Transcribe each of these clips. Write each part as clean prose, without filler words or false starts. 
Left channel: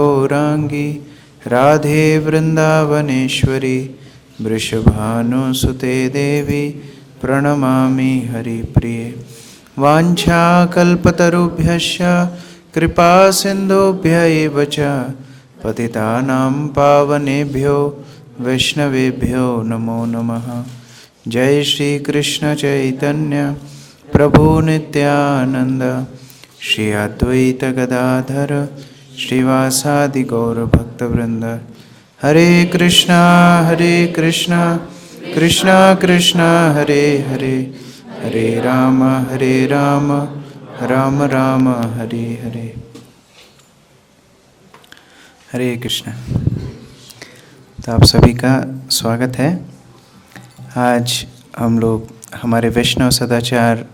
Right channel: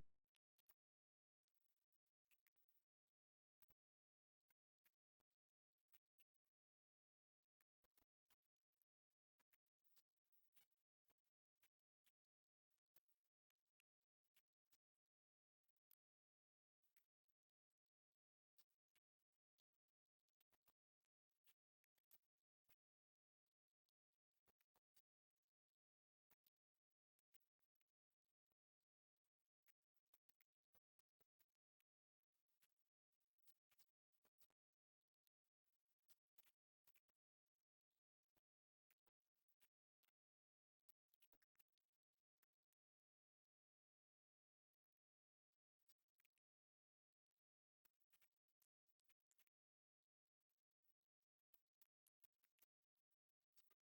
गौरांगी राधे वृंदावनेश्वरी वृषभानुसुते देवी प्रणमामि हरिप्रिये। वाञ्छाकल्पतरुभ्यश्च कृपा सिन्धुभ्य एव च पतितानां पावनेभ्यो वैष्णवेभ्यो नमो नमः। जय श्री कृष्ण चैतन्य प्रभु नित्यानंद श्री अद्वैत गदाधर श्रीवासादि गौर भक्तवृंद। हरे कृष्णा कृष्णा कृष्णा हरे हरे, हरे राम राम राम हरे हरे। हरे कृष्णा। तो आप सभी का स्वागत है। आज हम लोग हमारे वैष्णव सदाचार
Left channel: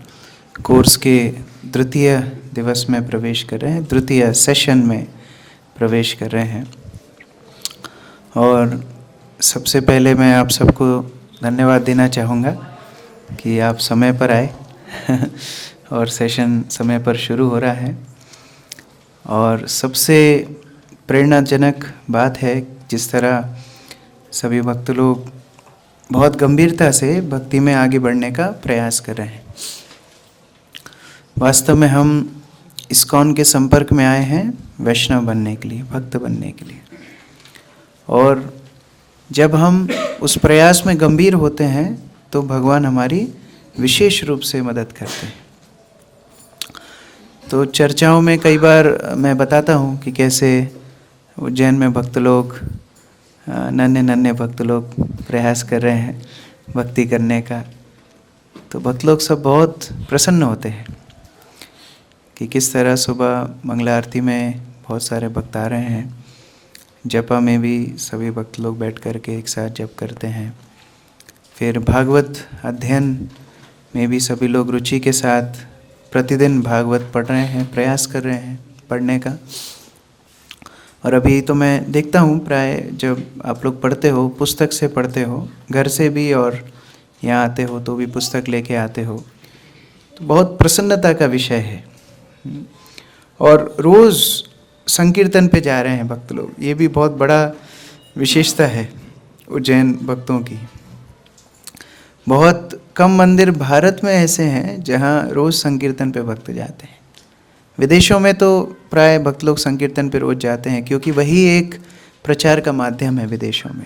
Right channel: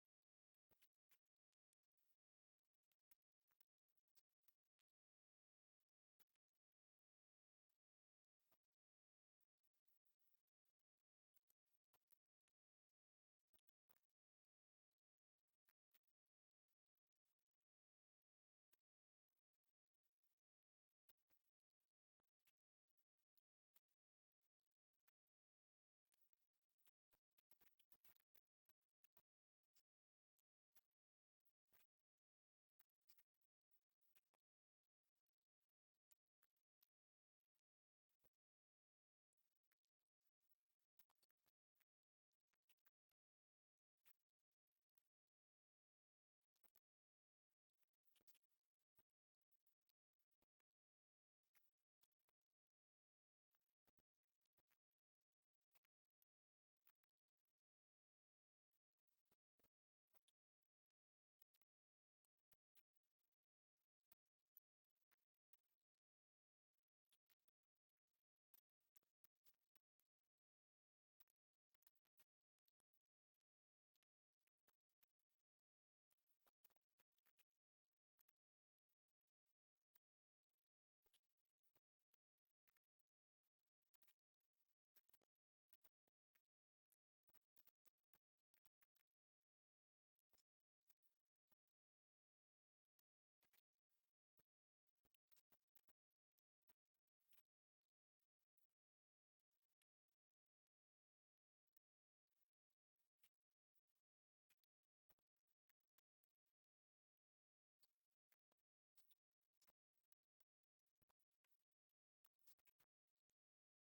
कोर्स के द्वितीय दिवस में प्रवेश कर रहे हैं, द्वितीय सेशन में प्रवेश कर रहे हैं। और सबसे पहले मैं आप सबको धन्यवाद देना चाहूँगा कि आप समय पर आए और सेशन समय पर शुरू हो रहा है। और सबसे प्रेरणाजनक बात है जिस तरह सभी भक्त लोग बहुत गंभीरता से भक्ति में आगे बढ़ने का प्रयास कर रहे हैं। वास्तव में हम इस्कॉन के संपर्क में आए हैं वैष्णव बनने के लिए, भक्त बनने के लिए। और जब हम उस प्रयास में गंभीर होते हैं तो भगवान हमारी विशेष रूप से मदद करते हैं। तो चर्चाओं में कई बार मैं बताता हूँ कि कैसे उज्जैन में भक्त लोग, नन्हे भक्त लोग प्रयास कर रहे हैं भक्ति करने का। तो भक्त लोग सब बहुत प्रसन्न होते हैं कि किस तरह सुबह मंगला आरती में बहुत सारे भक्त आ रहे हैं, जपा में भी सभी भक्त लोग बैठ कर के एक साथ जप करते हैं, फिर भागवत अध्ययन में भी सभी लोग रुचि के साथ प्रतिदिन भागवत पढ़ रहे हैं, प्रयास कर रहे हैं पढ़ने का। और अभी तो मैं देखता हूँ प्राय जब आप लोग पढ़ते हो, पुस्तक से पढ़ते हो, घर से भी और यहाँ आते हो तो भी पुस्तक लेके आते हो, तो बहुत प्रसन्नता का विषय है। और रोज़ संकीर्तन पे जा रहे हैं भक्त लोग, ये भी बहुत बड़ा विशेषता है उज्जैन भक्तों की। बहुत कम मंदिर भारत में ऐसे हैं जहाँ रोज़ संकीर्तन पे भक्त जाते हैं। विदेशों में तो प्राय भक्त लोग संकीर्तन पे रोज़ जाते हैं क्योंकि वही एक प्रचार का माध्यम है विदेशों में।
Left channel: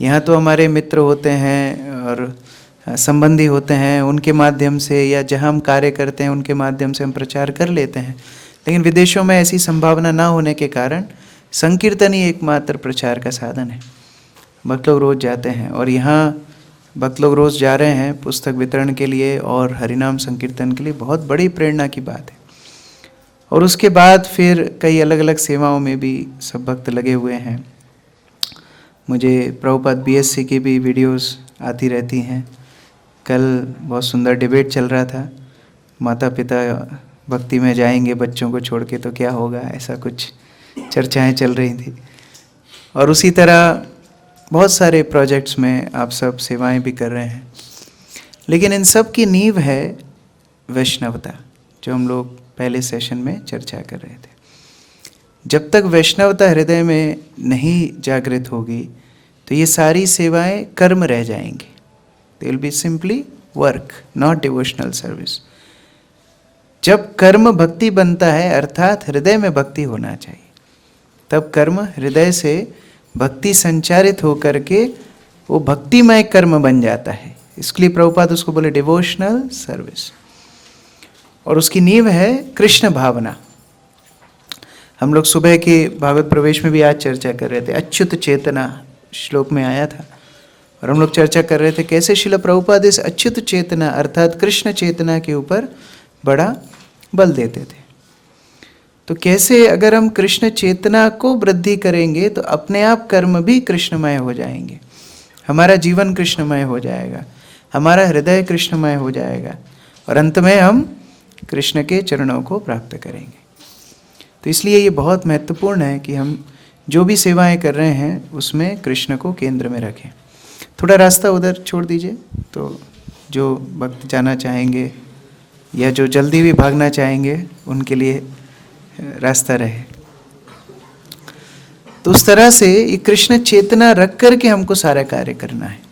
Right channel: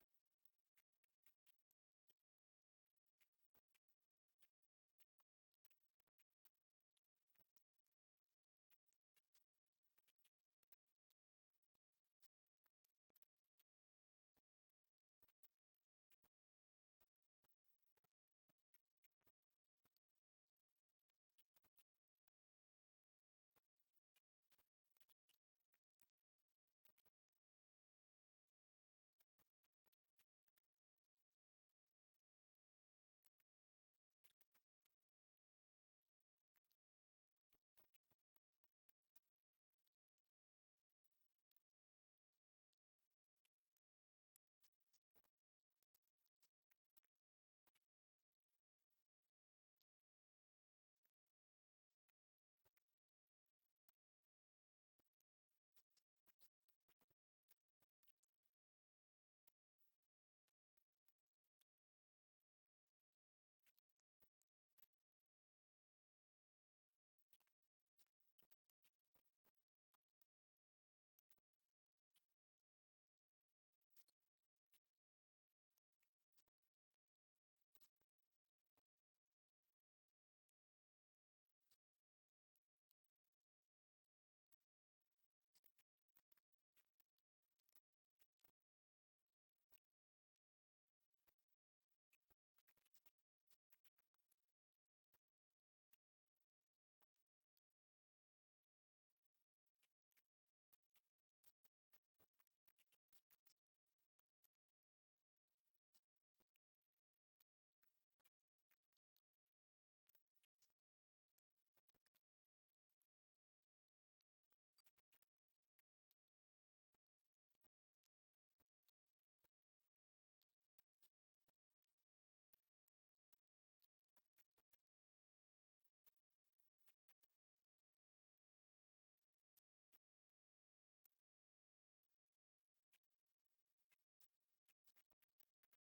यहाँ तो हमारे मित्र होते हैं और संबंधी होते हैं, उनके माध्यम से या जहाँ हम कार्य करते हैं उनके माध्यम से हम प्रचार कर लेते हैं। लेकिन विदेशों में ऐसी संभावना ना होने के कारण संकीर्तन ही एकमात्र प्रचार का साधन है। भक्त लोग रोज़ जाते हैं और यहाँ भक्त लोग रोज़ जा रहे हैं पुस्तक वितरण के लिए और हरिनाम संकीर्तन के लिए। बहुत बड़ी प्रेरणा की बात है। और उसके बाद फिर कई अलग अलग सेवाओं में भी सब भक्त लगे हुए हैं। मुझे प्रभुपाद बीएससी की भी वीडियोस आती रहती हैं। कल बहुत सुंदर डिबेट चल रहा था, माता पिता भक्ति में जाएंगे बच्चों को छोड़ के तो क्या होगा, ऐसा कुछ चर्चाएं चल रही थी। और उसी तरह बहुत सारे प्रोजेक्ट्स में आप सब सेवाएं भी कर रहे हैं। लेकिन इन सब की नींव है वैष्णवता, जो हम लोग पहले सेशन में चर्चा कर रहे थे। जब तक वैष्णवता हृदय में नहीं जागृत होगी तो ये सारी सेवाएं कर्म रह जाएंगी। They will be simply work, not devotional service. जब कर्म भक्ति बनता है, अर्थात हृदय में भक्ति होना चाहिए, तब कर्म हृदय से भक्ति संचारित होकर के वो भक्तिमय कर्म बन जाता है। इसलिए प्रभुपाद उसको बोले डिवोशनल सर्विस। और उसकी नींव है कृष्ण भावना। हम लोग सुबह के भागवत प्रवेश में भी आज चर्चा कर रहे थे, अच्युत चेतना श्लोक में आया था। और हम लोग चर्चा कर रहे थे कैसे श्रील प्रभुपाद इस अच्युत चेतना अर्थात कृष्ण चेतना के ऊपर बड़ा बल देते थे। तो कैसे अगर हम कृष्ण चेतना को वृद्धि करेंगे तो अपने आप कर्म भी कृष्णमय हो जाएंगे, हमारा जीवन कृष्णमय हो जाएगा, हमारा हृदय कृष्णमय हो जाएगा और अंत में हम कृष्ण के चरणों को प्राप्त करेंगे। तो इसलिए ये बहुत महत्वपूर्ण है कि हम जो भी सेवाएं कर रहे हैं उसमें कृष्ण को केंद्र में रखें। थोड़ा रास्ता उधर छोड़ दीजिए तो जो भक्त जाना चाहेंगे या जो जल्दी भी भागना चाहेंगे उनके लिए रास्ता रहे। तो उस तरह से ये कृष्ण चेतना रख कर के हमको सारा कार्य करना है।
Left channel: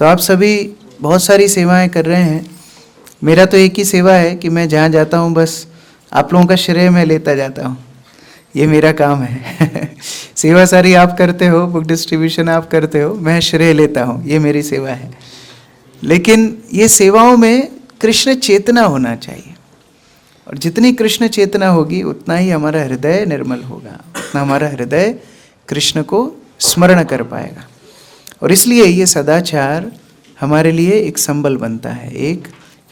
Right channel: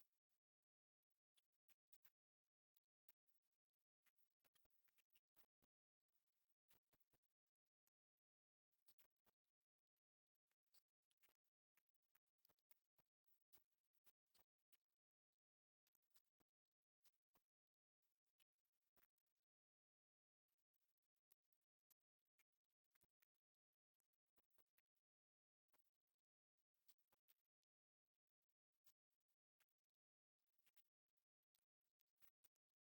तो आप सभी बहुत सारी सेवाएं कर रहे हैं। मेरा तो एक ही सेवा है कि मैं जहाँ जाता हूँ बस आप लोगों का श्रेय मैं लेता जाता हूँ, ये मेरा काम है। सेवा सारी आप करते हो, बुक डिस्ट्रीब्यूशन आप करते हो, मैं श्रेय लेता हूँ, ये मेरी सेवा है। लेकिन ये सेवाओं में कृष्ण चेतना होना चाहिए, और जितनी कृष्ण चेतना होगी उतना ही हमारा हृदय निर्मल होगा, उतना हमारा हृदय कृष्ण को स्मरण कर पाएगा। और इसलिए ये सदाचार हमारे लिए एक संबल बनता है,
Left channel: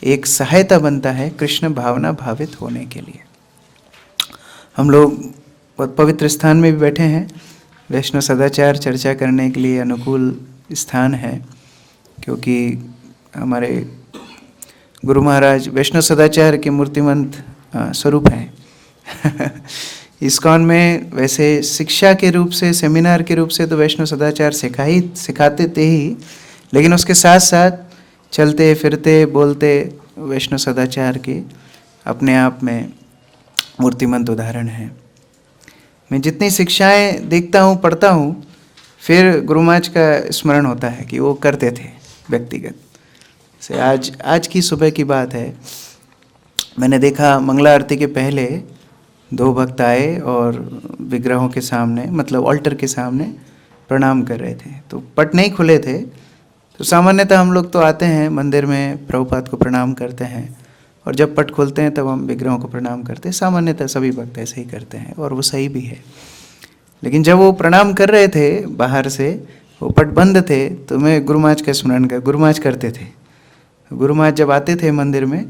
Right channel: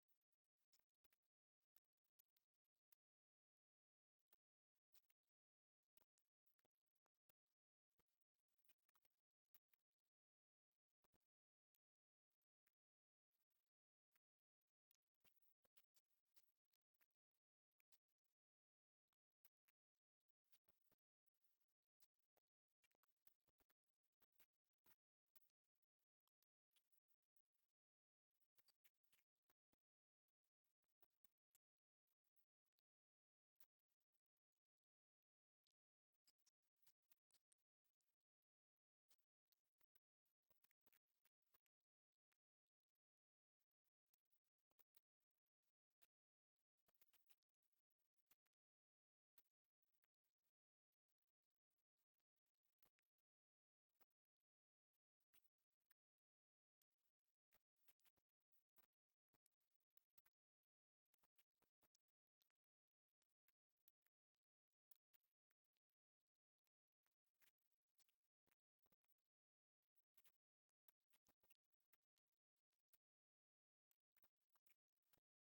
एक सहायता बनता है कृष्ण भावना भावित होने के लिए। हम लोग बहुत पवित्र स्थान में भी बैठे हैं, वैष्णव सदाचार चर्चा करने के लिए अनुकूल स्थान है, क्योंकि हमारे गुरु महाराज वैष्णव सदाचार के मूर्तिमंत स्वरूप हैं। इस्कॉन में वैसे शिक्षा के रूप से, सेमिनार के रूप से तो वैष्णव सदाचार सिखाते थे ही, लेकिन उसके साथ साथ चलते फिरते बोलते वैष्णव सदाचार के अपने आप में मूर्तिमंत उदाहरण हैं। मैं जितनी शिक्षाएं देखता हूँ, पढ़ता हूँ, फिर गुरु महाराज का स्मरण होता है कि वो करते थे व्यक्तिगत से। आज की सुबह की बात है, मैंने देखा मंगला आरती के पहले 2 भक्त आए और विग्रहों के सामने, मतलब ऑल्टर के सामने प्रणाम कर रहे थे। तो पट नहीं खुले थे, तो सामान्यतः हम लोग तो आते हैं मंदिर में, प्रभुपाद को प्रणाम करते हैं, और जब पट खोलते हैं तब हम विग्रहों को प्रणाम करते हैं। सामान्यतः सभी भक्त ऐसे ही करते हैं और वो सही भी है। लेकिन जब वो प्रणाम कर रहे थे बाहर से, वो पट बंद थे, तो मैं गुरु महाराज का स्मरण कर, गुरु महाराज करते थे। गुरु महाराज जब आते थे मंदिर में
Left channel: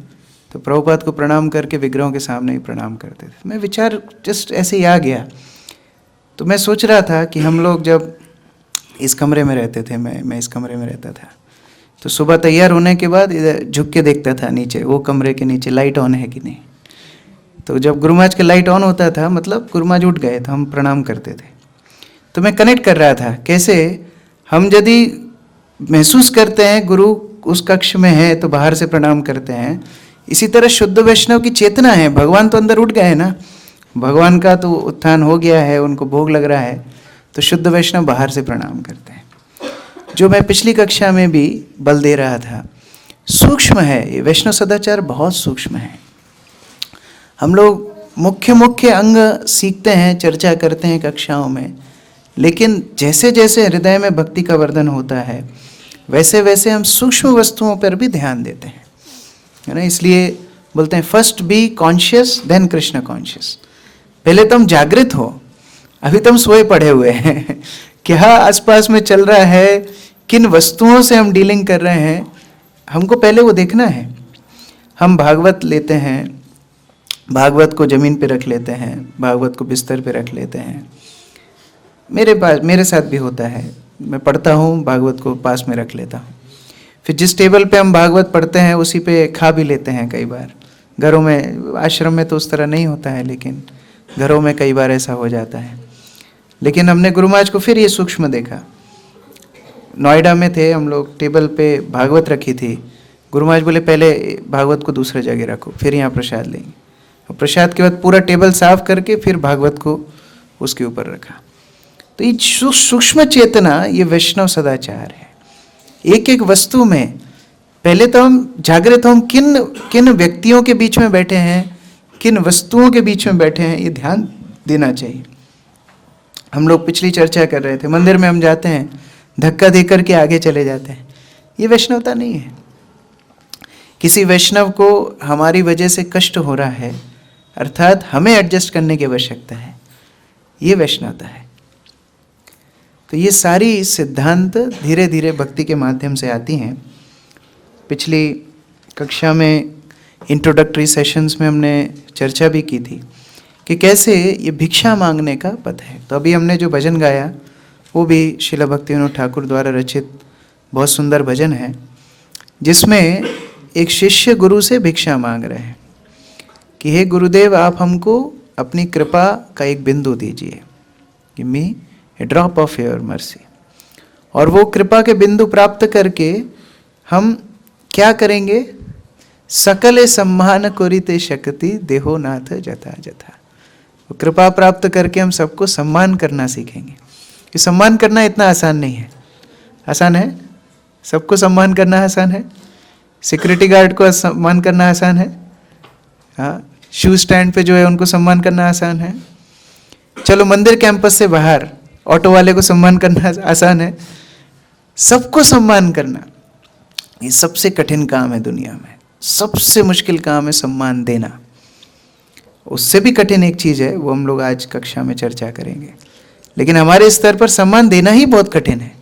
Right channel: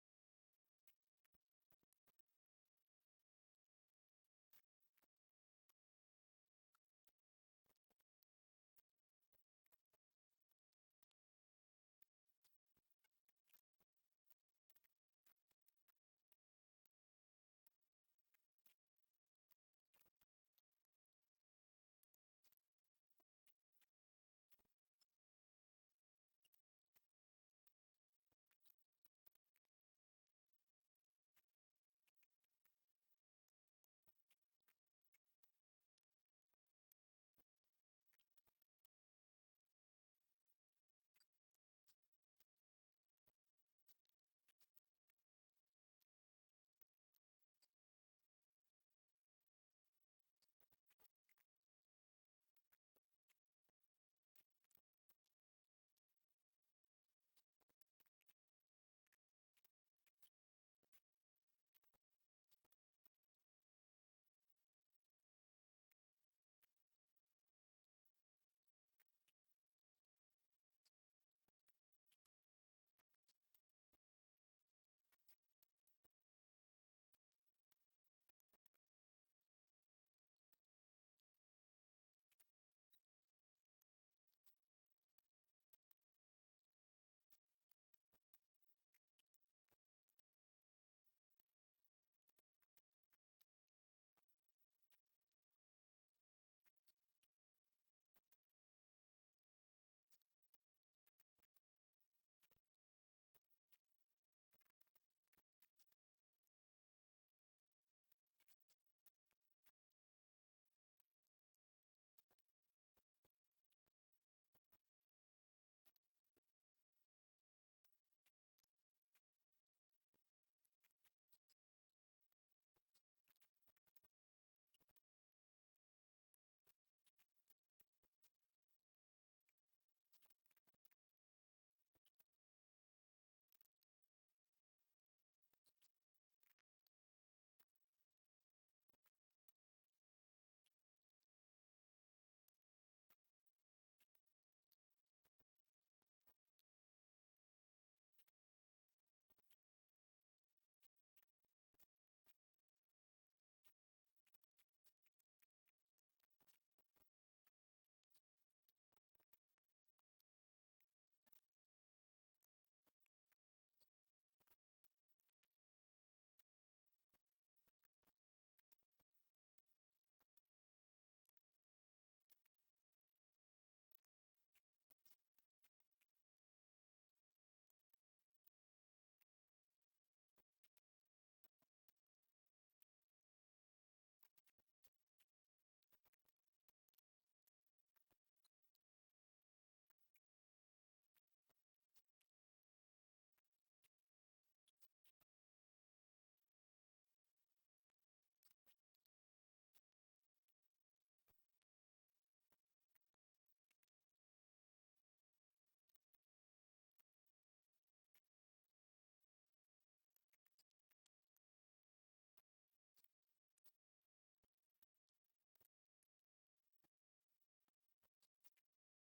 तो प्रभुपाद को प्रणाम करके विग्रहों के सामने ही प्रणाम करते थे। मैं विचार जस्ट ऐसे ही आ गया। तो मैं सोच रहा था कि हम लोग जब इस कमरे में रहते थे, मैं इस कमरे में रहता था, तो सुबह तैयार होने के बाद इधर झुक के देखता था नीचे, वो कमरे के नीचे लाइट ऑन है कि नहीं। तो जब गुरु महाराज का लाइट ऑन होता था, मतलब गुरु महाराज उठ गए तो हम प्रणाम करते थे। तो मैं कनेक्ट कर रहा था, कैसे हम यदि महसूस करते हैं गुरु उस कक्ष में है तो बाहर से प्रणाम करते हैं, इसी तरह शुद्ध वैष्णव की चेतना है। भगवान तो अंदर उठ गए ना, भगवान का तो उत्थान हो गया है, उनको भोग लग रहा है, तो शुद्ध वैष्णव बाहर से प्रणाम करते हैं। जो मैं पिछली कक्षा में भी बल दे रहा था, सूक्ष्म है ये वैष्णव सदाचार, बहुत सूक्ष्म है। हम लोग मुख्य अंग सीखते हैं, चर्चा करते हैं कक्षाओं में, लेकिन जैसे जैसे हृदय में भक्ति का वर्धन होता है, वैसे वैसे हम सूक्ष्म वस्तुओं पर भी ध्यान देते हैं, है ना। इसलिए बोलते हैं first be conscious then Krishna conscious. पहले तुम जागृत हो, अभी तुम सोए पड़े हुए हैं। क्या आसपास में चल रहा है, किन वस्तुओं से हम डीलिंग कर रहे हैं, हमको पहले वो देखना है। हम भागवत लेते हैं, भागवत को जमीन पे रख लेते हैं, भागवत को बिस्तर पे रख लेते हैं। मेरे साथ भी होता है, मैं पढ़ता हूँ, भागवत को पास में रख लेता हूँ। फिर जिस टेबल पे हम भागवत पढ़ते हैं उसी पे खा भी लेते हैं कई बार। घरों में, आश्रम में तो उस तरह नहीं होता है, लेकिन घरों में कई बार ऐसा हो जाता है। लेकिन हमने गुरु महाराज को फिर ये सूक्ष्म देखा। नोएडा में थे हम लोग, टेबल पे भागवत रखी थी। गुरु महाराज बोले पहले भागवत को दूसरे जगह रखो, फिर यहाँ प्रसाद लेंगे। और प्रसाद के बाद पूरा टेबल साफ करके फिर भागवत को उसके ऊपर रखा। तो ये सूक्ष्म चेतना, ये वैष्णव सदाचार है। एक एक वस्तु में पहले तो हम जागृत हो, हम किन व्यक्तियों के बीच में बैठे हैं, किन वस्तुओं के बीच में बैठे हैं, ये ध्यान देना चाहिए। हम लोग पिछली चर्चा कर रहे थे, मंदिर में हम जाते हैं, धक्का देकर के आगे चले जाते हैं, ये वैष्णवता नहीं है। किसी वैष्णव को हमारी वजह से कष्ट हो रहा है, अर्थात हमें एडजस्ट करने की आवश्यकता है, ये वैष्णवता है। तो ये सारी सिद्धांत धीरे धीरे भक्ति के माध्यम से आती हैं। पिछली कक्षा में इंट्रोडक्टरी सेशंस में हमने चर्चा भी की थी कि कैसे ये भिक्षा मांगने का पथ है। तो अभी हमने जो भजन गाया वो भी श्रील भक्तिविनोद ठाकुर द्वारा रचित बहुत सुंदर भजन है, जिसमें एक शिष्य गुरु से भिक्षा मांग रहे हैं कि हे गुरुदेव, आप हमको अपनी कृपा का एक बिंदु दीजिए, give me A drop of your mercy. और वो कृपा के बिंदु प्राप्त करके हम क्या करेंगे? सकले सम्मान कोरिते शक्ति देहो नाथ जथा जथा। कृपा प्राप्त करके हम सबको सम्मान करना सीखेंगे। कि सम्मान करना इतना आसान नहीं है। आसान है? सबको सम्मान करना आसान है? सिक्योरिटी गार्ड को सम्मान करना आसान है? हाँ, शू स्टैंड पे जो है उनको सम्मान करना आसान है? चलो मंदिर कैंपस से बाहर ऑटो वाले को सम्मान करना आसान है? सबको सम्मान करना ये सबसे कठिन काम है दुनिया में। सबसे मुश्किल काम है सम्मान देना। उससे भी कठिन एक चीज़ है, वो हम लोग आज कक्षा में चर्चा करेंगे। लेकिन हमारे स्तर पर सम्मान देना ही बहुत कठिन है।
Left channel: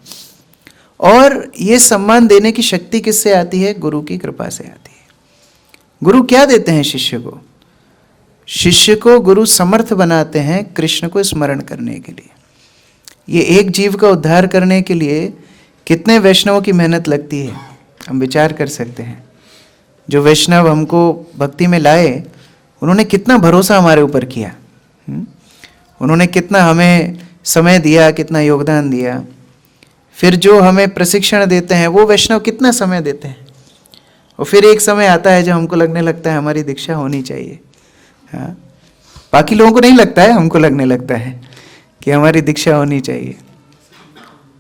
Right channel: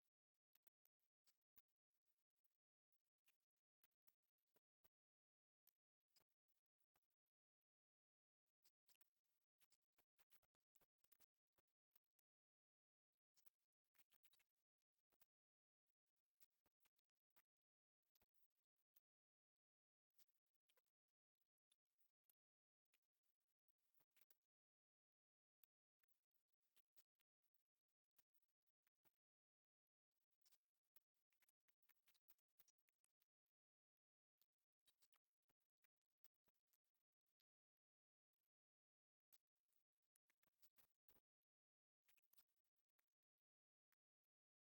और ये सम्मान देने की शक्ति किससे आती है? गुरु की कृपा से आती है। गुरु क्या देते हैं शिष्य को? शिष्य को गुरु समर्थ बनाते हैं कृष्ण को स्मरण करने के लिए। ये एक जीव का उद्धार करने के लिए कितने वैष्णवों की मेहनत लगती है, हम विचार कर सकते हैं। जो वैष्णव हमको भक्ति में लाए, उन्होंने कितना भरोसा हमारे ऊपर किया। उन्होंने कितना हमें समय दिया, कितना योगदान दिया। फिर जो हमें प्रशिक्षण देते हैं वो वैष्णव कितना समय देते हैं। और फिर एक समय आता है जब हमको लगने लगता है हमारी दीक्षा होनी चाहिए। हाँ, बाकी लोगों को नहीं लगता है, हमको लगने लगता है कि हमारी दीक्षा होनी चाहिए।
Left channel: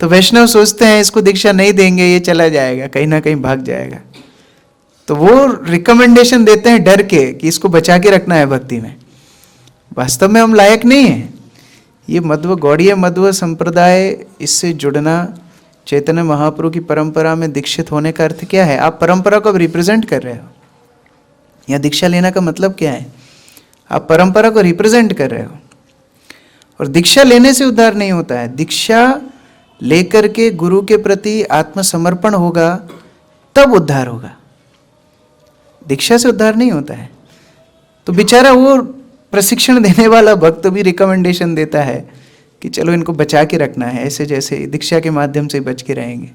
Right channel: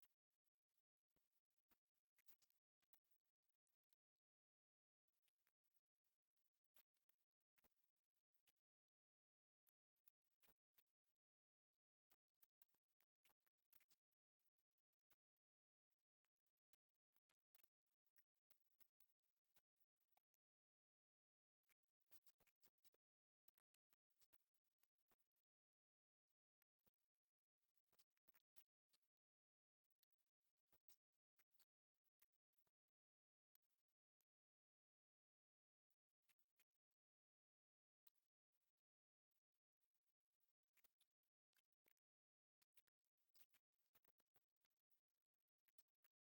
तो वैष्णव सोचते हैं इसको दीक्षा नहीं देंगे, ये चला जाएगा, कहीं ना कहीं भाग जाएगा। तो वो रिकमेंडेशन देते हैं डर के कि इसको बचा के रखना है भक्ति में। वास्तव में हम लायक नहीं हैं। ये मध्व गौड़ीय मध्व संप्रदाय, इससे जुड़ना, चैतन्य महाप्रभु की परंपरा में दीक्षित होने का अर्थ क्या है? आप परंपरा को रिप्रेजेंट कर रहे हो। या दीक्षा लेना का मतलब क्या है? आप परंपरा को रिप्रेजेंट कर रहे हो। और दीक्षा लेने से उद्धार नहीं होता है। दीक्षा लेकर के गुरु के प्रति आत्मसमर्पण होगा तब उद्धार होगा। दीक्षा से उद्धार नहीं होता है। तो बेचारा वो प्रशिक्षण देने वाला भक्त भी रिकमेंडेशन देता है कि चलो इनको बचा के रखना है, ऐसे जैसे दीक्षा के माध्यम से बच के रहेंगे।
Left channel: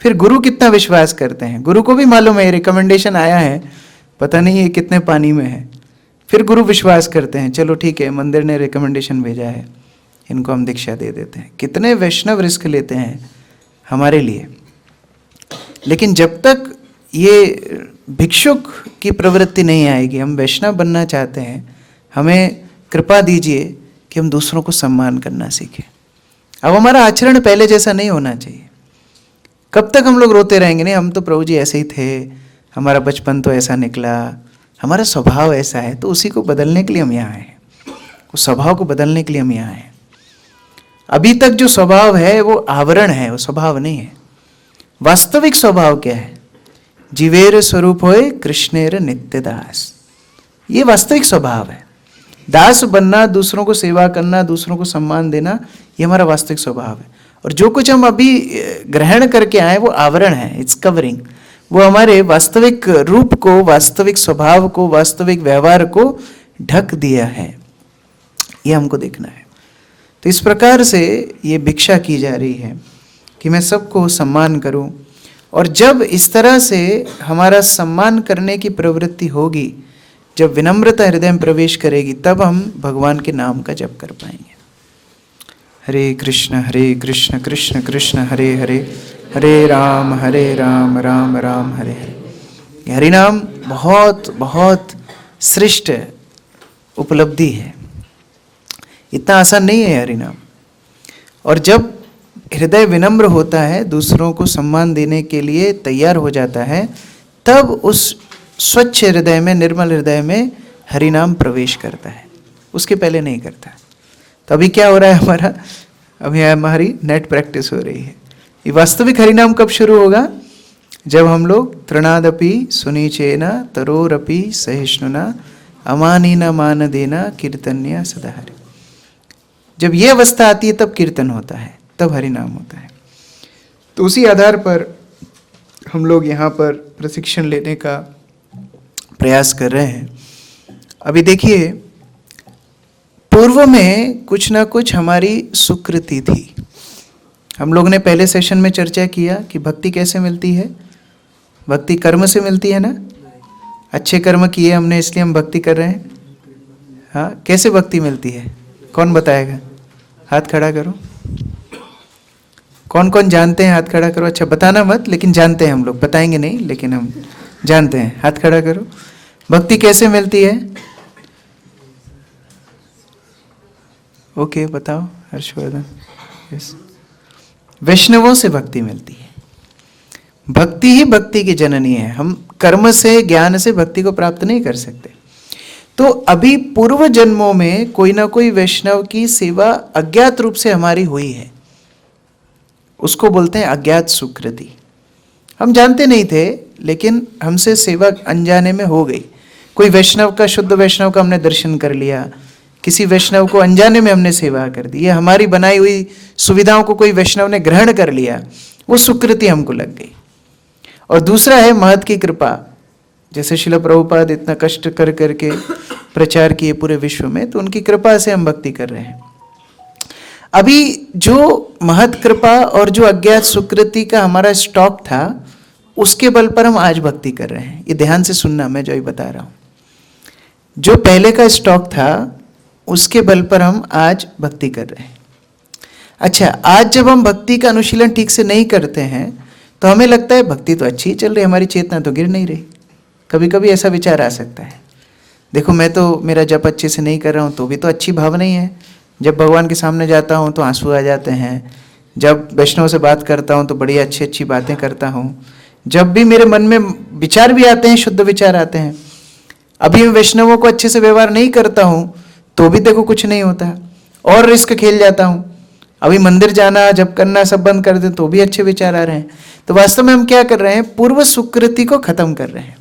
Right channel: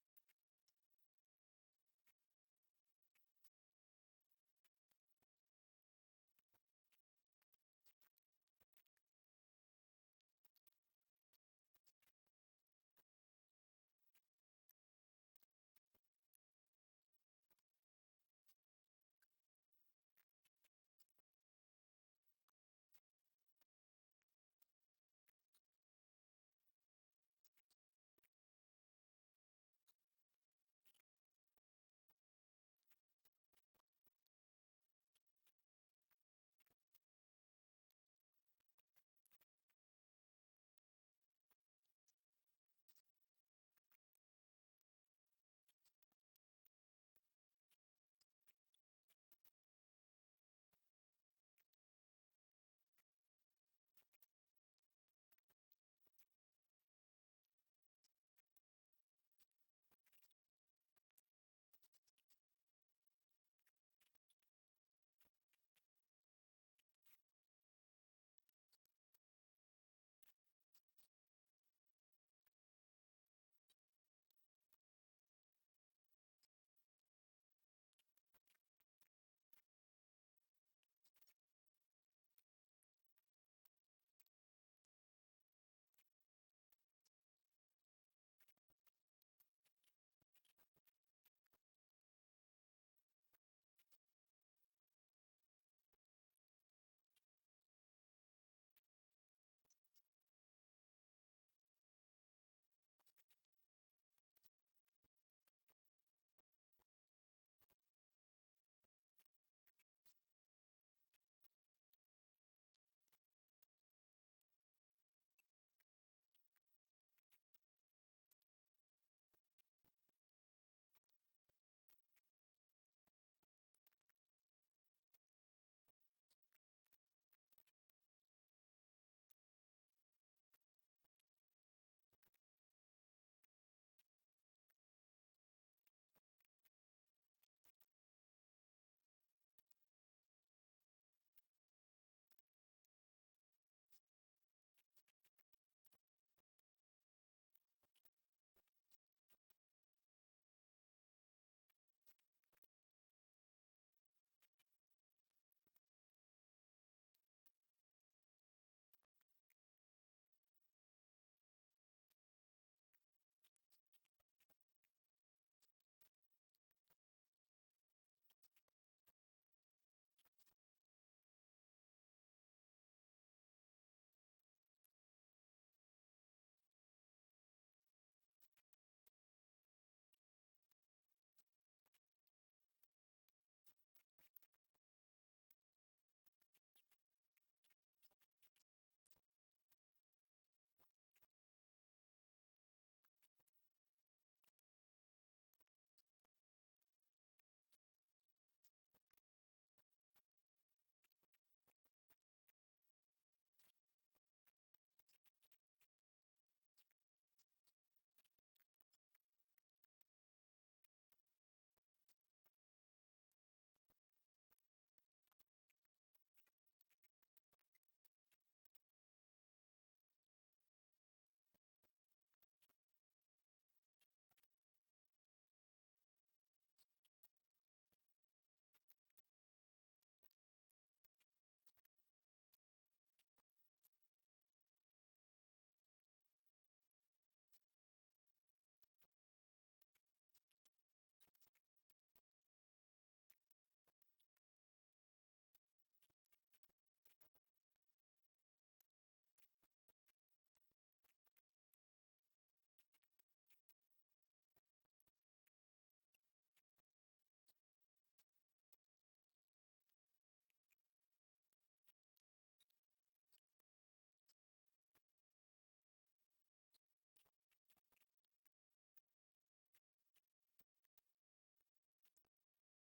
फिर गुरु कितना विश्वास करते हैं। गुरु को भी मालूम है रिकमेंडेशन आया है, पता नहीं ये कितने पानी में है। फिर गुरु विश्वास करते हैं, चलो ठीक है, मंदिर ने रिकमेंडेशन भेजा है, इनको हम दीक्षा दे देते हैं। कितने वैष्णव रिस्क लेते हैं हमारे लिए। लेकिन जब तक ये भिक्षुक की प्रवृत्ति नहीं आएगी, हम वैष्णव बनना चाहते हैं, हमें कृपा दीजिए कि हम दूसरों को सम्मान करना सीखें। अब हमारा आचरण पहले जैसा नहीं होना चाहिए। कब तक हम लोग रोते रहेंगे? नहीं, हम तो प्रभु जी ऐसे ही थे, हमारा बचपन तो ऐसा निकला, हमारा स्वभाव ऐसा है। तो उसी को बदलने के लिए हम यहाँ हैं। उस स्वभाव को बदलने के लिए हम यहाँ हैं। अभी तक जो स्वभाव है वो आवरण है, वो स्वभाव नहीं है। वास्तविक स्वभाव क्या है? जीवेर स्वरूप होए कृष्णेर नित्य दास। ये वास्तविक स्वभाव है। दास बनना, दूसरों को सेवा करना, दूसरों को सम्मान देना, ये हमारा वास्तविक स्वभाव है। और जो कुछ हम अभी ग्रहण करके आए वो आवरण है, इट्स कवरिंग। वो हमारे वास्तविक रूप को, वास्तविक स्वभाव को, वास्तविक व्यवहार को ढक दिया है। ये हमको देखना है। तो इस प्रकार से ये भिक्षा की जा रही है कि मैं सबको सम्मान करूं। और जब इस तरह से हमारा सम्मान करने की प्रवृत्ति होगी, जब विनम्रता हृदय में प्रवेश करेगी, तब हम भगवान के नाम का जप कर पाएंगे। हरे कृष्ण कृष्ण कृष्ण हरे हरे, हरे राम राम राम हरे हरे। हरि नाम बहुत बहुत श्रेष्ठ उपलब्धि है। इतना आसान नहीं है हरि नाम। और जब हृदय विनम्र होता है, दूसरों को सम्मान देने के लिए तैयार हो जाता है, तब उस स्वच्छ हृदय में, निर्मल हृदय में हरि नाम प्रवेश करता है। उसके पहले नहीं करता। तो अभी क्या हो रहा है हमारा? अभी हमारी नेट प्रैक्टिस हो रही है। ये वास्तविक हरि नाम कब शुरू होगा? जब हम लोग तृणादपि सुनीचेना तरोरपि सहिष्णुना अमानीना मान देना कीर्तन्य सदा हरि। जब ये अवस्था आती है तब कीर्तन होता है, तब हरि नाम होता है। तो उसी आधार पर हम लोग यहाँ पर प्रशिक्षण लेने का प्रयास कर रहे हैं। अभी देखिए, पूर्व में कुछ ना कुछ हमारी सुकृति थी। हम लोग ने पहले सेशन में चर्चा किया कि भक्ति कैसे मिलती है। भक्ति कर्म से मिलती है ना। अच्छे कर्म किए हमने, इसलिए हम भक्ति कर रहे हैं। हाँ, कैसे भक्ति मिलती है? कौन बताएगा? हाथ खड़ा करो। कौन कौन जानते हैं? हाथ खड़ा करो। अच्छा, बताना मत, लेकिन जानते हैं हम लोग। बताएंगे नहीं, लेकिन हम जानते हैं। हाथ खड़ा करो। भक्ति कैसे मिलती है? ओके, बताओ हर्षवर्धन। यस, वैष्णवों से भक्ति मिलती है। भक्ति ही भक्ति की जननी है। हम कर्म से, ज्ञान से भक्ति को प्राप्त नहीं कर सकते। तो अभी पूर्व जन्मों में कोई ना कोई वैष्णव की सेवा अज्ञात रूप से हमारी हुई है, उसको बोलते हैं अज्ञात सुकृति। हम जानते नहीं थे, लेकिन हमसे सेवा अनजाने में हो गई। कोई वैष्णव का, शुद्ध वैष्णव का हमने दर्शन कर लिया, किसी वैष्णव को अनजाने में हमने सेवा कर दी, या हमारी बनाई हुई सुविधाओं को कोई वैष्णव ने ग्रहण कर लिया, वो सुकृति हमको लग गई। और दूसरा है महत की कृपा। जैसे शिला प्रभुपाद इतना कष्ट कर करके प्रचार किए पूरे विश्व में, तो उनकी कृपा से हम भक्ति कर रहे हैं। अभी जो महत कृपा और जो अज्ञात सुकृति का हमारा स्टॉक था, उसके बल पर हम आज भक्ति कर रहे हैं। ये ध्यान से सुनना, मैं जो ही बता रहा हूँ। जो पहले का स्टॉक था, उसके बल पर हम आज भक्ति कर रहे हैं। अच्छा, आज जब हम भक्ति का अनुशीलन ठीक से नहीं करते हैं, तो हमें लगता है भक्ति तो अच्छी ही चल रही है, हमारी चेतना तो गिर नहीं रही। कभी कभी ऐसा विचार आ सकता है, देखो मैं तो मेरा जप अच्छे से नहीं कर रहा हूँ, तो भी तो अच्छी भावना ही है। जब भगवान के सामने जाता हूँ तो आंसू आ जाते हैं, जब वैष्णव से बात करता हूँ तो बड़ी अच्छी अच्छी बातें करता हूँ, जब भी मेरे मन में विचार भी आते हैं, शुद्ध विचार आते हैं। अभी मैं वैष्णवों को अच्छे से व्यवहार नहीं करता हूँ, तो भी देखो कुछ नहीं होता, और रिस्क खेल जाता हूँ। अभी मंदिर जाना, जप करना सब बंद कर दें, तो भी अच्छे विचार आ रहे हैं। तो वास्तव में हम क्या कर रहे हैं? पूर्व सुकृति को खत्म कर रहे हैं,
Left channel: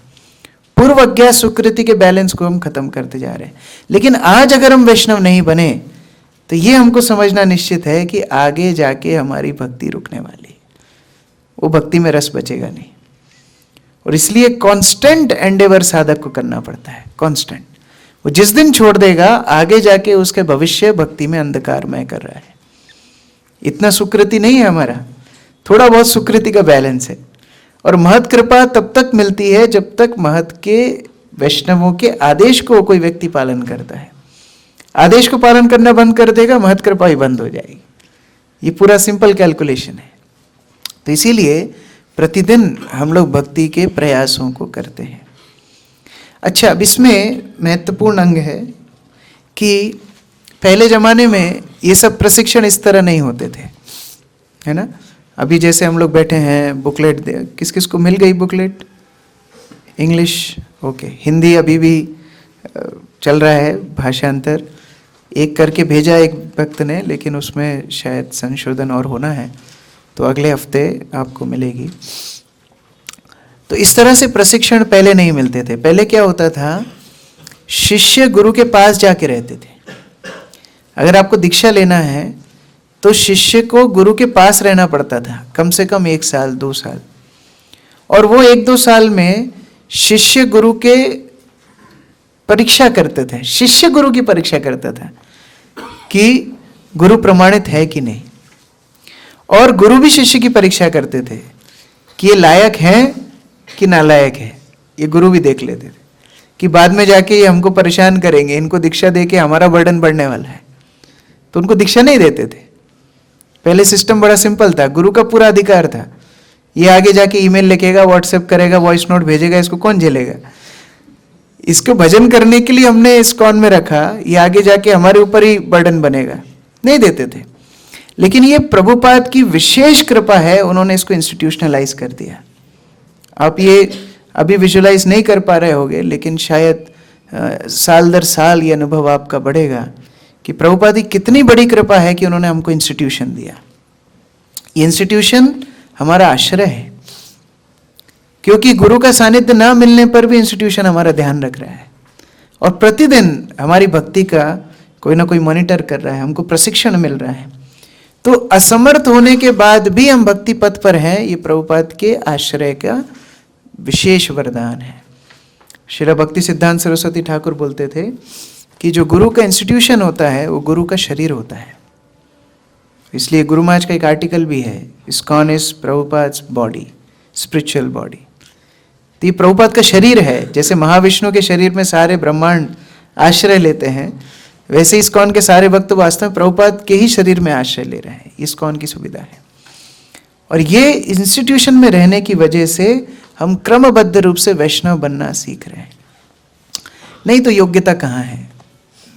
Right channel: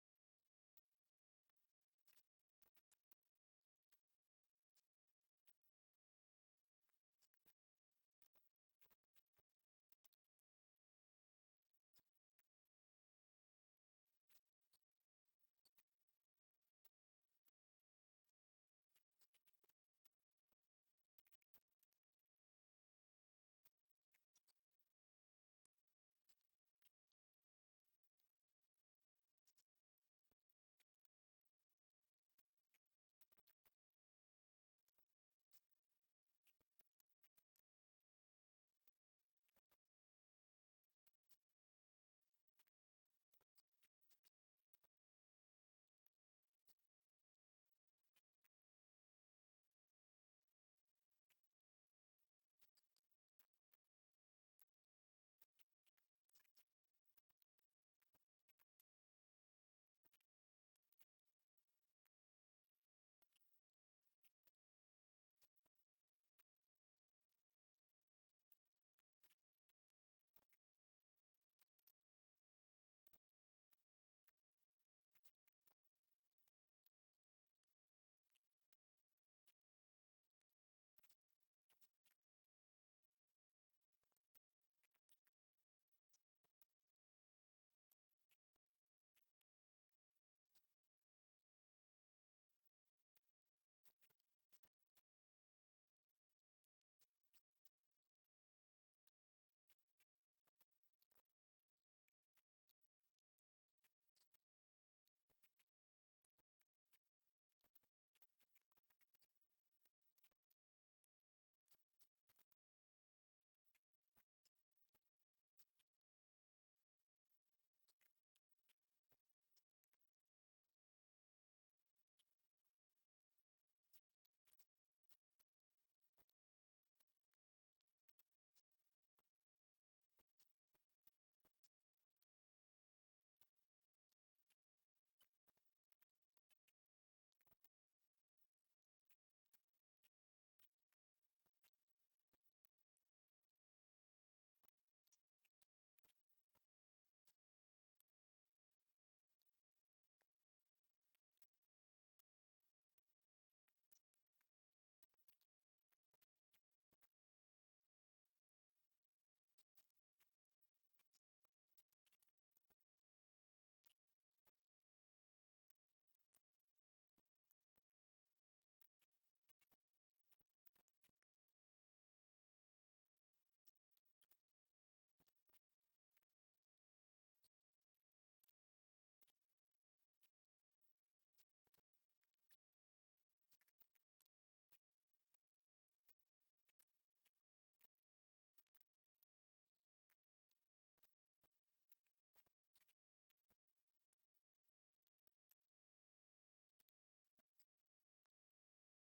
पूर्व अज्ञात सुकृति के बैलेंस को हम खत्म करते जा रहे हैं। लेकिन आज अगर हम वैष्णव नहीं बने, तो ये हमको समझना निश्चित है कि आगे जाके हमारी भक्ति रुकने वाली है, वो भक्ति में रस बचेगा नहीं। और इसलिए कांस्टेंट एंडेवर साधक को करना पड़ता है, कांस्टेंट। वो जिस दिन छोड़ देगा, आगे जाके उसके भविष्य भक्ति में अंधकारमय कर रहा है। इतना सुकृति नहीं है हमारा, थोड़ा बहुत सुकृति का बैलेंस है। और महत कृपा तब तक मिलती है जब तक महत के वैष्णवों के आदेश को कोई व्यक्ति पालन करता है। आदेश को पालन करना बंद कर देगा, महत कृपा ही बंद हो जाएगी। ये पूरा सिंपल कैलकुलेशन है। तो इसीलिए प्रतिदिन हम लोग भक्ति के प्रयासों को करते हैं। अच्छा, अब इसमें महत्वपूर्ण अंग है कि पहले जमाने में ये सब प्रशिक्षण इस तरह नहीं होते थे, है ना। अभी जैसे हम लोग बैठे हैं, बुकलेट किस किस को मिल गई बुकलेट? English, okay. हिंदी अभी भी चल रहा है भाषांतर, एक करके भेजा एक भक्त ने, लेकिन उसमें शायद संशोधन और होना है, तो अगले हफ्ते आपको मिलेगी। तो इस तरह से प्रशिक्षण पहले नहीं मिलते थे। पहले क्या होता था, शिष्य गुरु के पास जाके रहते थे। अगर आपको दीक्षा लेना है तो शिष्य को गुरु के पास रहना पड़ता था, कम से कम 1 साल 2 साल। और वो 1-2 साल में शिष्य गुरु के परीक्षा करते थे, शिष्य गुरु की परीक्षा करता था कि गुरु प्रमाणित है कि नहीं। और गुरु भी शिष्य की परीक्षा करते थे कि ये लायक है कि नालायक है। ये गुरु भी देख लेते थे कि बाद में जाके ये हमको परेशान करेंगे, इनको दीक्षा दे के हमारा बर्डन बढ़ने वाला है, तो उनको दीक्षा नहीं देते थे। पहले सिस्टम बड़ा सिंपल था, गुरु का पूरा अधिकार था। ये आगे जाके ईमेल लिखेगा, व्हाट्सएप करेगा, वॉइस नोट भेजेगा, इसको कौन झेलेगा? इसको भजन करने के लिए हमने इस्कॉन में रखा, ये आगे जाके हमारे ऊपर ही बर्डन बनेगा, नहीं देते थे। लेकिन ये प्रभुपाद की विशेष कृपा है, उन्होंने इसको इंस्टीट्यूशनलाइज कर दिया। आप ये अभी विजुलाइज नहीं कर पा रहे होगे, लेकिन शायद साल दर साल ये अनुभव आपका बढ़ेगा कि प्रभुपाद की कितनी बड़ी कृपा है कि उन्होंने हमको इंस्टीट्यूशन दिया। ये इंस्टीट्यूशन हमारा आश्रय है, क्योंकि गुरु का सानिध्य ना मिलने पर भी इंस्टीट्यूशन हमारा ध्यान रख रहा है और प्रतिदिन हमारी भक्ति का कोई ना कोई मॉनिटर कर रहा है, हमको प्रशिक्षण मिल रहा है। तो असमर्थ होने के बाद भी हम भक्ति पथ पर हैं, ये प्रभुपाद के आश्रय का विशेष वरदान है। श्री भक्ति सिद्धांत सरस्वती ठाकुर बोलते थे कि जो गुरु का इंस्टीट्यूशन होता है वो गुरु का शरीर होता है। इसलिए गुरु महाराज का एक आर्टिकल भी है, ISKCON is Prabhupada's body, spiritual body. तो ये प्रभुपाद का शरीर है। जैसे महाविष्णु के शरीर में सारे ब्रह्मांड आश्रय लेते हैं, वैसे इस्कॉन के सारे भक्त वास्तव में प्रभुपाद के ही शरीर में आश्रय ले रहे हैं। इस्कॉन की सुविधा है। और ये इंस्टीट्यूशन में रहने की वजह से हम क्रमबद्ध रूप से वैष्णव बनना सीख रहे हैं। नहीं तो योग्यता कहाँ है,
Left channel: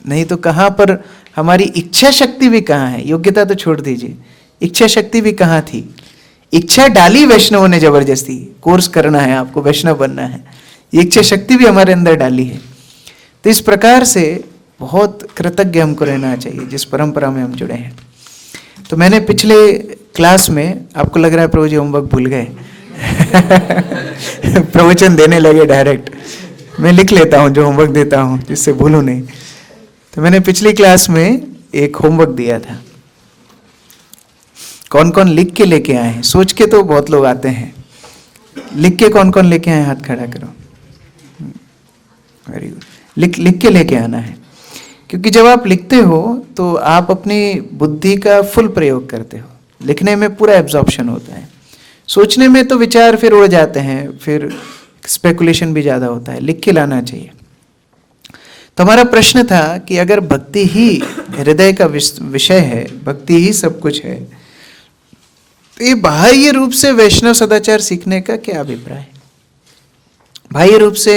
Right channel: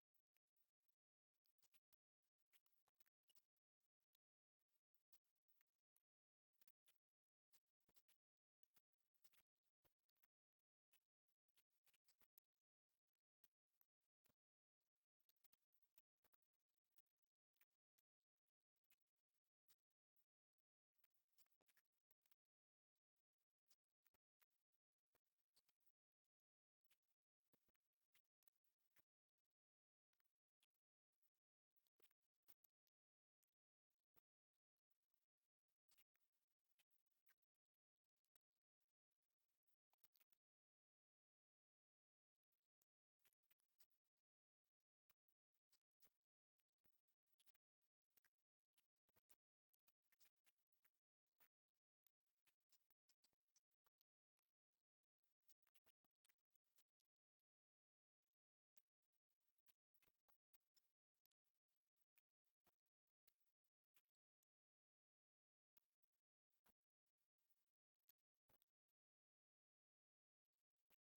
नहीं तो कहाँ पर हमारी इच्छा शक्ति भी कहाँ है? योग्यता तो छोड़ दीजिए, इच्छा शक्ति भी कहाँ थी? इच्छा डाली वैष्णवों ने जबरदस्ती, कोर्स करना है आपको, वैष्णव बनना है, ये इच्छा शक्ति भी हमारे अंदर डाली है। तो इस प्रकार से बहुत कृतज्ञ हमको रहना चाहिए जिस परंपरा में हम जुड़े हैं। तो मैंने पिछले क्लास में, आपको लग रहा है प्रभु जी होमवर्क भूल गए प्रवचन देने लगे डायरेक्ट, मैं लिख लेता हूँ जो होमवर्क देता हूँ जिससे भूलूं नहीं। तो मैंने पिछली क्लास में एक होमवर्क दिया था, कौन कौन लिख के लेके आए हैं? सोच के तो बहुत लोग आते हैं, लिख के कौन कौन लेके आए? हाथ खड़ा करो। Very good. लिख के लेके आना है, क्योंकि जब आप लिखते हो तो आप अपनी बुद्धि का फुल प्रयोग करते हो, लिखने में पूरा एब्जॉर्प्शन होता है, सोचने में तो विचार फिर उड़ जाते हैं, फिर स्पेकुलेशन भी ज़्यादा होता है, लिख के लाना चाहिए। तो हमारा प्रश्न था कि अगर भक्ति ही हृदय का विषय है, भक्ति ही सब कुछ है, तो ये बाह्य रूप से वैष्णव सदाचार सीखने का क्या अभिप्राय है? बाह्य रूप से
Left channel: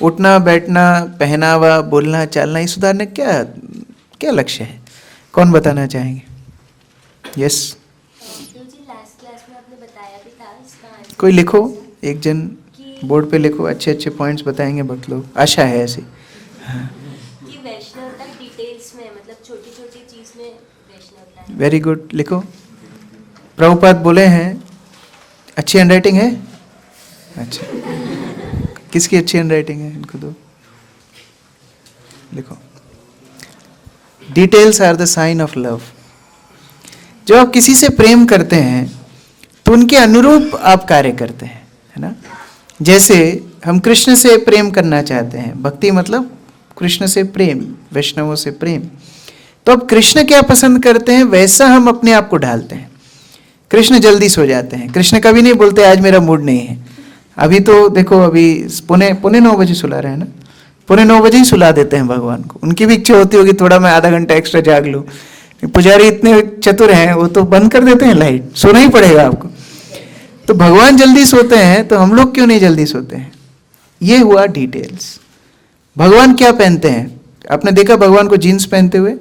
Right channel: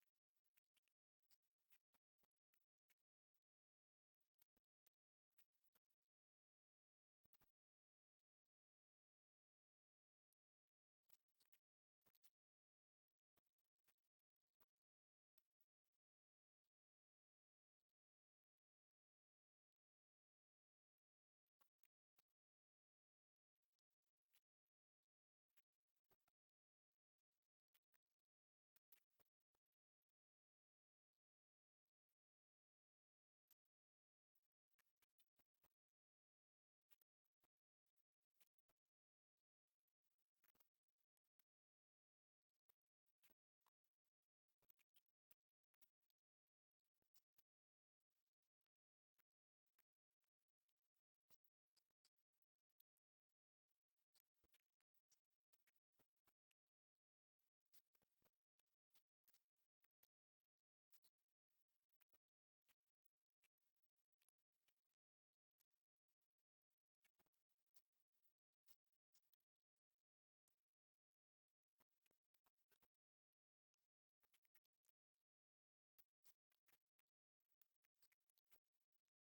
उठना बैठना, पहनावा, बोलना चालना, ये सुधारने क्या क्या लक्ष्य है? कौन बताना चाहेंगे? यस, कोई लिखो, एक जन बोर्ड पे लिखो, अच्छे अच्छे पॉइंट्स बताएंगे भक्त लोग, आशा है ऐसी। हाँ, कि वैष्णवता डिटेल्स में, मतलब छोटी छोटी चीज में वैष्णवता है। वेरी गुड, लिखो। प्रभुपाद बोले हैं, अच्छी हैंडराइटिंग है? अच्छा, किसकी अच्छी हैंडराइटिंग है? इनको दो, लिखो। Details are the sign of love. जब आप किसी से प्रेम करते हैं तो उनके अनुरूप आप कार्य करते हैं, है ना? जैसे हम कृष्ण से प्रेम करना चाहते हैं, भक्ति मतलब कृष्ण से प्रेम, वैष्णवों से प्रेम, तो अब कृष्ण क्या पसंद करते हैं वैसा हम अपने आप को ढालते हैं। कृष्ण जल्दी सो जाते हैं, कृष्ण कभी नहीं बोलते आज मेरा मूड नहीं है। अभी तो देखो, अभी पौने 9 बजे सुला रहे हैं ना, पौने 9 बजे ही सुला देते हैं भगवान को। उनकी भी इच्छा होती होगी थोड़ा मैं आधा घंटा एक्स्ट्रा जाग लूँ, पुजारी इतने चतुर हैं, वो तो बंद कर देते हैं लाइट, सोना ही पड़ेगा आपको। तो भगवान जल्दी सोते हैं तो हम लोग क्यों नहीं जल्दी सोते हैं? ये हुआ डिटेल्स। भगवान क्या पहनते हैं? आपने देखा भगवान को जीन्स पहनते हुए?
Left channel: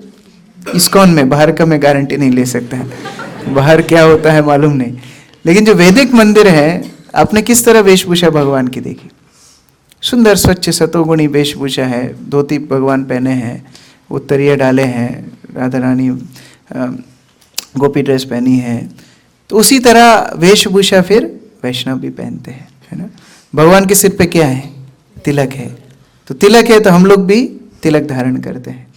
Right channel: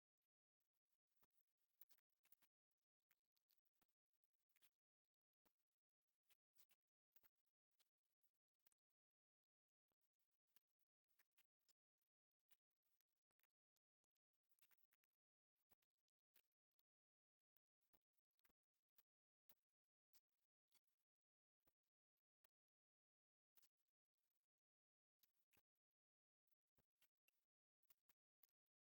इस्कॉन में, बाहर का मैं गारंटी नहीं ले सकता है, बाहर क्या होता है मालूम नहीं, लेकिन जो वैदिक मंदिर है, आपने किस तरह वेशभूषा भगवान की देखी? सुंदर स्वच्छ सतोगुणी वेशभूषा है, धोती भगवान पहने हैं, उत्तरीय डाले हैं, राधा रानी गोपी ड्रेस पहनी है। तो उसी तरह वेशभूषा फिर वैष्णव भी पहनते हैं, है ना? भगवान के सिर पे क्या है? तिलक है। तो तिलक है तो हम लोग भी तिलक धारण करते हैं।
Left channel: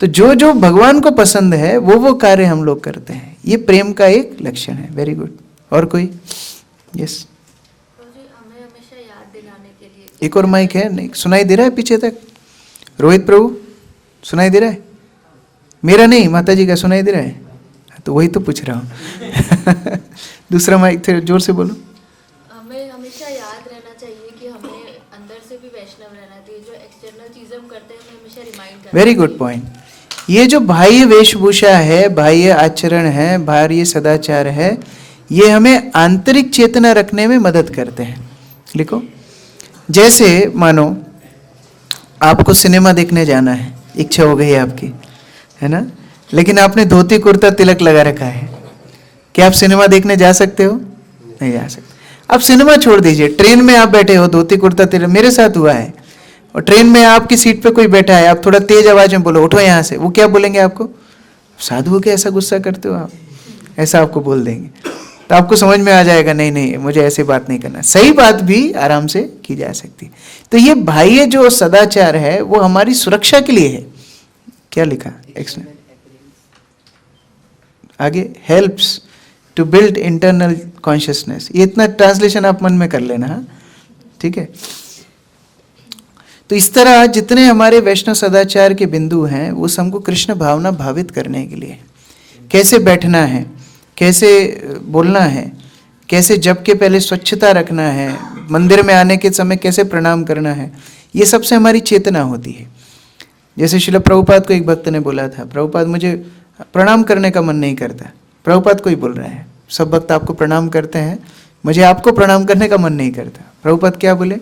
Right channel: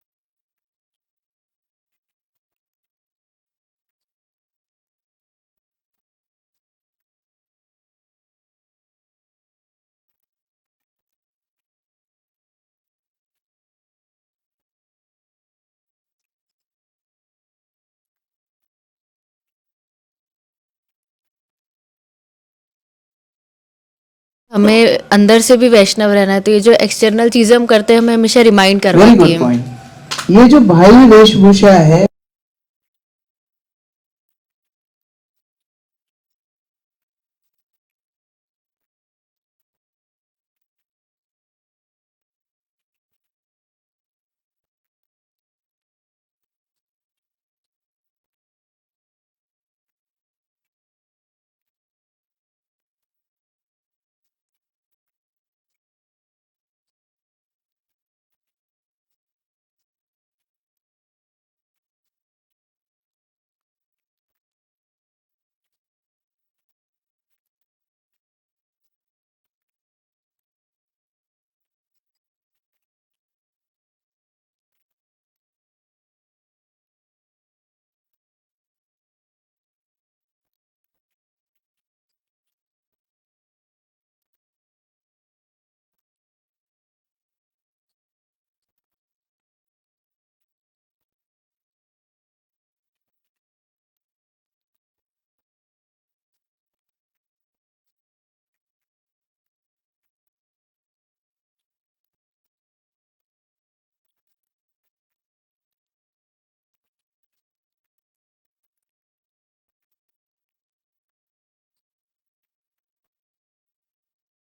तो जो जो भगवान को पसंद है वो कार्य हम लोग करते हैं। ये प्रेम का एक लक्षण है। Very good. और कोई? यस। हमें हमेशा याद दिलाने के लिए, एक और माइक है, नहीं सुनाई दे रहा है पीछे तक? रोहित प्रभु सुनाई दे रहा है? मेरा नहीं, माता जी का सुनाई दे रहा है? तो वही तो पूछ रहा हूँ दूसरा माइक थे, जोर से बोलो। हमें हमेशा याद रहना चाहिए कि हमें अंदर से भी वैष्णव रहना है। तो ये जो एक्सटर्नल चीजें हम करते हैं, हमें हमेशा रिमाइंड करवाती है। Very good point. ये जो बाह्य वेशभूषा है, बाह्य आचरण है, बाह्य सदाचार है, ये हमें आंतरिक चेतना रखने में मदद करते हैं। लिखो। जैसे मानो आपको सिनेमा देखने जाना है, इच्छा हो गई आपकी, है ना, लेकिन आपने धोती कुर्ता तिलक लगा रखा है, क्या आप सिनेमा देखने जा सकते हो? नहीं जा सकते। अब सिनेमा छोड़ दीजिए, ट्रेन में आप बैठे हो, धोती कुर्ता तिलक, मेरे साथ हुआ है, और ट्रेन में आपकी सीट पे कोई बैठा है, आप थोड़ा तेज आवाज में बोलो उठो यहाँ से, वो क्या बोलेंगे आपको? साधु के ऐसा गुस्सा करते हो आप? ऐसा आपको बोल देंगे। तो आपको समझ में आ जाएगा, नहीं नहीं मुझे ऐसी बात नहीं करना। सही बात भी आराम से की जा सकती है। तो ये बाह्य जो सदाचार है वो हमारी सुरक्षा के लिए है। क्या लिखा एक्सप्लेन आगे? Helps to build internal consciousness. ये इतना ट्रांसलेशन आप मन में कर लेना, हाँ, ठीक है। तो इस तरह जितने हमारे वैष्णव सदाचार के बिंदु हैं वो हमको कृष्ण भावना भावित करने के लिए, कैसे बैठना है, कैसे बोलना है, कैसे जप के पहले स्वच्छता रखना है, मंदिर में आने के समय कैसे प्रणाम करना है, ये सबसे हमारी चेतना होती है। जैसे श्रील प्रभुपाद को एक भक्त ने बोला था, प्रभुपाद मुझे प्रणाम करने का मन नहीं करता। प्रभुपाद को ही बोल रहे हैं, सब भक्त आपको प्रणाम करते हैं, मुझे आपको प्रणाम करने का मन नहीं करता। प्रभुपाद क्या बोले?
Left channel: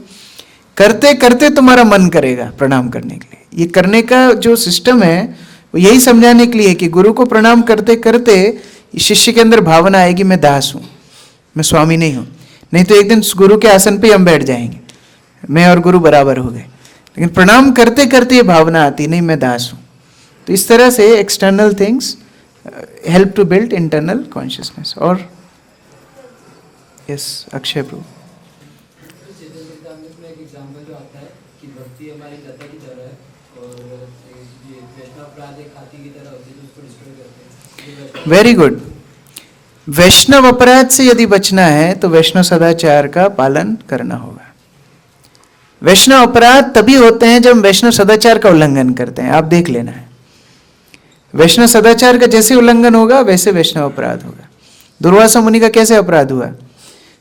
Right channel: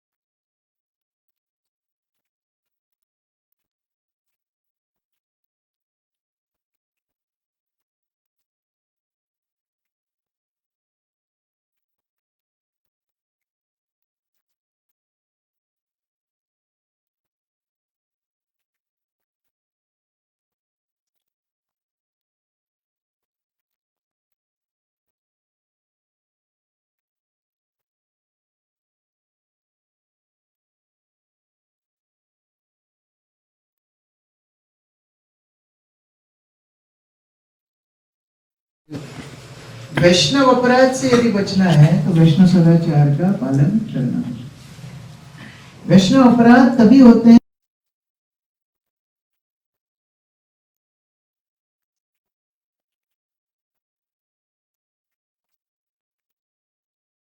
करते करते तुम्हारा मन करेगा प्रणाम करने के लिए। ये करने का जो सिस्टम है वो यही समझाने के लिए कि गुरु को प्रणाम करते करते शिष्य के अंदर भावना आएगी मैं दास हूँ, मैं स्वामी नहीं हूँ। नहीं तो एक दिन गुरु के आसन पे हम बैठ जाएंगे, मैं और गुरु बराबर हो गए। लेकिन प्रणाम करते करते ये भावना आती नहीं मैं दास हूँ। तो इस तरह से external things help to build internal consciousness. और yes Akshay Prabhu, very good. वैष्णव अपराध से यदि बचना है तो वैष्णव सदाचार का पालन करना होगा। वैष्णव अपराध तभी होते हैं जब वैष्णव सदाचार का उल्लंघन करते हैं। आप देख लेना है, वैष्णव सदाचार का जैसे उल्लंघन होगा वैसे वैष्णव अपराध होगा। दुर्वासा मुनि का कैसे अपराध हुआ?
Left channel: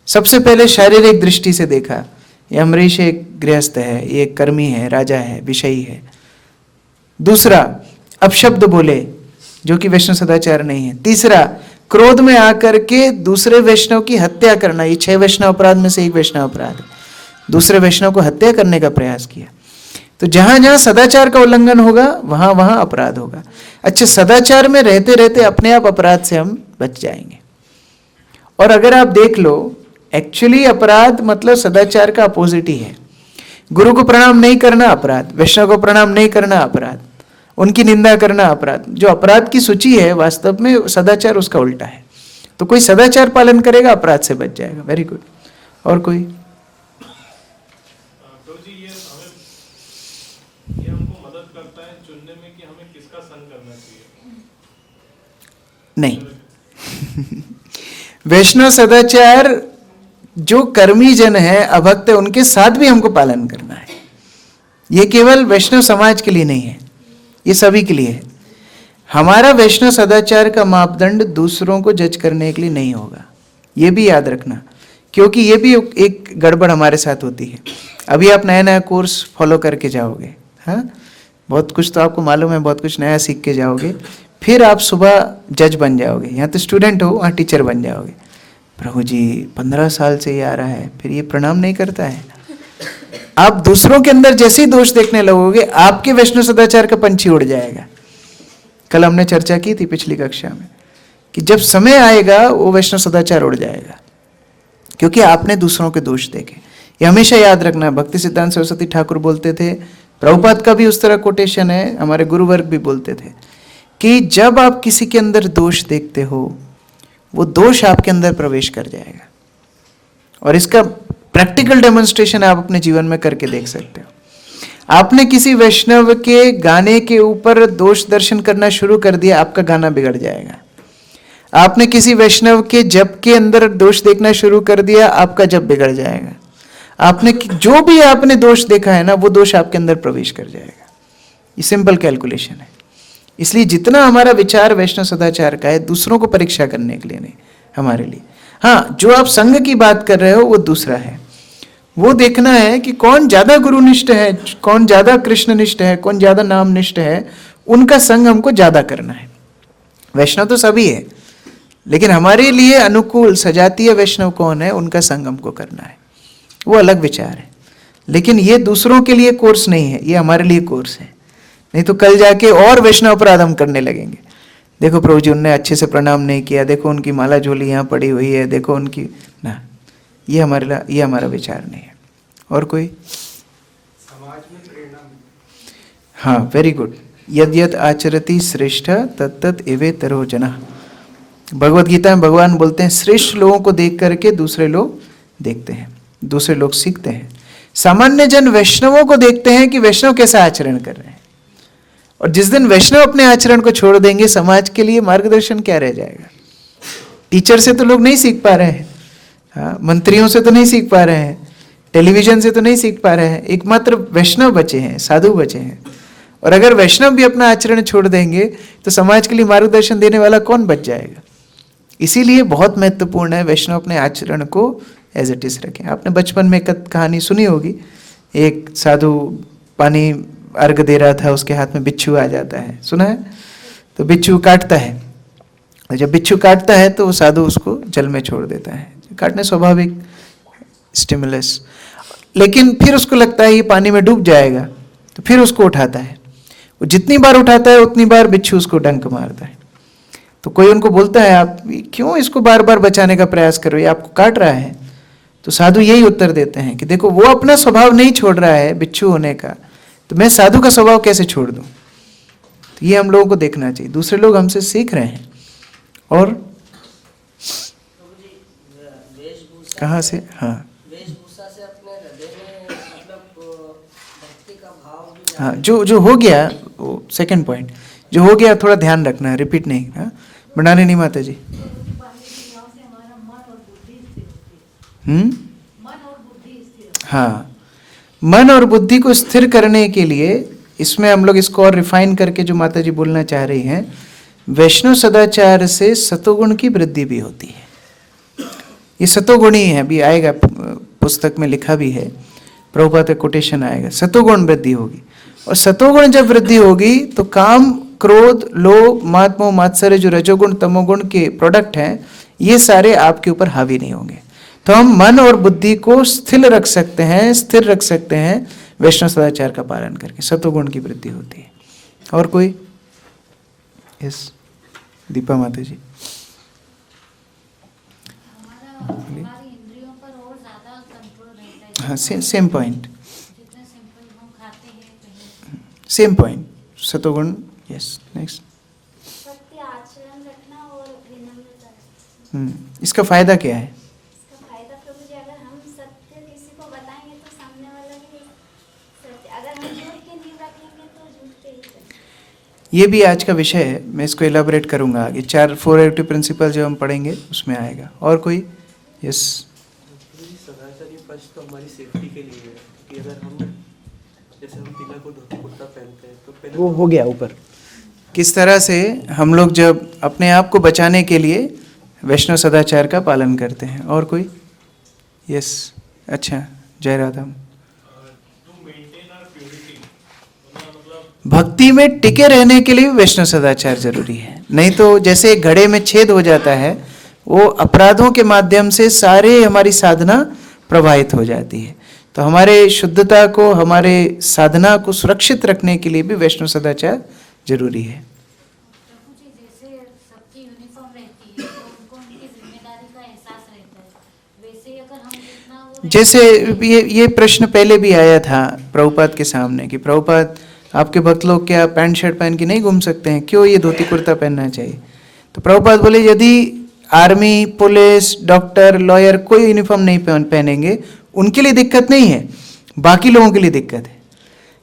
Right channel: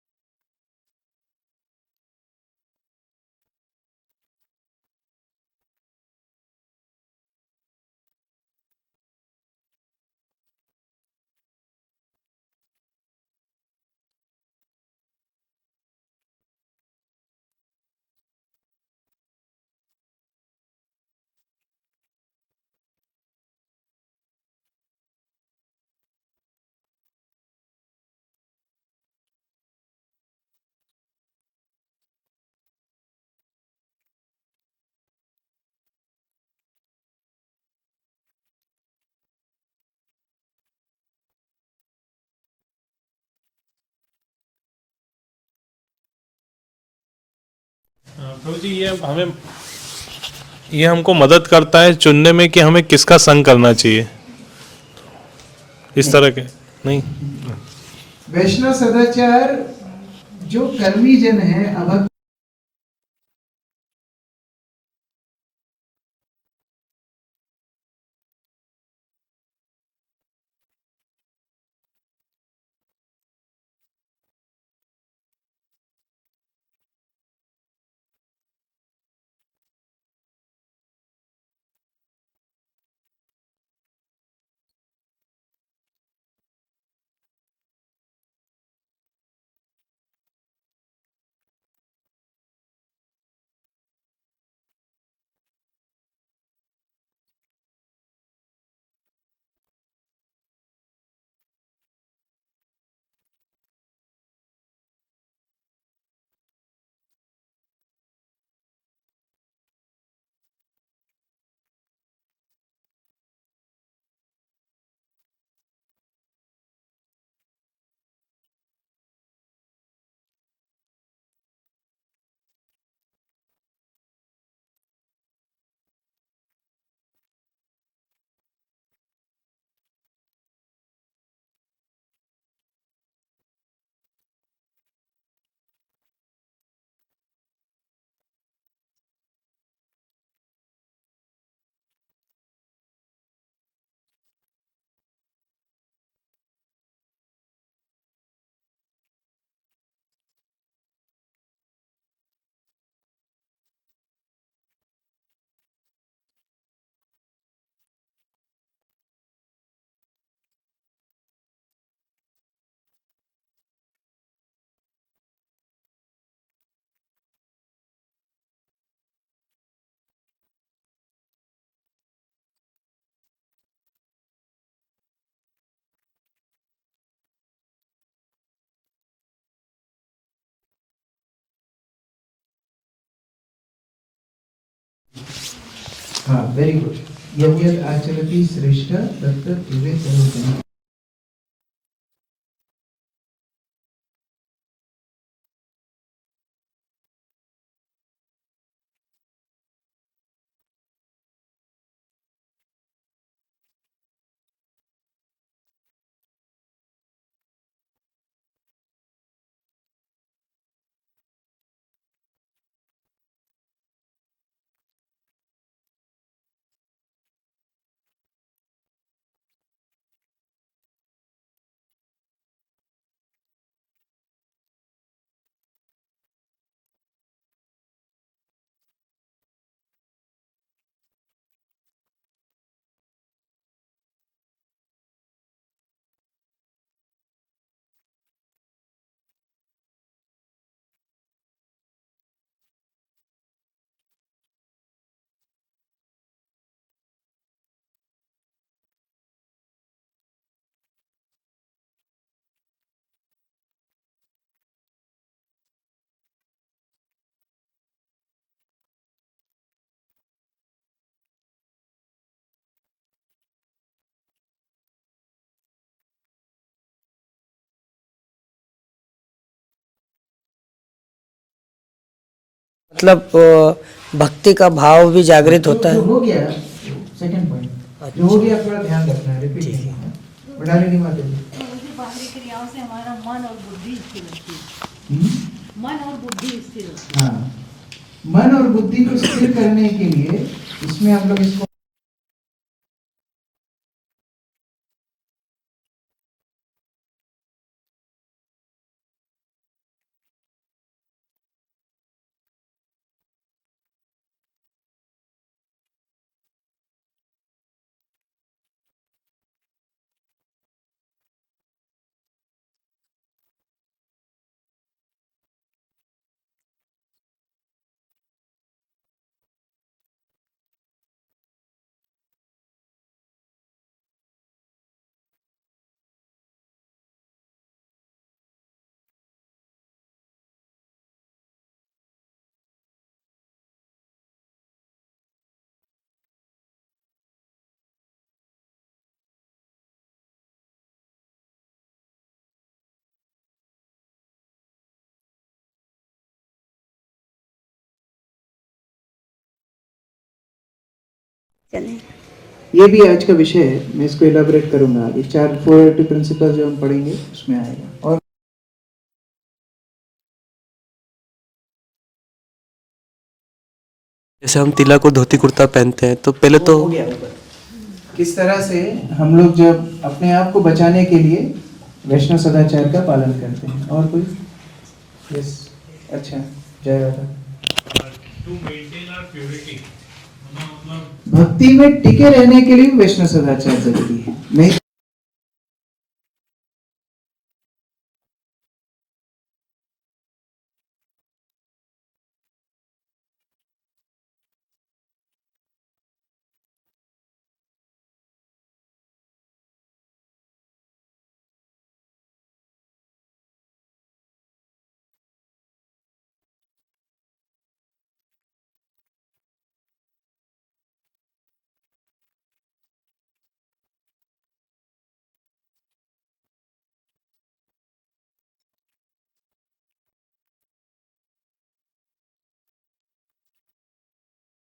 सबसे पहले शारीरिक दृष्टि से देखा, ये अमरीश एक गृहस्थ है, ये एक कर्मी है, राजा है, विषयी है। दूसरा, अपशब्द बोले जो कि वैष्णव सदाचार नहीं है। तीसरा, क्रोध में आकर के दूसरे वैष्णव की हत्या करना, ये 6 वैष्णव अपराध में से एक वैष्णव अपराध है। दूसरे वैष्णव को हत्या करने का प्रयास किया। तो जहां जहां सदाचार का उल्लंघन होगा वहां वहां अपराध होगा। अच्छा, सदाचार में रहते रहते अपने आप अपराध से हम बच जाएंगे। और अगर आप देख लो, एक्चुअली अपराध मतलब सदाचार का अपोजिट ही है। गुरु को प्रणाम नहीं करना अपराध, वैष्णव को प्रणाम नहीं करना अपराध, उनकी निंदा करना अपराध। जो अपराध की सूची है वास्तव में सदाचार उसका उल्टा है। तो कोई सदाचार पालन करेगा अपराध से बच जाएगा। Very good. और कोई? प्रभु जी, ये हमको मदद करता है चुनने में कि हमें किसका संग करना चाहिए, इस तरह के नहीं। वैष्णव सदाचार जो कर्मी जन है, अभक्त है, उनके साथ भी हमको पालन करना है। ये केवल वैष्णव समाज के लिए नहीं है, ये सभी के लिए है। हमारा वैष्णव सदाचार का मापदंड दूसरों को जज करने के लिए नहीं होगा, ये भी याद रखना, क्योंकि ये भी एक गड़बड़ हमारे साथ होती है। अभी आप नया नया कोर्स फॉलो करके जाओगे, हाँ, बहुत कुछ तो आपको मालूम है, बहुत कुछ नया सीख के जाओगे, फिर आप सुबह जज बन जाओगे। यहाँ तो स्टूडेंट हो, वहाँ टीचर बन जाओगे। प्रभु जी 15 साल से ये आ रहा है, फिर ये प्रणाम नहीं करता है। आप दूसरों के अंदर जैसे ही दोष देखने लगोगे, आपके वैष्णव सदाचार का पंछी उड़ जाएगा। कल हमने चर्चा की थी पिछली कक्षा में कि जब समय आएगा वो वैष्णव सदाचार उड़ जाएगा, क्योंकि आपने दूसरों के दोष देखे। ये हमेशा याद रखना। भक्ति सिद्धांत सरस्वती ठाकुर बोलते थे, प्रभुपाद का भी उस तरह कोटेशन है, हमारे गुरुवर्ग भी बोलते थे कि जब आप किसी के अंदर दोष देखते हो, वो दोष आपके अंदर प्रवेश कर जाएगा। और इसका प्रैक्टिकल डेमोन्स्ट्रेशन आप अपने जीवन में करके देख सकते हो। आपने किसी वैष्णव के गाने के ऊपर दोष दर्शन करना शुरू कर दिया, आपका गाना बिगड़ जाएगा। आपने किसी वैष्णव के जप के अंदर दोष देखना शुरू कर दिया, आपका जप बिगड़ जाएगा। आपने जो भी आपने दोष देखा है ना, वो दोष आपके अंदर प्रवेश कर जाएगा। ये सिंपल कैलकुलेशन है। इसलिए जितना हमारा विचार वैष्णव सदाचार का है, दूसरों को परीक्षा करने के लिए नहीं, हमारे लिए। हाँ, जो आप संघ की बात कर रहे हो वो दूसरा है। वो देखना है कि कौन ज्यादा गुरुनिष्ठ है, कौन ज्यादा कृष्णनिष्ठ है, कौन ज्यादा नामनिष्ठ है, उनका संग हमको ज्यादा करना है। वैष्णव तो सभी है, लेकिन हमारे लिए अनुकूल सजातीय वैष्णव कौन है, उनका संग हमको करना है। वो अलग विचार है। लेकिन ये दूसरों के लिए कोर्स नहीं है, ये हमारे लिए कोर्स है। नहीं तो कल जाके और वैष्णव अपराध हम करने लगेंगे। देखो प्रभु जी, उनने अच्छे से प्रणाम नहीं किया, देखो उनकी माला झोली यहाँ पड़ी हुई है, देखो उनकी ना, ये हमारा विचार नहीं है। और कोई? समाज में प्रेरणा। हाँ, वेरी गुड। यद यद आचरति श्रेष्ठ तत्तत एवेतरो जनः। भगवत गीता में भगवान बोलते हैं, श्रेष्ठ लोगों को देख करके दूसरे लोग देखते हैं, दूसरे लोग सीखते हैं। सामान्य जन वैष्णवों को देखते हैं कि वैष्णव कैसा आचरण कर रहे हैं, और जिस दिन वैष्णव अपने आचरण को छोड़ देंगे, समाज के लिए मार्गदर्शन क्या रह जाएगा? टीचर से तो लोग नहीं सीख पा रहे हैं, हाँ, मंत्रियों से तो नहीं सीख पा रहे हैं, टेलीविजन से तो नहीं सीख पा रहे हैं। एकमात्र वैष्णव बचे हैं, साधु बचे हैं। और अगर वैष्णव भी अपना आचरण छोड़ देंगे तो समाज के लिए मार्गदर्शन देने वाला कौन बच जाएगा? इसीलिए बहुत महत्वपूर्ण है वैष्णव अपने आचरण को एज इट इज रखें। आपने बचपन में एक कहानी सुनी होगी, एक साधु पानी अर्घ दे रहा था, उसके हाथ में बिच्छू आ जाता है, सुना है? तो बिच्छू काटता है, और जब बिच्छू काटता है तो वो साधु उसको जल में छोड़ देता है। काटने स्वाभाविक स्टिमुलस, लेकिन फिर उसको लगता है ये पानी में डूब जाएगा, तो फिर उसको उठाता है। वो जितनी बार उठाता है उतनी बार बिच्छू उसको डंक मारता है। तो कोई उनको बोलता है आप क्यों इसको बार बार बचाने का प्रयास कर रहे हो, ये आपको काट रहा है। तो साधु यही उत्तर देते हैं कि देखो वो अपना स्वभाव नहीं छोड़ रहा है बिच्छू होने का, तो मैं साधु का स्वभाव कैसे छोड़ दूं। तो ये हम लोगों को देखना चाहिए, दूसरे लोग हमसे सीख रहे हैं। और कहाँ से, हाँ वेशभूषा से अपने हृदय में मतलब भक्ति का भाव भी जागृत जो होता जो है। हो गया वो सेकंड पॉइंट जो हो गया थोड़ा ध्यान रखना है, रिपीट नहीं। हाँ बनाने नहीं माता जी। हाँ, मन और बुद्धि को स्थिर करने के लिए इसमें हम लोग इसको और रिफाइन करके जो माता जी बोलना चाह रही हैं, वैष्णव सदाचार से सतोगुण की वृद्धि भी होती है। ये सतोगुण ही है, अभी आएगा पुस्तक में लिखा भी है, प्रभुपाद का कोटेशन आएगा, सतोगुण वृद्धि होगी। और सतोगुण जब वृद्धि होगी तो काम, क्रोध, लोभ, मात, मोह, मात्सर्य जो रजोगुण तमोगुण के प्रोडक्ट हैं, ये सारे आपके ऊपर हावी नहीं होंगे। तो हम मन और बुद्धि को स्थिर रख सकते हैं वैष्णव सदाचार का पालन करके, सतोगुण की वृद्धि होती है। और कोई? यस दीपा माता जी। हमारी इंद्रियों पर और ज्यादा कंट्रोल रहता है। हाँ सेम पॉइंट, जितना सिंपल हम खाते हैं कहीं सेम पॉइंट, सतोगुण। Yes next. सत्य आचरण रखना और विनम्रता। इसका फायदा क्या है? इसका फायदा प्रभु जी, अगर हम सत्य किसी को बताएंगे तो सामने वाला भी सत्य, अगर हम झूठ की नींव रखेंगे तो झूठ पे ही चलेंगे। ये भी आज का विषय है, मैं इसको इलाबोरेट करूंगा आगे, 4 4 एक्टिव प्रिंसिपल जो हम पढ़ेंगे उसमें आएगा। और कोई? यस। सदाचारी पक्ष तो हमारी सेफ्टी के लिए है कि अगर हम जैसे हम तिलक और धोती कुर्ता पहनते हैं तो पहले तो हो गया ऊपर। किस तरह से हम लोग जब अपने आप को बचाने के लिए वैष्णव सदाचार का पालन करते हैं। और कोई? यस अच्छा जय राधा। भक्ति में टिके रहने के लिए भी वैष्णव सदाचार जरूरी है, नहीं तो जैसे एक घड़े में छेद हो जाता है, वो अपराधों के माध्यम से सारे हमारी साधना प्रभावित हो जाती है। तो हमारे शुद्धता को, हमारे साधना को सुरक्षित रखने के लिए भी वैष्णव सदाचार जरूरी है। प्रभु जी, जैसे सबकी यूनिफॉर्म रहती है तो उनको उनकी जिम्मेदारी का एहसास रहता है, वैसे ही अगर हम जितना वो जैसे ये प्रश्न पहले भी आया था प्रभुपाद के सामने कि प्रभुपाद आपके भक्त लोग क्या पैंट शर्ट पहन के नहीं घूम सकते हैं, क्यों ये धोती कुर्ता पहनना चाहिए? तो प्रभुपाद बोले यदि आर्मी, पुलिस, डॉक्टर, लॉयर कोई यूनिफॉर्म नहीं पहनेंगे उनके लिए दिक्कत नहीं है, बाकी लोगों के लिए दिक्कत है।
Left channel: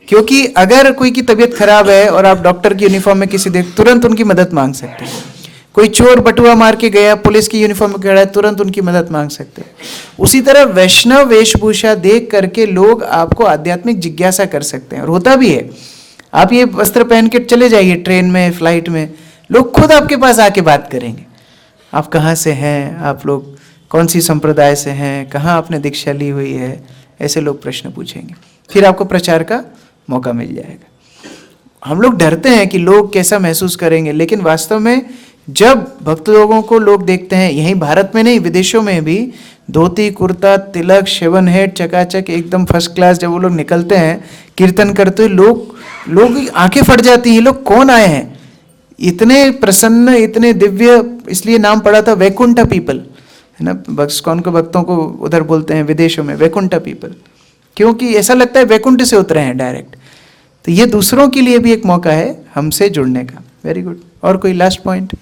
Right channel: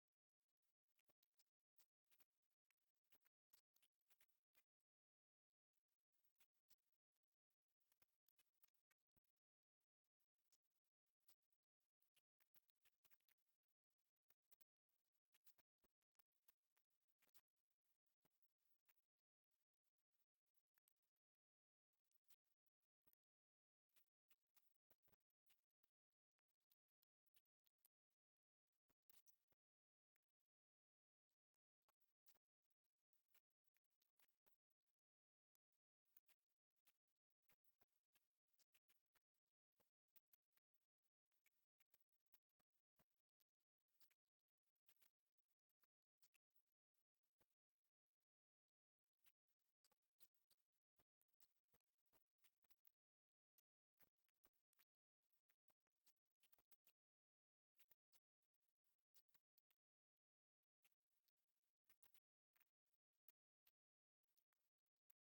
क्योंकि अगर कोई की तबीयत खराब है और आप डॉक्टर की यूनिफॉर्म में किसी देख, तुरंत उनकी मदद मांग सकते हैं। कोई चोर बटुआ मार के गया, पुलिस की यूनिफॉर्म में खड़ा है, तुरंत उनकी मदद मांग सकते हैं। उसी तरह वैष्णव वेशभूषा देख करके लोग आपको आध्यात्मिक जिज्ञासा कर सकते हैं, और होता भी है। आप ये वस्त्र पहन के चले जाइए ट्रेन में, फ्लाइट में, लोग खुद आपके पास आके बात करेंगे, आप कहाँ से हैं, आप लोग कौन सी संप्रदाय से हैं, कहाँ आपने दीक्षा ली हुई है, ऐसे लोग प्रश्न पूछेंगे। फिर आपको प्रचार का मौका मिल जाएगा। हम लोग डरते हैं कि लोग कैसा महसूस करेंगे, लेकिन वास्तव में जब भक्त लोगों को लोग देखते हैं, यहीं भारत में नहीं विदेशों में भी, धोती कुर्ता, तिलक, शेवन हेड, चकाचक एकदम फर्स्ट क्लास, जब वो लोग निकलते हैं कीर्तन करते हुए, लोग आंखें फट जाती हैं, लोग कौन आए हैं, इतने प्रसन्न, इतने दिव्य। इसलिए नाम पड़ा था वैकुंठ पीपल, है ना, कौन को भक्तों को उधर बोलते हैं विदेशों में वैकुंठ पीपल, क्योंकि ऐसा लगता है वैकुंठ से उतरे हैं डायरेक्ट। तो ये दूसरों के लिए भी एक मौका है हमसे जुड़ने का। Very good. और कोई लास्ट पॉइंट?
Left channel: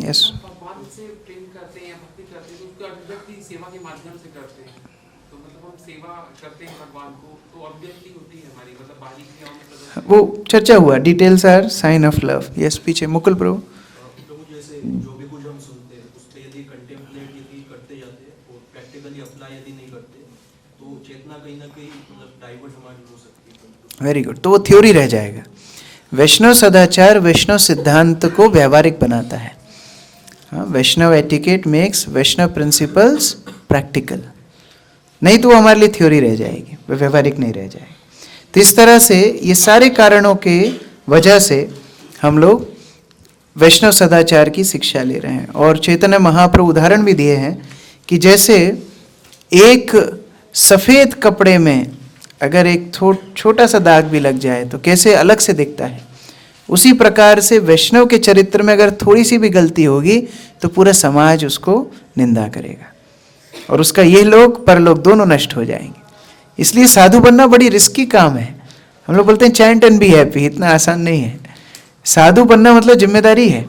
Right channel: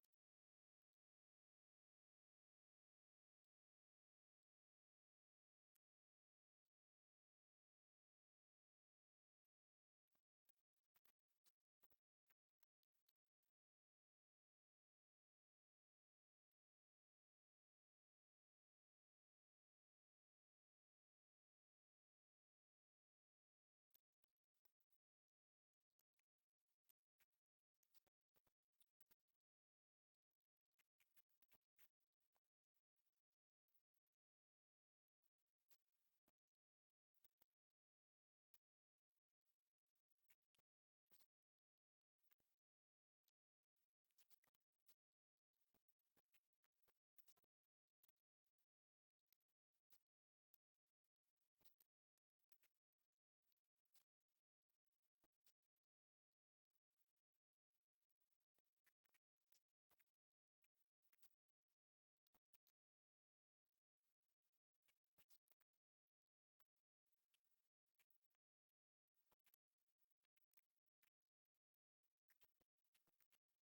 यस। भगवान से प्रेम करते हैं, भक्ति करते हैं, तो उसका अभिव्यक्ति सेवा के माध्यम से करते हैं। तो मतलब हम सेवा करते हैं भगवान को, तो अभिव्यक्ति होती है हमारी, मतलब बाहरी क्रियाओं में प्रदर्शन। वो चर्चा हुआ, details are sign of love. Yes पीछे मुकुल प्रभु। प्रभु जैसे जो भी कुछ हम सुनते हैं उस पे यदि कंटेम्पलेट यदि करते जाते हैं और प्रैक्टिकली अप्लाई यदि नहीं करते तो चेतना कहीं ना कहीं मतलब डाइवर्ट हमारी हो सकती है। Very good. तो वो थ्योरी रह जाएगा। वैष्णव सदाचार वैष्णव सिद्धांत को व्यावहारिक बनाता है। हाँ, वैष्णव एटिकेट मेक्स वैष्णव प्रिंसिपल्स प्रैक्टिकल। नहीं तो वो हमारे लिए थ्योरी रह जाएगी, वो व्यवहारिक नहीं रह जाएगी। तो इस तरह से ये सारे कारणों के वजह से हम लोग वैष्णव सदाचार की शिक्षा ले रहे हैं। और चैतन्य महाप्रभु उदाहरण भी दिए हैं कि जैसे एक सफ़ेद कपड़े में अगर एक छोटा सा दाग भी लग जाए तो कैसे अलग से दिखता है, उसी प्रकार से वैष्णव के चरित्र में अगर थोड़ी सी भी गलती होगी तो पूरा समाज उसको निंदा करेगा और उसका ये लोक परलोक दोनों नष्ट हो जाएंगे। इसलिए साधु बनना बड़ी रिस्की काम है। हम लोग बोलते हैं चैंट एंड बी हैप्पी, इतना आसान नहीं है। साधु बनना मतलब जिम्मेदारी है,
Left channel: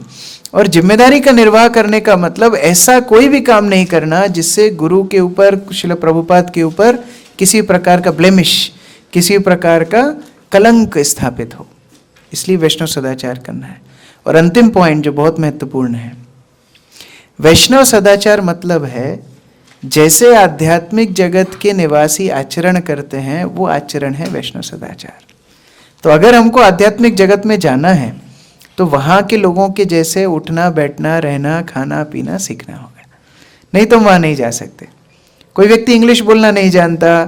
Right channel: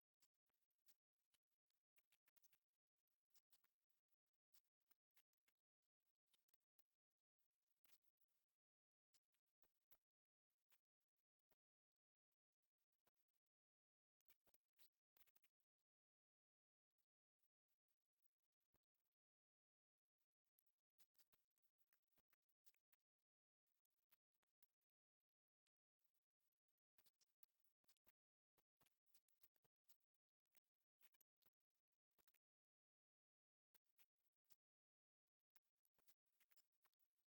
और जिम्मेदारी का निर्वाह करने का मतलब ऐसा कोई भी काम नहीं करना जिससे गुरु के ऊपर, श्रील प्रभुपाद के ऊपर किसी प्रकार का ब्लेमिश, किसी प्रकार का कलंक स्थापित हो। इसलिए वैष्णव सदाचार करना है। और अंतिम पॉइंट जो बहुत महत्वपूर्ण है, वैष्णव सदाचार मतलब है जैसे आध्यात्मिक जगत के निवासी आचरण करते हैं वो आचरण है वैष्णव सदाचार। तो अगर हमको आध्यात्मिक जगत में जाना है तो वहाँ के लोगों के जैसे उठना बैठना रहना खाना पीना सीखना होगा, नहीं तो वहाँ नहीं जा सकते। कोई व्यक्ति इंग्लिश बोलना नहीं जानता,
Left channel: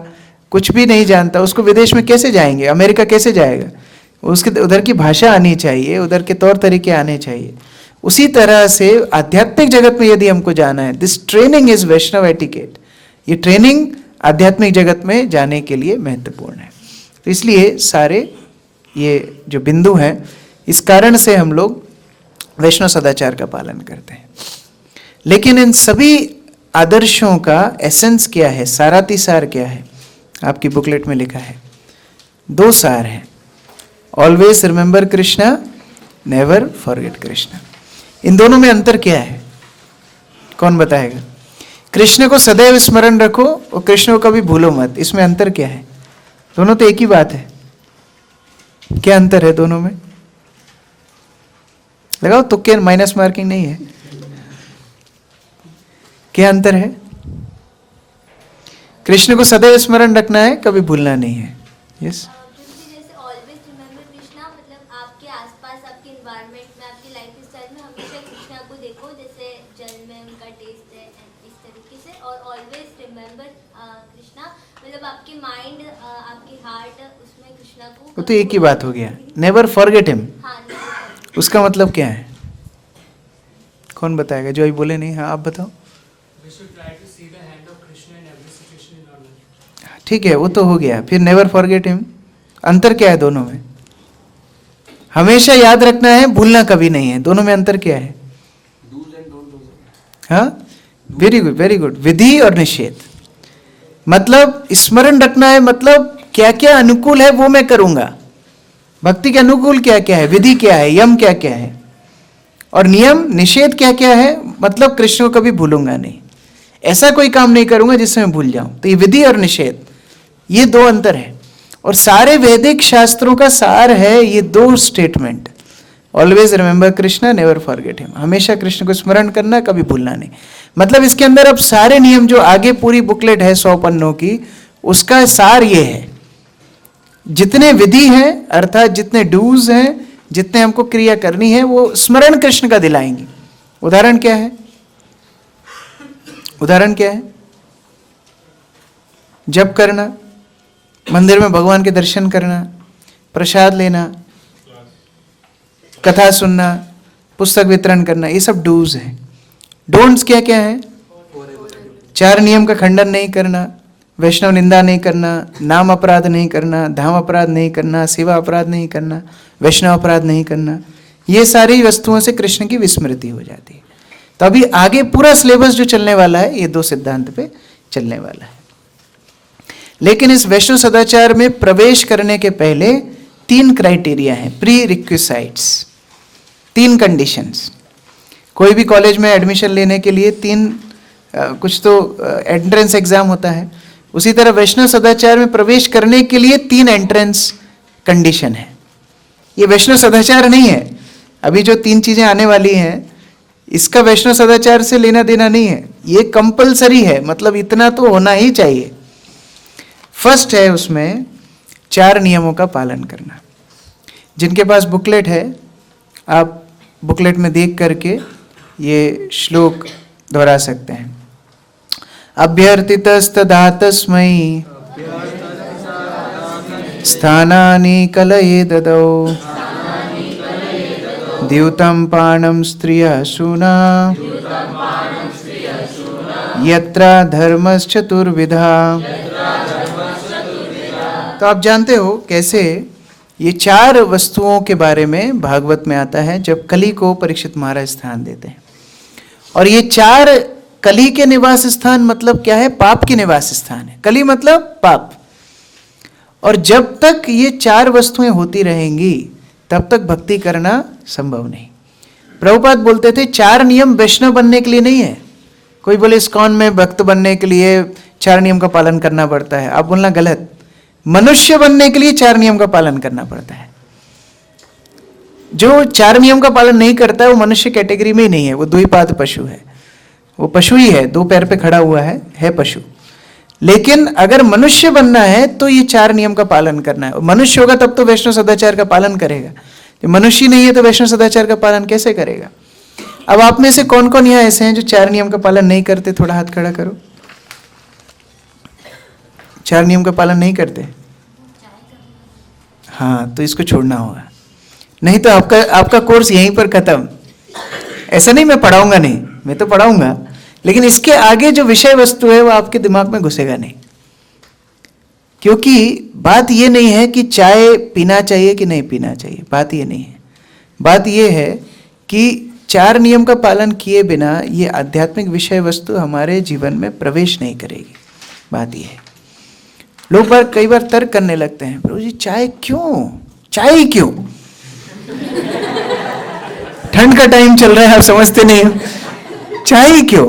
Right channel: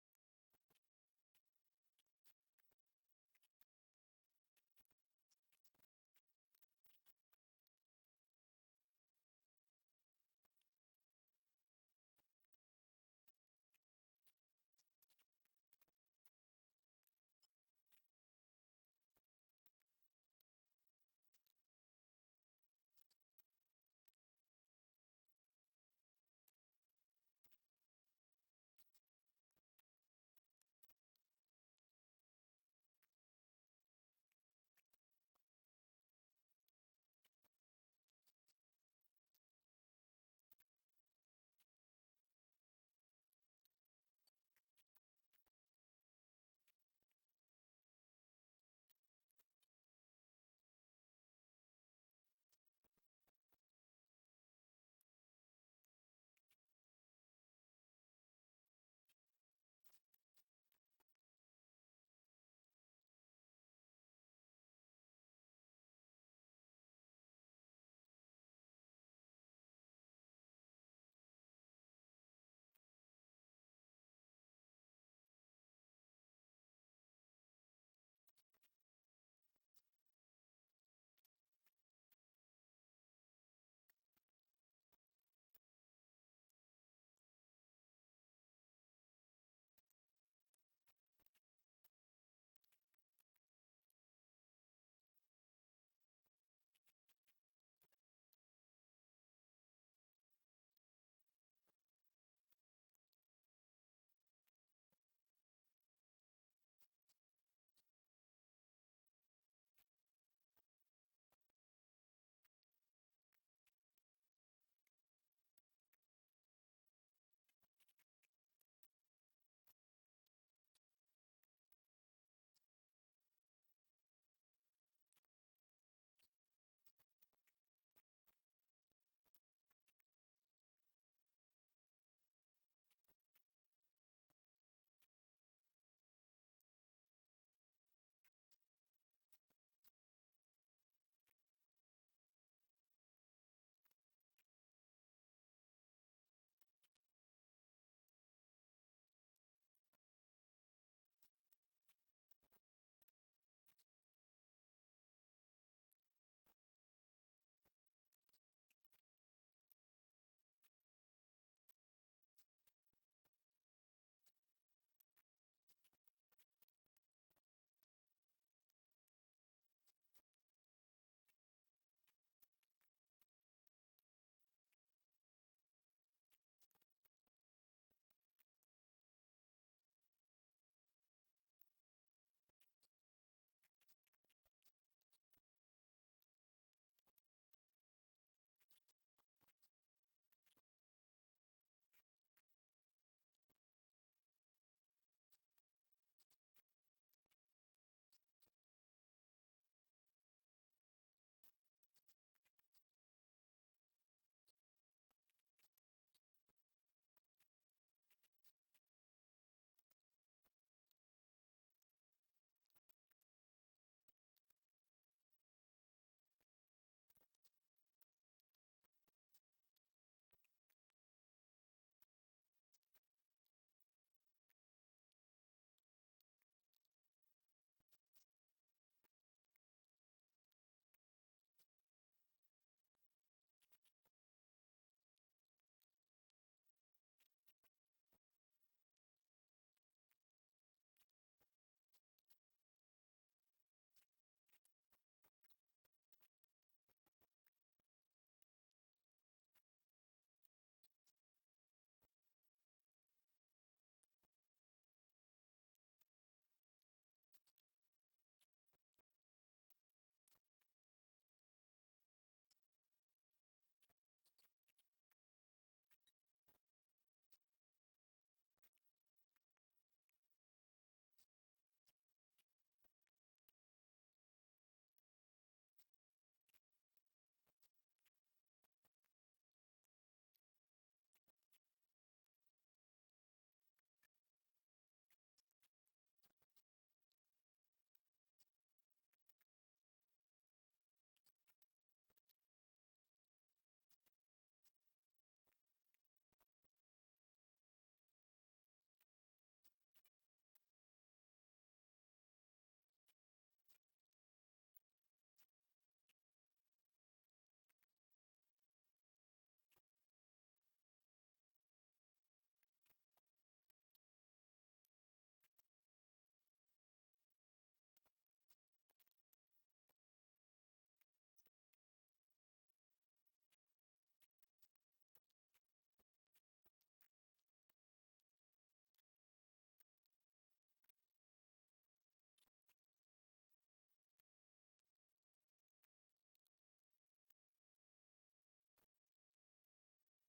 कुछ भी नहीं जानता, उसको विदेश में कैसे जाएंगे, अमेरिका कैसे जाएगा? उसके उधर की भाषा आनी चाहिए, उधर के तौर तरीके आने चाहिए। उसी तरह से आध्यात्मिक जगत में यदि हमको जाना है, this training is Vaishnava etiquette. ये ट्रेनिंग आध्यात्मिक जगत में जाने के लिए महत्वपूर्ण है। तो इसलिए सारे ये जो बिंदु हैं, इस कारण से हम लोग वैष्णव सदाचार का पालन करते हैं। लेकिन इन सभी आदर्शों का एसेंस क्या है, सारातिसार क्या है? आपकी बुकलेट में लिखा है, 2 सार हैं। Always remember Krishna, never forget Krishna. इन दोनों में अंतर क्या है, कौन बताएगा? कृष्ण को सदैव स्मरण रखो और कृष्ण को कभी भूलो मत, इसमें अंतर क्या है? दोनों तो एक ही बात है। क्या अंतर है दोनों में? लगाओ तुक्के, माइनस मार्किंग नहीं है। क्या अंतर है? कृष्ण को सदैव स्मरण रखना है, कभी भूलना नहीं है। यस, जैसे ऑलवेज रिमेंबर कृष्णा, मतलब आपके आसपास, आपके एनवायरनमेंट में, आपकी लाइफस्टाइल में हमेशा कृष्णा को देखो, जैसे जल में उनका टेस्ट है, इस तरीके से। और ऑलवेज रिमेंबर कृष्णा मतलब आपके माइंड, आपकी हार्ट, उसमें कृष्णा को। वो तो एक ही बात हो गया। नेवर फॉरगेट हिम, हाँ, उसका मतलब क्या है? कौन बताएगा? जो अभी बोले नहीं, हाँ आप बताओ। ठीक है, वो तो हो गया। फिर नेवर फॉरगेट हिम, अंतर क्या है दोनों में? हमेशा याद रखना है, भूलना कभी नहीं है। दोनों में अंतर क्या है? हाँ, वेरी गुड, वेरी गुड। विधि और निषेध, मतलब स्मरण रखना है, मतलब क्या क्या अनुकूल है वो मैं करूंगा। भक्ति के अनुकूल क्या क्या है, विधि क्या है, यम क्या क्या है, और नियम निषेध क्या क्या है, मतलब कृष्ण को कभी भूलूंगा नहीं, ऐसा कोई काम नहीं करूंगा जिससे मैं भूल जाऊं। तो ये विधि और निषेध, ये 2 अंतर है। और सारे वैदिक शास्त्रों का सार है ये 2 statement, always remember Krishna, never forget him. हमेशा कृष्ण को स्मरण करना, कभी भूलना नहीं। मतलब इसके अंदर अब सारे नियम जो आगे पूरी बुकलेट है 100 पन्नों की, उसका सार ये है। जितने विधि हैं, अर्थात जितने डूज हैं, जितने हमको क्रिया करनी है, वो स्मरण कृष्ण का दिलाएंगे। उदाहरण क्या है? उदाहरण क्या है? जप करना, मंदिर में भगवान के दर्शन करना, प्रसाद लेना, कथा सुनना, पुस्तक वितरण करना, ये सब डूज हैं। डोंट्स क्या क्या है? 4 नियम का खंडन नहीं करना, वैष्णव निंदा नहीं करना, नाम अपराध नहीं करना, धाम अपराध नहीं करना, सेवा अपराध नहीं करना, वैष्णव अपराध नहीं करना। ये सारी वस्तुओं से कृष्ण की विस्मृति हो जाती है। तो अभी आगे पूरा सिलेबस जो चलने वाला है, ये 2 सिद्धांत पे चलने वाला है। लेकिन इस वैष्णव सदाचार में प्रवेश करने के पहले 3 क्राइटेरिया हैं, प्री रिक्विसाइट्स, 3 कंडीशंस। कोई भी कॉलेज में एडमिशन लेने के लिए 3 कुछ तो एंट्रेंस एग्जाम होता है, उसी तरह वैष्णव सदाचार में प्रवेश करने के लिए 3 एंट्रेंस कंडीशन है। ये वैष्णव सदाचार नहीं है, अभी जो 3 चीजें आने वाली हैं इसका वैष्णव सदाचार से लेना देना नहीं है, ये कंपलसरी है, मतलब इतना तो होना ही चाहिए। फर्स्ट है उसमें 4 नियमों का पालन करना। जिनके पास बुकलेट है, आप बुकलेट में देख करके ये श्लोक दोहरा सकते हैं। अभ्यर्थितस्तदा तस्मै स्थानानि कलये ददौ द्यूतं पाणं स्त्रियः सूना यत्र धर्मश्चतुर्विधा। तो तो आप जानते हो कैसे ये 4 वस्तुओं के बारे में भागवत में आता है जब कली को परीक्षित महाराज स्थान देते हैं। और ये 4 कली के निवास स्थान मतलब क्या है? पाप के निवास स्थान है। कली मतलब पाप। और जब तक ये 4 वस्तुएं होती रहेंगी तब तक भक्ति करना संभव नहीं। प्रभुपाद बोलते थे 4 नियम वैष्णव बनने के लिए नहीं है। कोई बोले इस्कॉन में भक्त बनने के लिए 4 नियम का पालन करना पड़ता है, आप बोलना गलत। मनुष्य बनने के लिए 4 नियम का पालन करना पड़ता है। जो 4 नियम का पालन नहीं करता है वो मनुष्य कैटेगरी में ही नहीं है, वो द्विपाद पशु है। वो पशु ही है, 2 पैर पे खड़ा हुआ है पशु। लेकिन अगर मनुष्य बनना है तो ये 4 नियम का पालन करना है। मनुष्य होगा तब तो वैष्णव सदाचार का पालन करेगा। जो मनुष्य नहीं है तो वैष्णव सदाचार का पालन कैसे करेगा? अब आप में से कौन कौन यहाँ ऐसे हैं जो 4 नियम का पालन नहीं करते? थोड़ा हाथ खड़ा करो। 4 नियम का पालन नहीं करते? हाँ, तो इसको छोड़ना होगा, नहीं तो आपका कोर्स यहीं पर खत्म। ऐसा नहीं मैं पढ़ाऊंगा नहीं, मैं तो पढ़ाऊंगा, लेकिन इसके आगे जो विषय वस्तु है वो आपके दिमाग में घुसेगा नहीं। क्योंकि बात ये नहीं है कि चाय पीना चाहिए कि नहीं पीना चाहिए, बात ये नहीं है। बात ये है कि 4 नियम का पालन किए बिना ये आध्यात्मिक विषय वस्तु हमारे जीवन में प्रवेश नहीं करेगी। बात ये है। लोग कई बार तर्क करने लगते हैं, प्रभु जी चाय क्यों, चाय ही क्यों? ठंड का टाइम चल रहा है, आप समझते नहीं हो, चाय ही क्यों?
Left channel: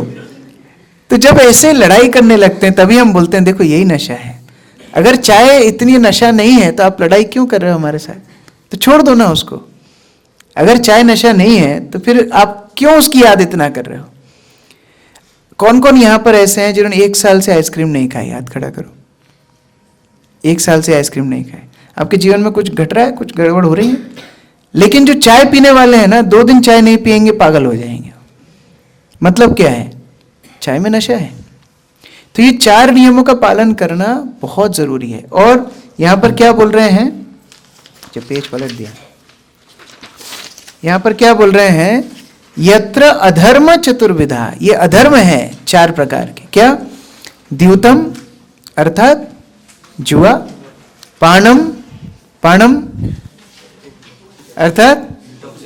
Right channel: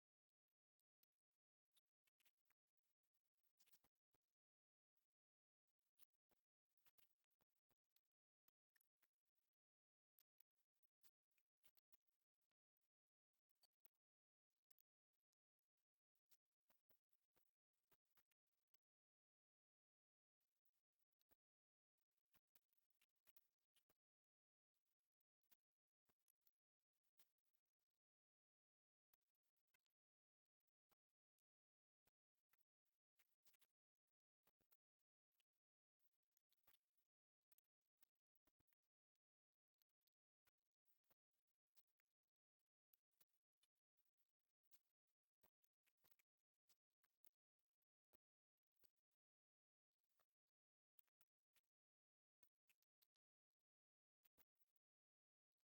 तो जब ऐसे लड़ाई करने लगते हैं तभी हम बोलते हैं देखो यही नशा है। अगर चाय इतनी नशा नहीं है तो आप लड़ाई क्यों कर रहे हो हमारे साथ? तो छोड़ दो ना उसको। अगर चाय नशा नहीं है तो फिर आप क्यों उसकी याद इतना कर रहे हो? कौन कौन यहां पर ऐसे हैं जिन्होंने 1 साल से आइसक्रीम नहीं खाई? हाथ खड़ा करो। 1 साल से आइसक्रीम नहीं खाई। आपके जीवन में कुछ घट रहा है, कुछ गड़बड़ हो रही है? लेकिन जो चाय पीने वाले हैं ना, 2 दिन चाय नहीं पिएंगे पागल हो जाएंगे। मतलब क्या है? चाय में नशा है। तो ये 4 नियमों का पालन करना बहुत जरूरी है। और यहां पर क्या बोल रहे हैं? जब पेज पलट दिया, यहां पर क्या बोल रहे हैं? यत्र अधर्म चतुर्विधा, ये अधर्म है 4 प्रकार के। क्या? द्यूतम अर्थात जुआ, पाणम, पाणम अर्थात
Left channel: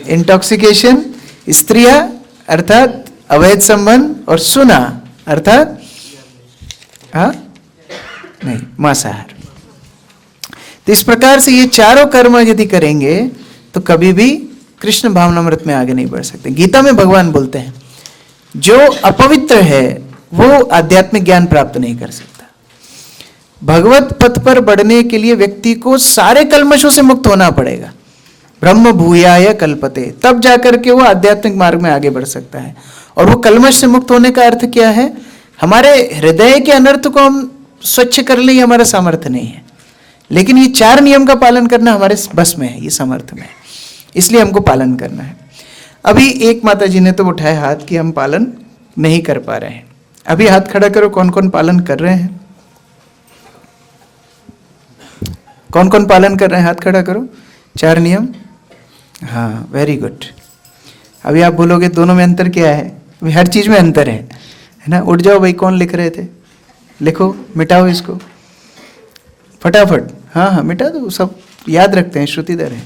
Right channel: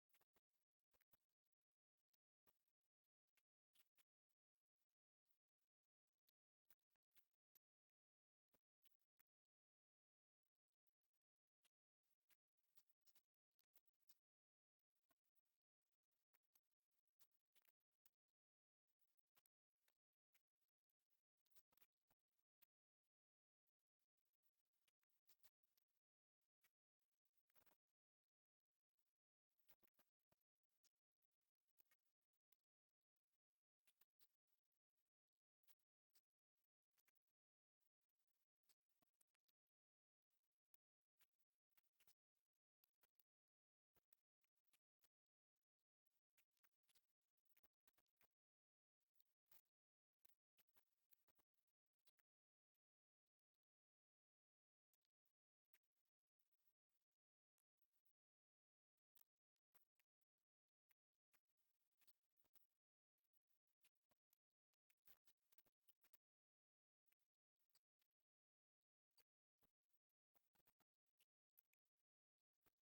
इंटॉक्सिकेशन, स्त्रिया अर्थात अवैध संबंध, और सुना अर्थात नहीं मांसाहार। तो इस प्रकार से ये 4 कर्म यदि करेंगे तो कभी भी कृष्ण भावनामृत में आगे नहीं बढ़ सकते। गीता में भगवान बोलते हैं जो अपवित्र है वो आध्यात्मिक ज्ञान प्राप्त नहीं कर सकता। भगवत पथ पर बढ़ने के लिए व्यक्ति को सारे कल्मशों से मुक्त होना पड़ेगा। ब्रह्म भूयाय कल्पते, तब जाकर के वो आध्यात्मिक मार्ग में आगे बढ़ सकता है। और वो कल्मश से मुक्त होने का अर्थ क्या है? हमारे हृदय के अनर्थ को हम स्वच्छ कर ले, हमारा सामर्थ्य नहीं है। लेकिन ये 4 नियम का पालन करना हमारे बस में है, ये सामर्थ्य में है, इसलिए हमको पालन करना है। अभी एक माता जी ने तो उठाया हाथ कि हम पालन नहीं कर पा रहे हैं। अभी हाथ खड़ा करो, कौन कौन पालन कर रहे हैं? कौन कौन पालन कर रहे हैं? हाथ खड़ा करो। 4 नियम, हाँ, वेरी गुड। अभी आप बोलोगे दोनों में अंतर क्या है? अभी हर चीज में अंतर है ना? उठ जाओ भाई, कौन लिख रहे थे? लिखो, मिटाओ इसको फटाफट। हाँ हाँ, मिटा दो, सब याद रखते हैं, श्रुतिधर है।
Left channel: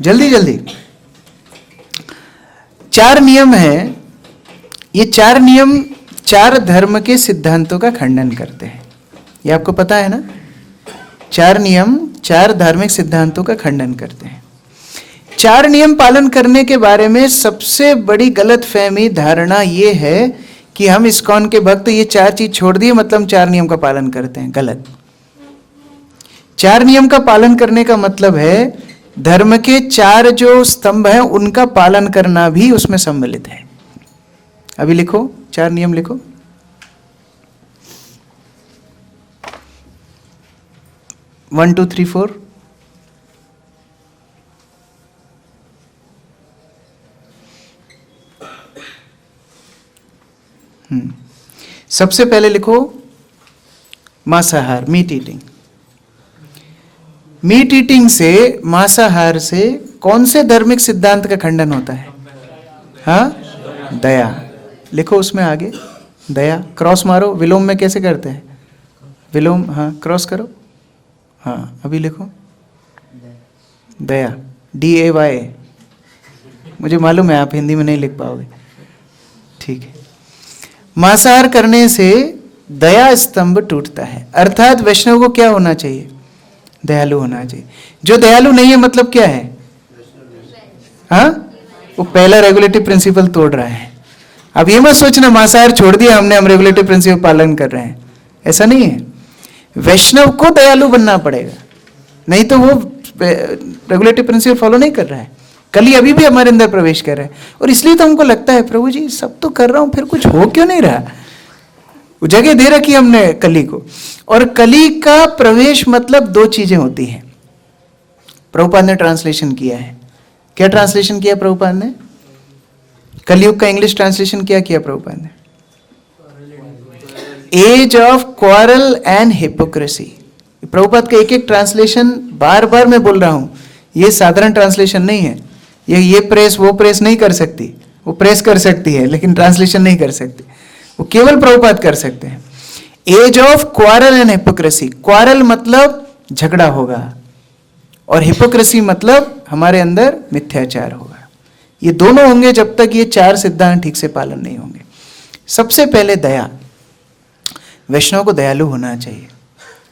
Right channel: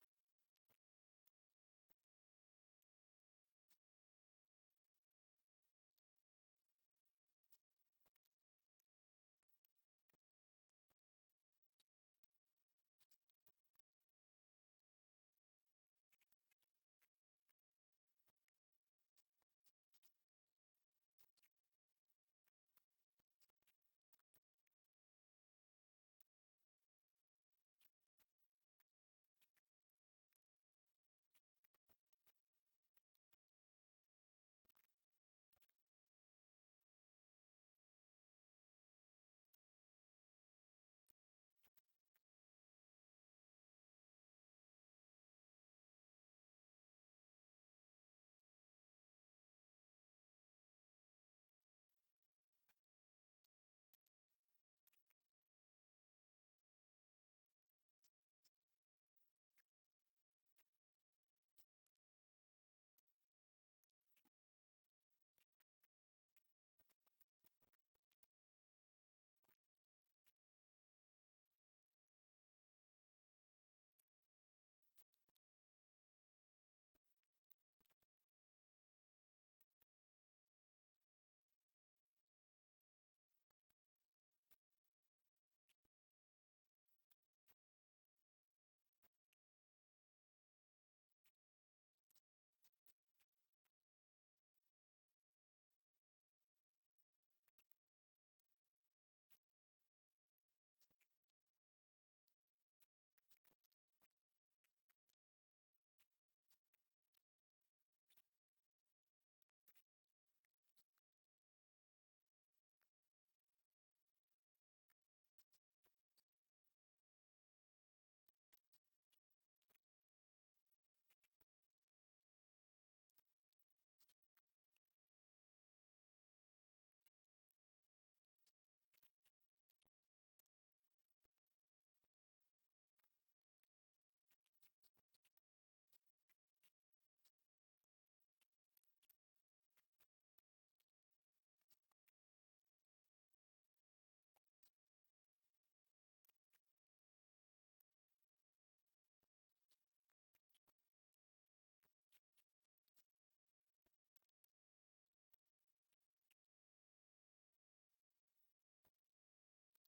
जल्दी जल्दी। 4 नियम है। ये 4 नियम 4 धर्म के सिद्धांतों का खंडन करते हैं। ये आपको पता है ना? 4 नियम 4 धार्मिक सिद्धांतों का खंडन करते हैं। 4 नियम पालन करने के बारे में सबसे बड़ी गलत फहमी धारणा ये है कि हम इस्कॉन के भक्त ये 4 चीज छोड़ दिए मतलब हम 4 नियम का पालन करते हैं। गलत। 4 नियम का पालन करने का मतलब है धर्म के 4 जो स्तंभ हैं उनका पालन करना भी उसमें सम्मिलित है। अभी लिखो, 4 नियम लिखो। One, two, three, 4। सबसे पहले लिखो मांसाहार, मीट ईटिंग। मीट ईटिंग से, मांसाहार से कौन से धार्मिक सिद्धांत का खंडन होता है? हाँ, दया। लिखो उसमें आगे, दया, क्रॉस मारो। विलोम में कैसे करते हैं? विलोम, हाँ क्रॉस करो, हाँ अभी लिखो दया, DAY। मुझे मालूम है आप हिंदी में नहीं लिख पाओगे, ठीक है। मांसाहार करने से दया स्तंभ टूटता है, अर्थात वैष्णव को क्या होना चाहिए? दयालु होना चाहिए। जो दयालु नहीं है मतलब क्या है? हाँ, वो पहला रेगुलेटिव प्रिंसिपल तोड़ रहा है। अब ये मत सोचना मांसाहार छोड़ दिया हमने, हम रेगुलेटिव प्रिंसिपल पालन कर रहे हैं, ऐसा नहीं है। वैष्णव को दयालु बनना पड़ेगा, नहीं तो वो रेगुलेटिव प्रिंसिपल फॉलो नहीं कर रहा है। कली अभी भी हमारे अंदर प्रवेश कर रहा है, और इसलिए तो हमको लगता है प्रभु जी सब तो कर रहा हूं, फिर कुछ हो क्यों नहीं रहा? वो जगह दे रखी हमने कली को। और कली का प्रवेश मतलब दो चीजें होती हैं। प्रभुपाद ने ट्रांसलेशन किया है, क्या ट्रांसलेशन किया प्रभुपाद ने? कलयुग का इंग्लिश ट्रांसलेशन क्या किया प्रभुपाद ने? Age of quarrel and hypocrisy. Prabhupada का एक एक ट्रांसलेशन बार बार मैं बोल रहा हूं, ये साधारण ट्रांसलेशन नहीं है। ये प्रेस वो प्रेस नहीं कर सकती, वो प्रेस कर सकती है लेकिन ट्रांसलेशन नहीं कर सकती, वो केवल प्रभुपाद कर सकते हैं। Age of quarrel and hypocrisy. Quarrel मतलब झगड़ा होगा, और हिपोक्रेसी मतलब हमारे अंदर मिथ्याचार होगा। ये दोनों होंगे जब तक ये चार सिद्धांत ठीक से पालन नहीं होंगे। सबसे पहले दया, वैष्णव को दयालु होना चाहिए।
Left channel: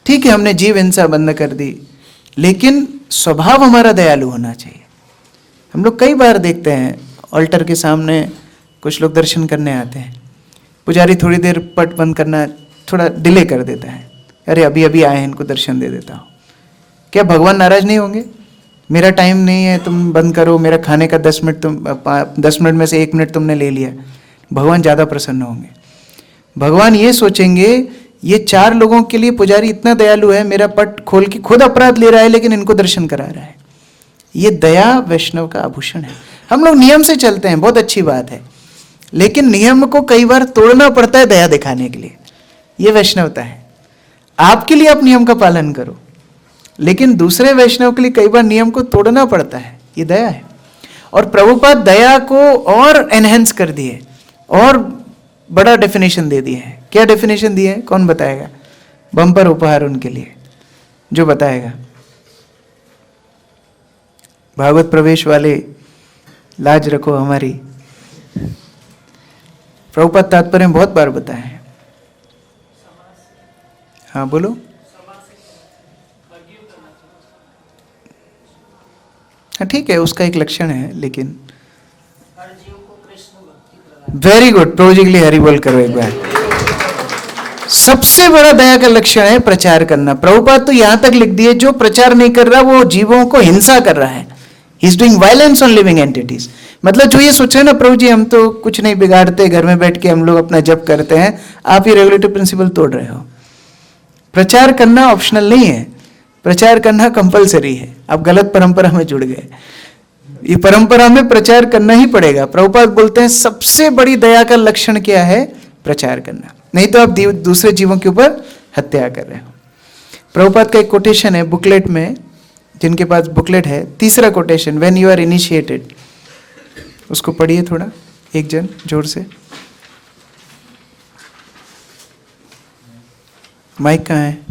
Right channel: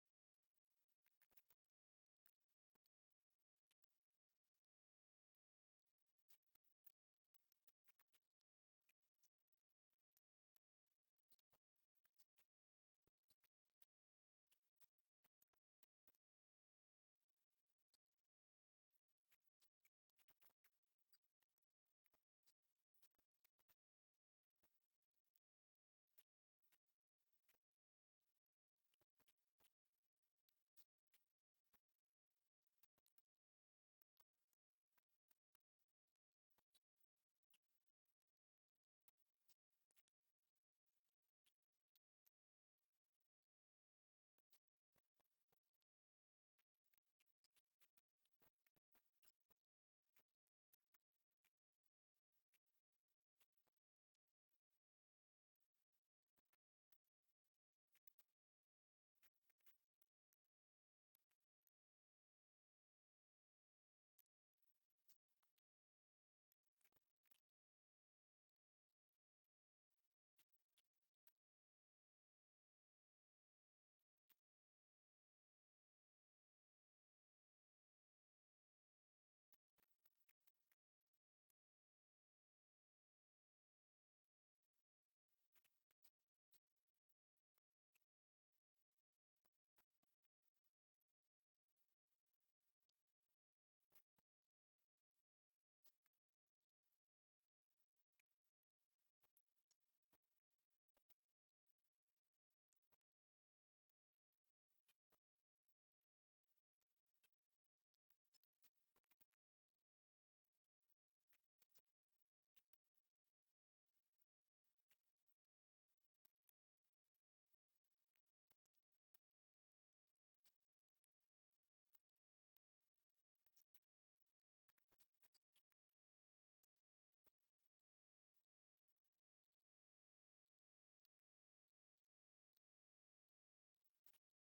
ठीक है, हमने जीव हिंसा बंद कर दी, लेकिन स्वभाव हमारा दयालु होना चाहिए। हम लोग कई बार देखते हैं ऑल्टर के सामने कुछ लोग दर्शन करने आते हैं, पुजारी थोड़ी देर पट बंद करना थोड़ा डिले कर देता है, अरे अभी अभी आए हैं इनको दर्शन दे देता हूँ। क्या भगवान नाराज नहीं होंगे? मेरा टाइम नहीं है तुम बंद करो, मेरा खाने का 10 मिनट में से 1 मिनट तुमने ले लिया, भगवान ज़्यादा प्रसन्न होंगे। भगवान ये सोचेंगे ये 4 लोगों के लिए पुजारी इतना दयालु है, मेरा पट खोल के खुद अपराध ले रहा है लेकिन इनको दर्शन करा रहा है। ये दया वैष्णव का आभूषण है। हम लोग नियम से चलते हैं, बहुत अच्छी बात है, लेकिन नियम को कई बार तोड़ना पड़ता है दया दिखाने के लिए। ये वैष्णवता है। आपके लिए आप नियम का पालन करो, लेकिन दूसरे वैष्णव के लिए कई बार नियम को तोड़ना पड़ता है, ये दया है। और प्रभुपाद दया को और एनहेंस कर दिए, और बड़ा डेफिनेशन दे दिए है। क्या डेफिनेशन दिए है? कौन बताएगा? बम्पर उपहार उनके लिए, जो बताएगा। भागवत प्रवेश वाले लाज रखो हमारी। प्रभुपाद तात्पर्य बहुत बार बताए हैं। हाँ बोलो। हाँ ठीक है, उसका एक लक्षण है, लेकिन वेरी गुड, प्रभु जी के लिए हरि बोल करो एक बार। सबसे बड़ा दया का लक्षण है प्रचार करना। प्रभुपाद तो यहां तक लिख दिए, जो प्रचार नहीं कर रहा वो जीवों को हिंसा कर रहा है। He is doing violence on living entities. मतलब जो ये सोच रहे हैं ना प्रभु जी हम तो कुछ नहीं बिगाड़ते, घर में बैठ के हम लोग अपना जप करते हैं, आप ये रेगुलेटिव प्रिंसिपल तोड़ रहे हो। प्रचार करना ऑप्शनल नहीं है, प्रचार करना कंपलसरी है। आप गलत परंपरा में जुड़ गए, ये परंपरा में प्रचार करना ही पड़ेगा। प्रभुपाद बोलते हैं सबसे बड़ी दया का लक्षण क्या है? प्रचार करना, नहीं तो आप दूसरे जीवों के ऊपर हत्या कर रहे हो। प्रभुपाद का एक कोटेशन है बुकलेट में, जिनके पास बुकलेट है, तीसरा quotation, when you are initiated. उसको पढ़िए थोड़ा, एक जन जोर से। माइक कहाँ है?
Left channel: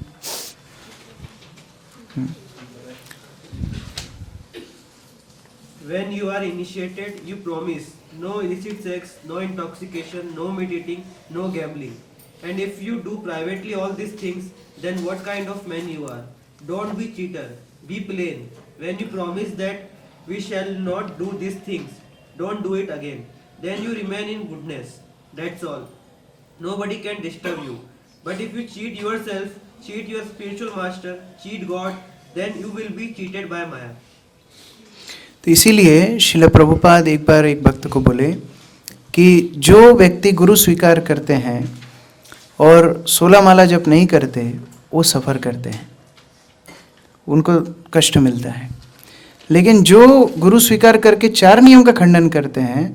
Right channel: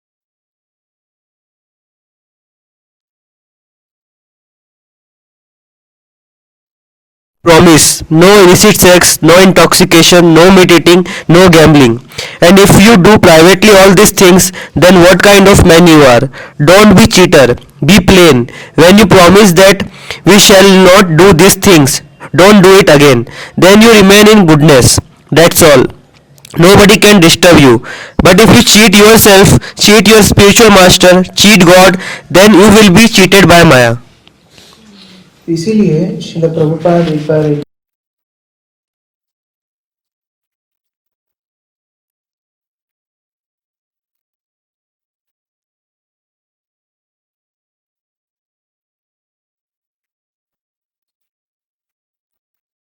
When you are initiated, you promise no illicit sex, no intoxication, no meat eating, no gambling. And if you do privately all these things, then what kind of man you are? Don't be cheater, be plain. When you promise that we shall not do these things, don't do it again. Then you remain in goodness. That's all. Nobody can disturb you. But if you cheat yourself, cheat your spiritual master, cheat God, then you will be cheated by Maya. तो इसीलिए श्रील प्रभुपाद एक बार एक भक्त को बोले कि जो व्यक्ति गुरु स्वीकार करते हैं और 16 माला जप नहीं करते, वो सफ़र करते हैं, उनको कष्ट मिलता है। लेकिन जो गुरु स्वीकार करके 4 नियम का खंडन करते हैं,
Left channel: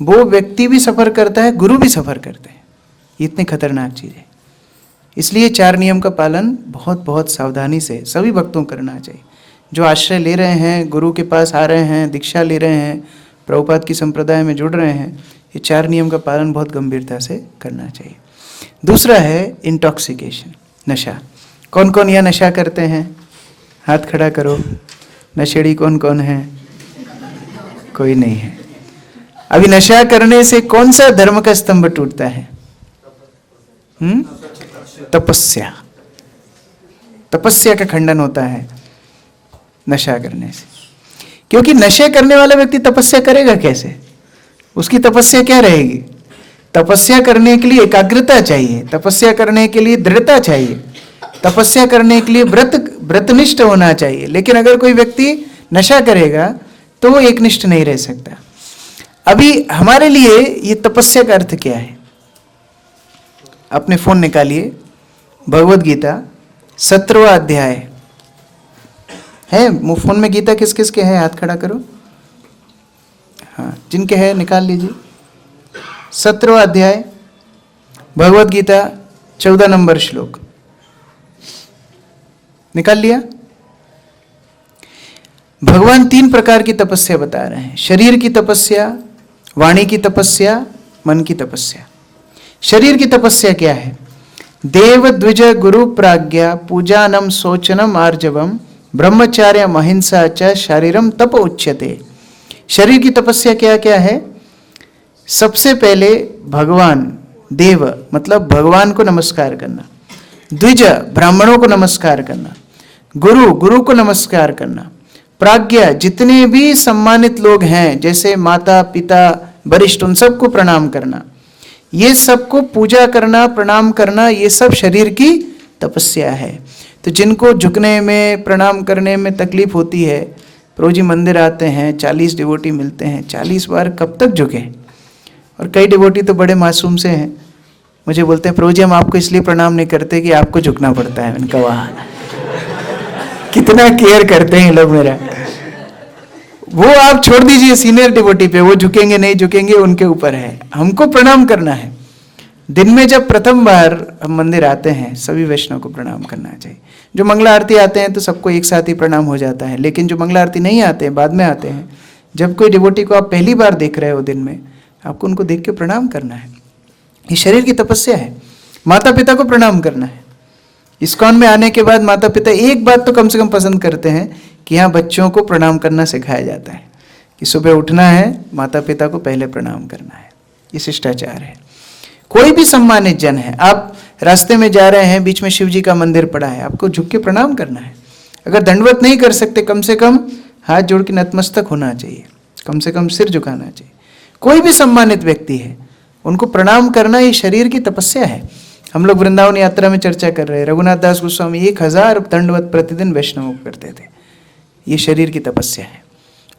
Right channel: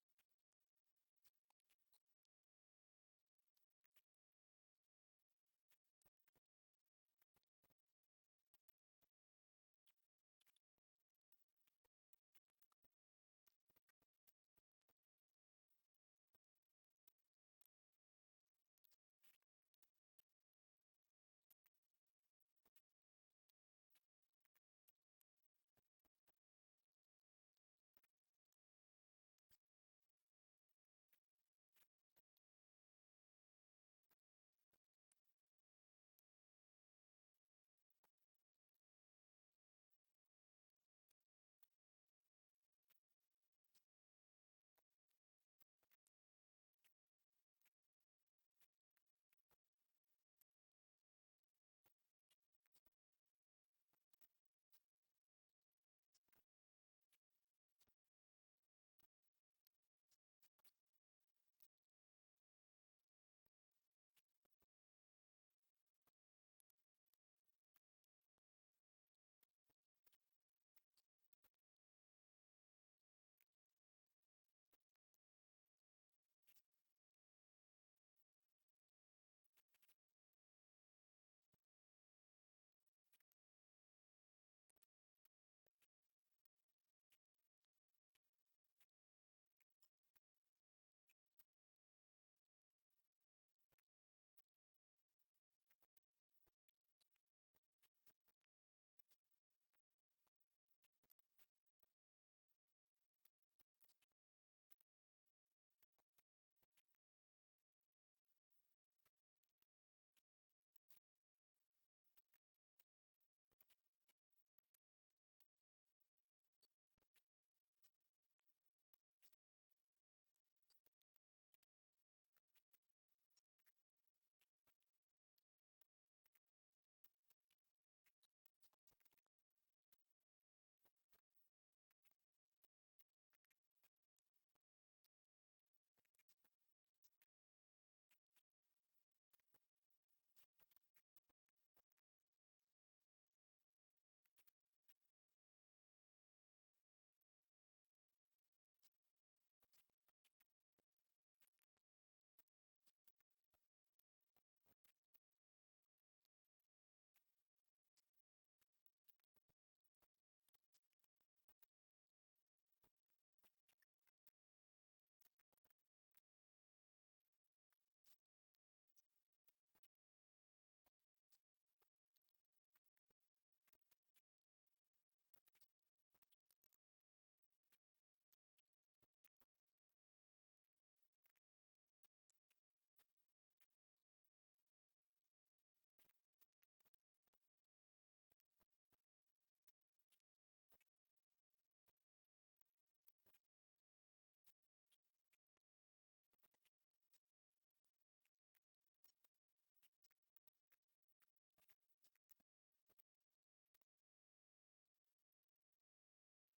वो व्यक्ति भी सफ़र करता है, गुरु भी सफ़र करते हैं। ये इतनी खतरनाक चीज़ है। इसलिए 4 नियम का पालन बहुत बहुत सावधानी से सभी भक्तों को करना चाहिए। जो आश्रय ले रहे हैं, गुरु के पास आ रहे हैं, दीक्षा ले रहे हैं, प्रभुपाद की संप्रदाय में जुड़ रहे हैं, ये 4 नियम का पालन बहुत गंभीरता से करना चाहिए। दूसरा है इंटॉक्सिकेशन, नशा। कौन कौन यह नशा करते हैं? हाथ खड़ा करो। नशेड़ी कौन कौन है? कोई नहीं है। अभी नशा करने से कौन सा धर्म का स्तंभ टूटता है? तपस्या। तपस्या का खंडन होता है नशा करने से, क्योंकि नशे करने वाला व्यक्ति तपस्या करेगा कैसे? उसकी तपस्या क्या रहेगी? तपस्या करने के लिए एकाग्रता चाहिए, तपस्या करने के लिए दृढ़ता चाहिए, तपस्या करने के लिए व्रतनिष्ठ होना चाहिए। लेकिन अगर कोई व्यक्ति नशा करेगा तो वो एकनिष्ठ नहीं रह सकता। अभी हमारे लिए ये तपस्या का अर्थ क्या है? अपने फोन निकालिए, भगवद गीता 17वां अध्याय है। फोन में गीता किस किस के है? हाथ खड़ा करो। हाँ, जिनके है निकाल लीजिए। 17वां अध्याय भगवद गीता 14 नंबर श्लोक निकाल लिया। भगवान 3 प्रकार की तपस्या बता रहे हैं। शरीर की तपस्या, वाणी की तपस्या, मन की तपस्या। शरीर की तपस्या क्या है? देव द्विज गुरु प्राज्ञा पूजानम शोचनम आर्जवम ब्रह्मचार्य अहिंसा च शारीरम तप उच्यते। शरीर की तपस्या क्या क्या है? सबसे पहले भगवान, देव मतलब भगवान को नमस्कार करना, द्विज ब्राह्मणों को नमस्कार करना, गुरु गुरु को नमस्कार करना, प्राज्ञा जितने भी सम्मानित लोग हैं जैसे माता पिता वरिष्ठ उन सबको प्रणाम करना, ये सबको पूजा करना प्रणाम करना, ये सब शरीर की तपस्या है। तो जिनको झुकने में प्रणाम करने में तकलीफ होती है, प्रभु जी मंदिर आते हैं, 40 डिवोटी मिलते हैं, 40 बार कब तक झुके? और कई डिवोटी तो बड़े मासूम से हैं, मुझे बोलते हैं प्रभु जी हम आपको इसलिए प्रणाम नहीं करते कि आपको झुकना पड़ता है। मैंने कहा वाह, कितना केयर करते हैं लोग मेरा। वो आप छोड़ दीजिए सीनियर डिवोटी पे, वो झुकेंगे नहीं झुकेंगे उनके ऊपर है, हमको प्रणाम करना है। दिन में जब प्रथम बार हम मंदिर आते हैं सभी वैष्णव को प्रणाम करना चाहिए। जो मंगला आरती आते हैं तो सबको एक साथ ही प्रणाम हो जाता है, लेकिन जो मंगला आरती नहीं आते हैं बाद में आते हैं, जब कोई डिवोटी को आप पहली बार देख रहे हो दिन में, आपको उनको देख के प्रणाम करना है। ये शरीर की तपस्या है। माता पिता को प्रणाम करना है। इस्कॉन में आने के बाद माता पिता एक बात तो कम से कम पसंद करते हैं कि यहाँ बच्चों को प्रणाम करना सिखाया जाता है कि सुबह उठना है, माता पिता को पहले प्रणाम करना है। ये शिष्टाचार है। कोई भी सम्मानित जन है, आप रास्ते में जा रहे हैं, बीच में शिव जी का मंदिर पड़ा है, आपको झुक के प्रणाम करना है। अगर दंडवत नहीं कर सकते, कम से कम हाथ जोड़ के नतमस्तक होना चाहिए, कम से कम सिर झुकाना चाहिए। कोई भी सम्मानित व्यक्ति है उनको प्रणाम करना, ये शरीर की तपस्या है। हम लोग वृंदावन यात्रा में चर्चा कर रहे हैं, रघुनाथ दास गोस्वामी 1000 दंडवत प्रतिदिन वैष्णवों को करते थे। ये शरीर की तपस्या है।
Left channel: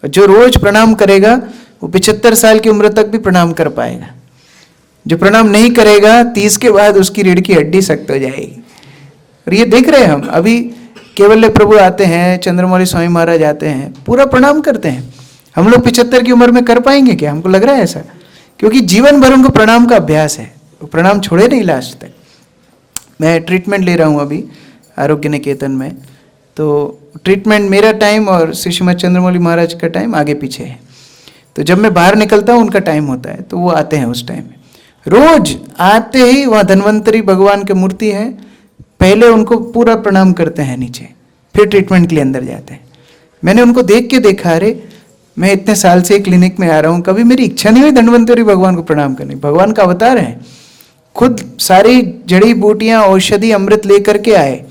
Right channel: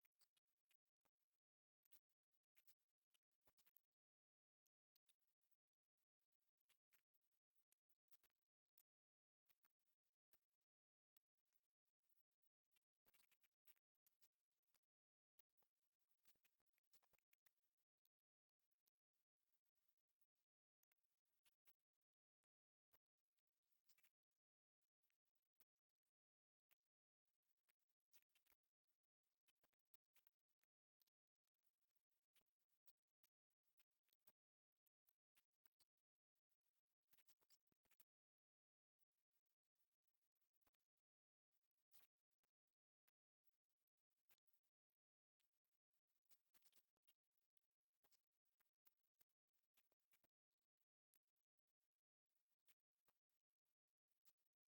और जो रोज प्रणाम करेगा वो 75 साल की उम्र तक भी प्रणाम कर पाएगा। जो प्रणाम नहीं करेगा 30 के बाद उसकी रीढ़ की हड्डी सख्त हो जाएगी। और ये देख रहे हैं हम, अभी केवल्य प्रभु आते हैं, चंद्रमौली स्वामी महाराज आते हैं, पूरा प्रणाम करते हैं। हम लोग 75 की उम्र में कर पाएंगे क्या? हमको लग रहा है ऐसा, क्योंकि जीवन भर उनको प्रणाम का अभ्यास है, वो प्रणाम छोड़े नहीं लास्ट तक। मैं ट्रीटमेंट ले रहा हूँ अभी आरोग्य निकेतन में, तो ट्रीटमेंट मेरा टाइम और श्री श्रीमद चंद्रमौली महाराज का टाइम आगे पीछे है। तो जब मैं बाहर निकलता हूँ उनका टाइम होता है, तो वो आते हैं उस टाइम में। रोज आते ही वहाँ धन्वंतरी भगवान की मूर्ति है, पहले उनको पूरा प्रणाम करते हैं नीचे, फिर ट्रीटमेंट के लिए अंदर जाते हैं। मैंने उनको देख के देखा, अरे मैं इतने साल से क्लिनिक में आ रहा हूँ, कभी मेरी इच्छा नहीं हुई धन्वंतरी भगवान को प्रणाम करने। भगवान का अवतार है, खुद सारी जड़ी बूटियां औषधि अमृत लेकर के आए।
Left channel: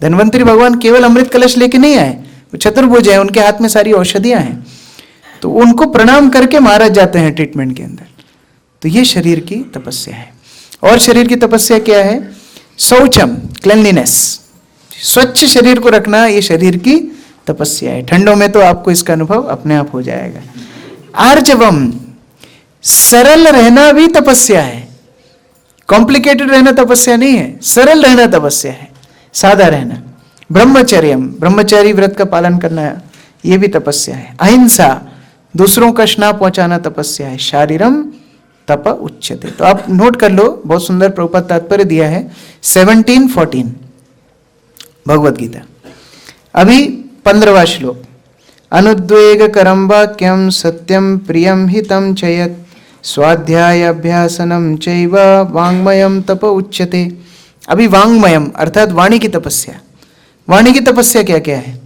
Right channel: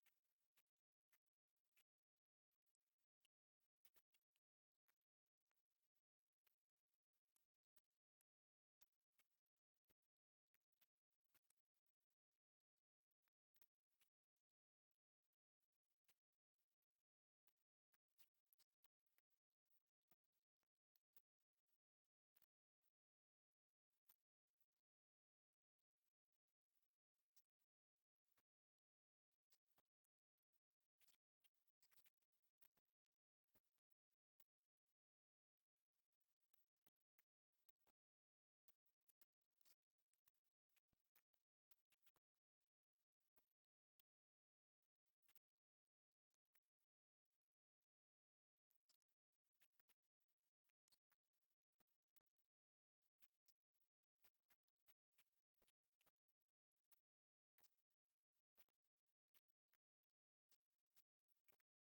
धन्वंतरी भगवान केवल अमृत कलश लेके नहीं आए, वो चतुर्भुज है, उनके हाथ में सारी औषधियां हैं। तो उनको प्रणाम करके महाराज जाते हैं ट्रीटमेंट के अंदर। तो ये शरीर की तपस्या है। और शरीर की तपस्या क्या है? शौचम, क्लेanलीनेस, स्वच्छ शरीर को रखना, ये शरीर की तपस्या है। ठंडों में तो आपको इसका अनुभव अपने आप हो जाएगा। आर्जवम, सरल रहना भी तपस्या है। कॉम्प्लिकेटेड रहना तपस्या नहीं है, सरल रहना तपस्या है, सादा रहना। ब्रह्मचर्यम, ब्रह्मचारी व्रत का पालन करना, ये भी तपस्या है। अहिंसा, दूसरों का ना पहुंचाना तपस्या है। शारीरम तप उच्यते। तो आप नोट कर लो, बहुत सुंदर प्रभुपाद तात्पर्य दिया है 17:14 भगवद गीता। अभी 15वां श्लोक, अनुद्वेग करम वाक्यम सत्यम प्रियम हितम चयत स्वाध्याय अभ्यासनम चैव वाङ्मयम तप उच्यते। अभी वाङ्मयम अर्थात वाणी की तपस्या। वाणी की तपस्या क्या क्या है?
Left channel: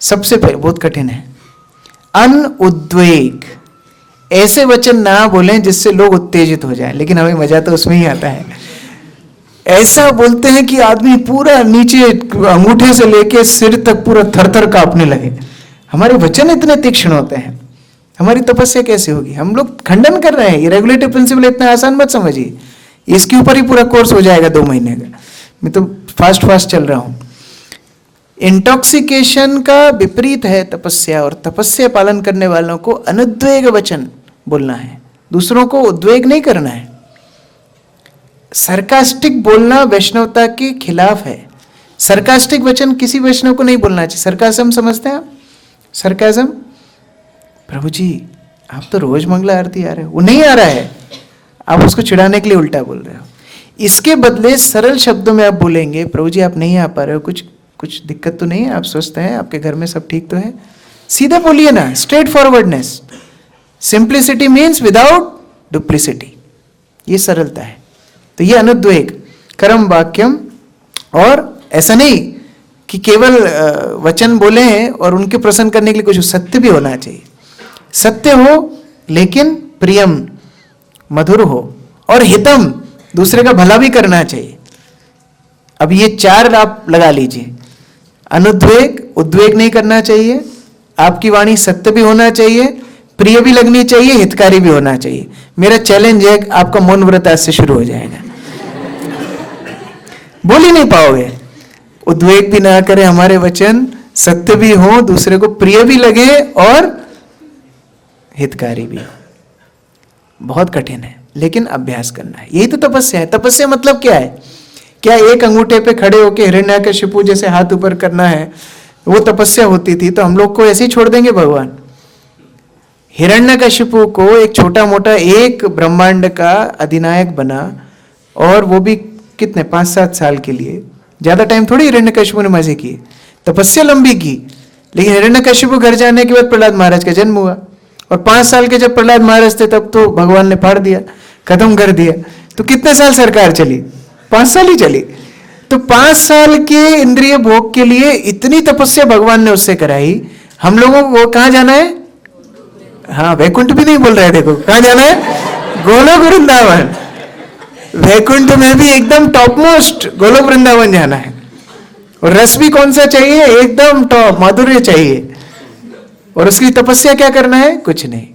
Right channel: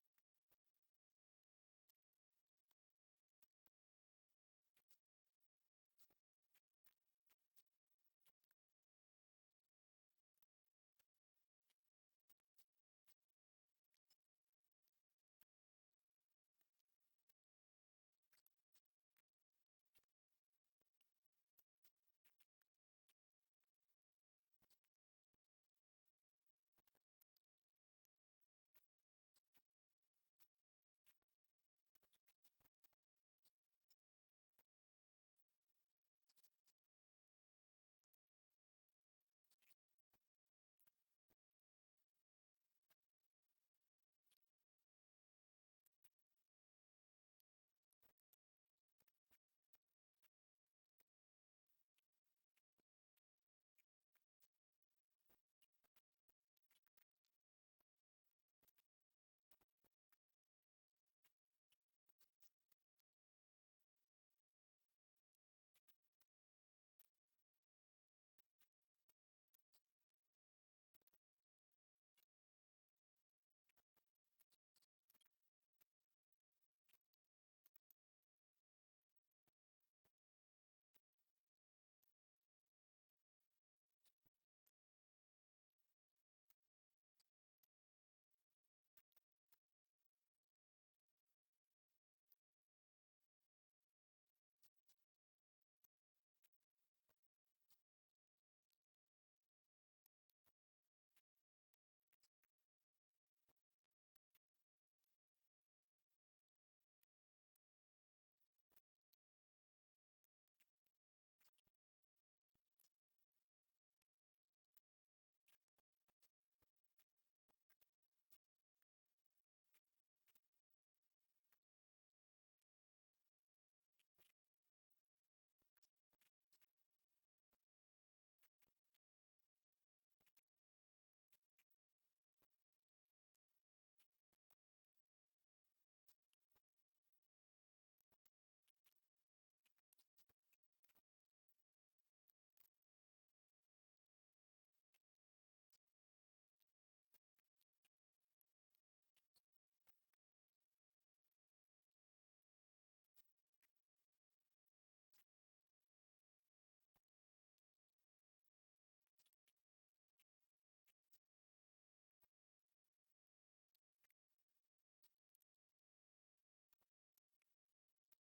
सबसे पहले, बहुत कठिन है, अनुद्वेग। ऐसे वचन ना बोलें जिससे लोग उत्तेजित हो जाएं, लेकिन हमें मजा तो उसमें ही आता है। ऐसा बोलते हैं कि आदमी पूरा नीचे अंगूठे से लेके सिर तक पूरा थर-थर कांपने लगे। हमारे वचन इतने तीक्ष्ण होते हैं, हमारी तपस्या कैसे होगी? हम लोग खंडन कर रहे हैं। ये रेगुलेटिव प्रिंसिपल इतना आसान मत समझिए, इसके ऊपर ही पूरा कोर्स हो जाएगा 2 महीने का। मैं तो फास्ट चल रहा हूं। इंटॉक्सिकेशन का विपरीत है तपस्या, और तपस्या पालन करने वालों को अनुद्वेग वचन बोलना है, दूसरों को उद्वेग नहीं करना है। सरकास्टिक बोलना वैष्णवता के खिलाफ है। सरकास्टिक वचन किसी वैष्णव को नहीं बोलना चाहिए। सरकाजम समझते हैं आप? सरकाजम, प्रभु जी आप तो रोज मंगला आरती आ रहे हो, वो नहीं आ रहा है, आप उसको चिढ़ाने के लिए उल्टा बोल रहे हो। इसके बदले सरल शब्दों में आप बोलेंगे, प्रभु जी आप नहीं आ पा रहे हो, कुछ दिक्कत तो नहीं है, आप स्वस्थ हैं, आपके घर में सब ठीक तो है? सीधा बोलिए ना, straight forwardness. Simplicity means without duplicity, ये सरलता है। तो ये अनुद्वेग, कर्म वाक्यम, और ऐसा नहीं कि केवल वचन बोले हैं और उनके प्रसन्न करने के लिए कुछ सत्य भी होना चाहिए। सत्य हो लेकिन प्रियम, मधुर हो, और हितम, दूसरे का भला भी करना चाहिए। अब ये 4 आप लगा लीजिए। अनुद्वेग, उद्वेग नहीं करना चाहिए, आपकी वाणी सत्य भी होना चाहिए, प्रिय भी लगनी चाहिए, हितकारी भी होना चाहिए। मेरा चैलेंज है, आपका मौन व्रत आज से शुरू हो जाएगा। बोल ही नहीं पाओगे। उद्वेग भी ना करें हमारे वचन, सत्य भी हो, दूसरे को प्रिय भी लगे और हितकारी भी हो। बहुत कठिन है, लेकिन अभ्यास करना है। यही तो तपस्या है। तपस्या मतलब क्या है? क्या एक अंगूठे पे खड़े होकर हिरण्याकशिपु जैसे हाथ ऊपर करना है, वो तपस्या होती थी तो हम लोग को ऐसे ही छोड़ देंगे भगवान? हिरण्याकशिपु को एक छोटा मोटा एक ब्रह्मांड का अधिनायक बना, और वो भी कितने 5-7 साल के लिए। ज्यादा टाइम थोड़ी हिरण्याकशिपु ने मजे किए, तपस्या लंबी की। लेकिन हिरण्याकशिपु घर जाने के बाद प्रहलाद महाराज का जन्म हुआ, और 5 साल के जब प्रहलाद महाराज थे तब तो भगवान ने फाड़ दिया, खत्म कर दिया। तो कितने साल सरकार चली? 5 साल ही चली। तो 5 साल के इंद्रिय भोग के लिए इतनी तपस्या भगवान ने उससे कराई। हम लोगों को कहाँ जाना है? हाँ, वैकुंठ भी नहीं बोल रहे, देखो कहाँ जाना है? गोलोक वृंदावन। वैकुंठ में भी एकदम टॉप मोस्ट गोलोक वृंदावन जाना है। और रस भी कौन सा चाहिए? एकदम टॉप, माधुर्य चाहिए। और उसकी तपस्या क्या करना है? कुछ नहीं।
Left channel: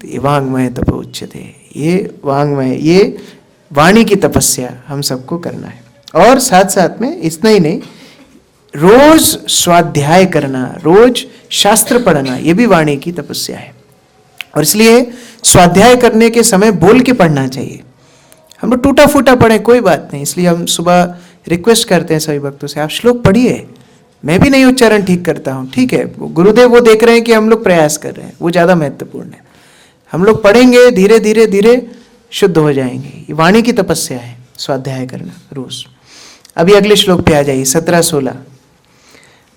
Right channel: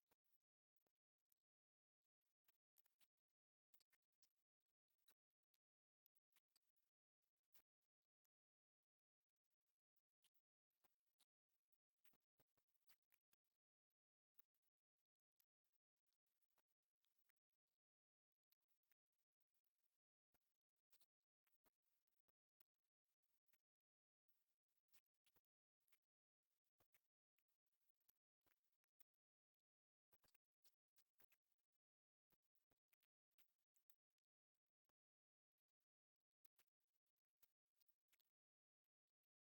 तो ये वाङ्मय तप उच्यते, ये वाङ्मय, ये वाणी की तपस्या हम सबको करना है। और साथ साथ में इतना ही नहीं, रोज स्वाध्याय करना, रोज शास्त्र पढ़ना, ये भी वाणी की तपस्या है। और इसलिए स्वाध्याय करने के समय बोल के पढ़ना चाहिए। हम लोग टूटा फूटा पढ़ें कोई बात नहीं, इसलिए हम सुबह रिक्वेस्ट करते हैं सभी भक्तों से, आप श्लोक पढ़िए। मैं भी नहीं उच्चारण ठीक करता हूँ, ठीक है, गुरुदेव वो देख रहे हैं कि हम लोग प्रयास कर रहे हैं, वो ज़्यादा महत्वपूर्ण है। हम लोग पढ़ेंगे, धीरे धीरे धीरे शुद्ध हो जाएंगे। ये वाणी की तपस्या है, स्वाध्याय करना रोज। अभी अगले श्लोक पे आ जाइए, 17-16।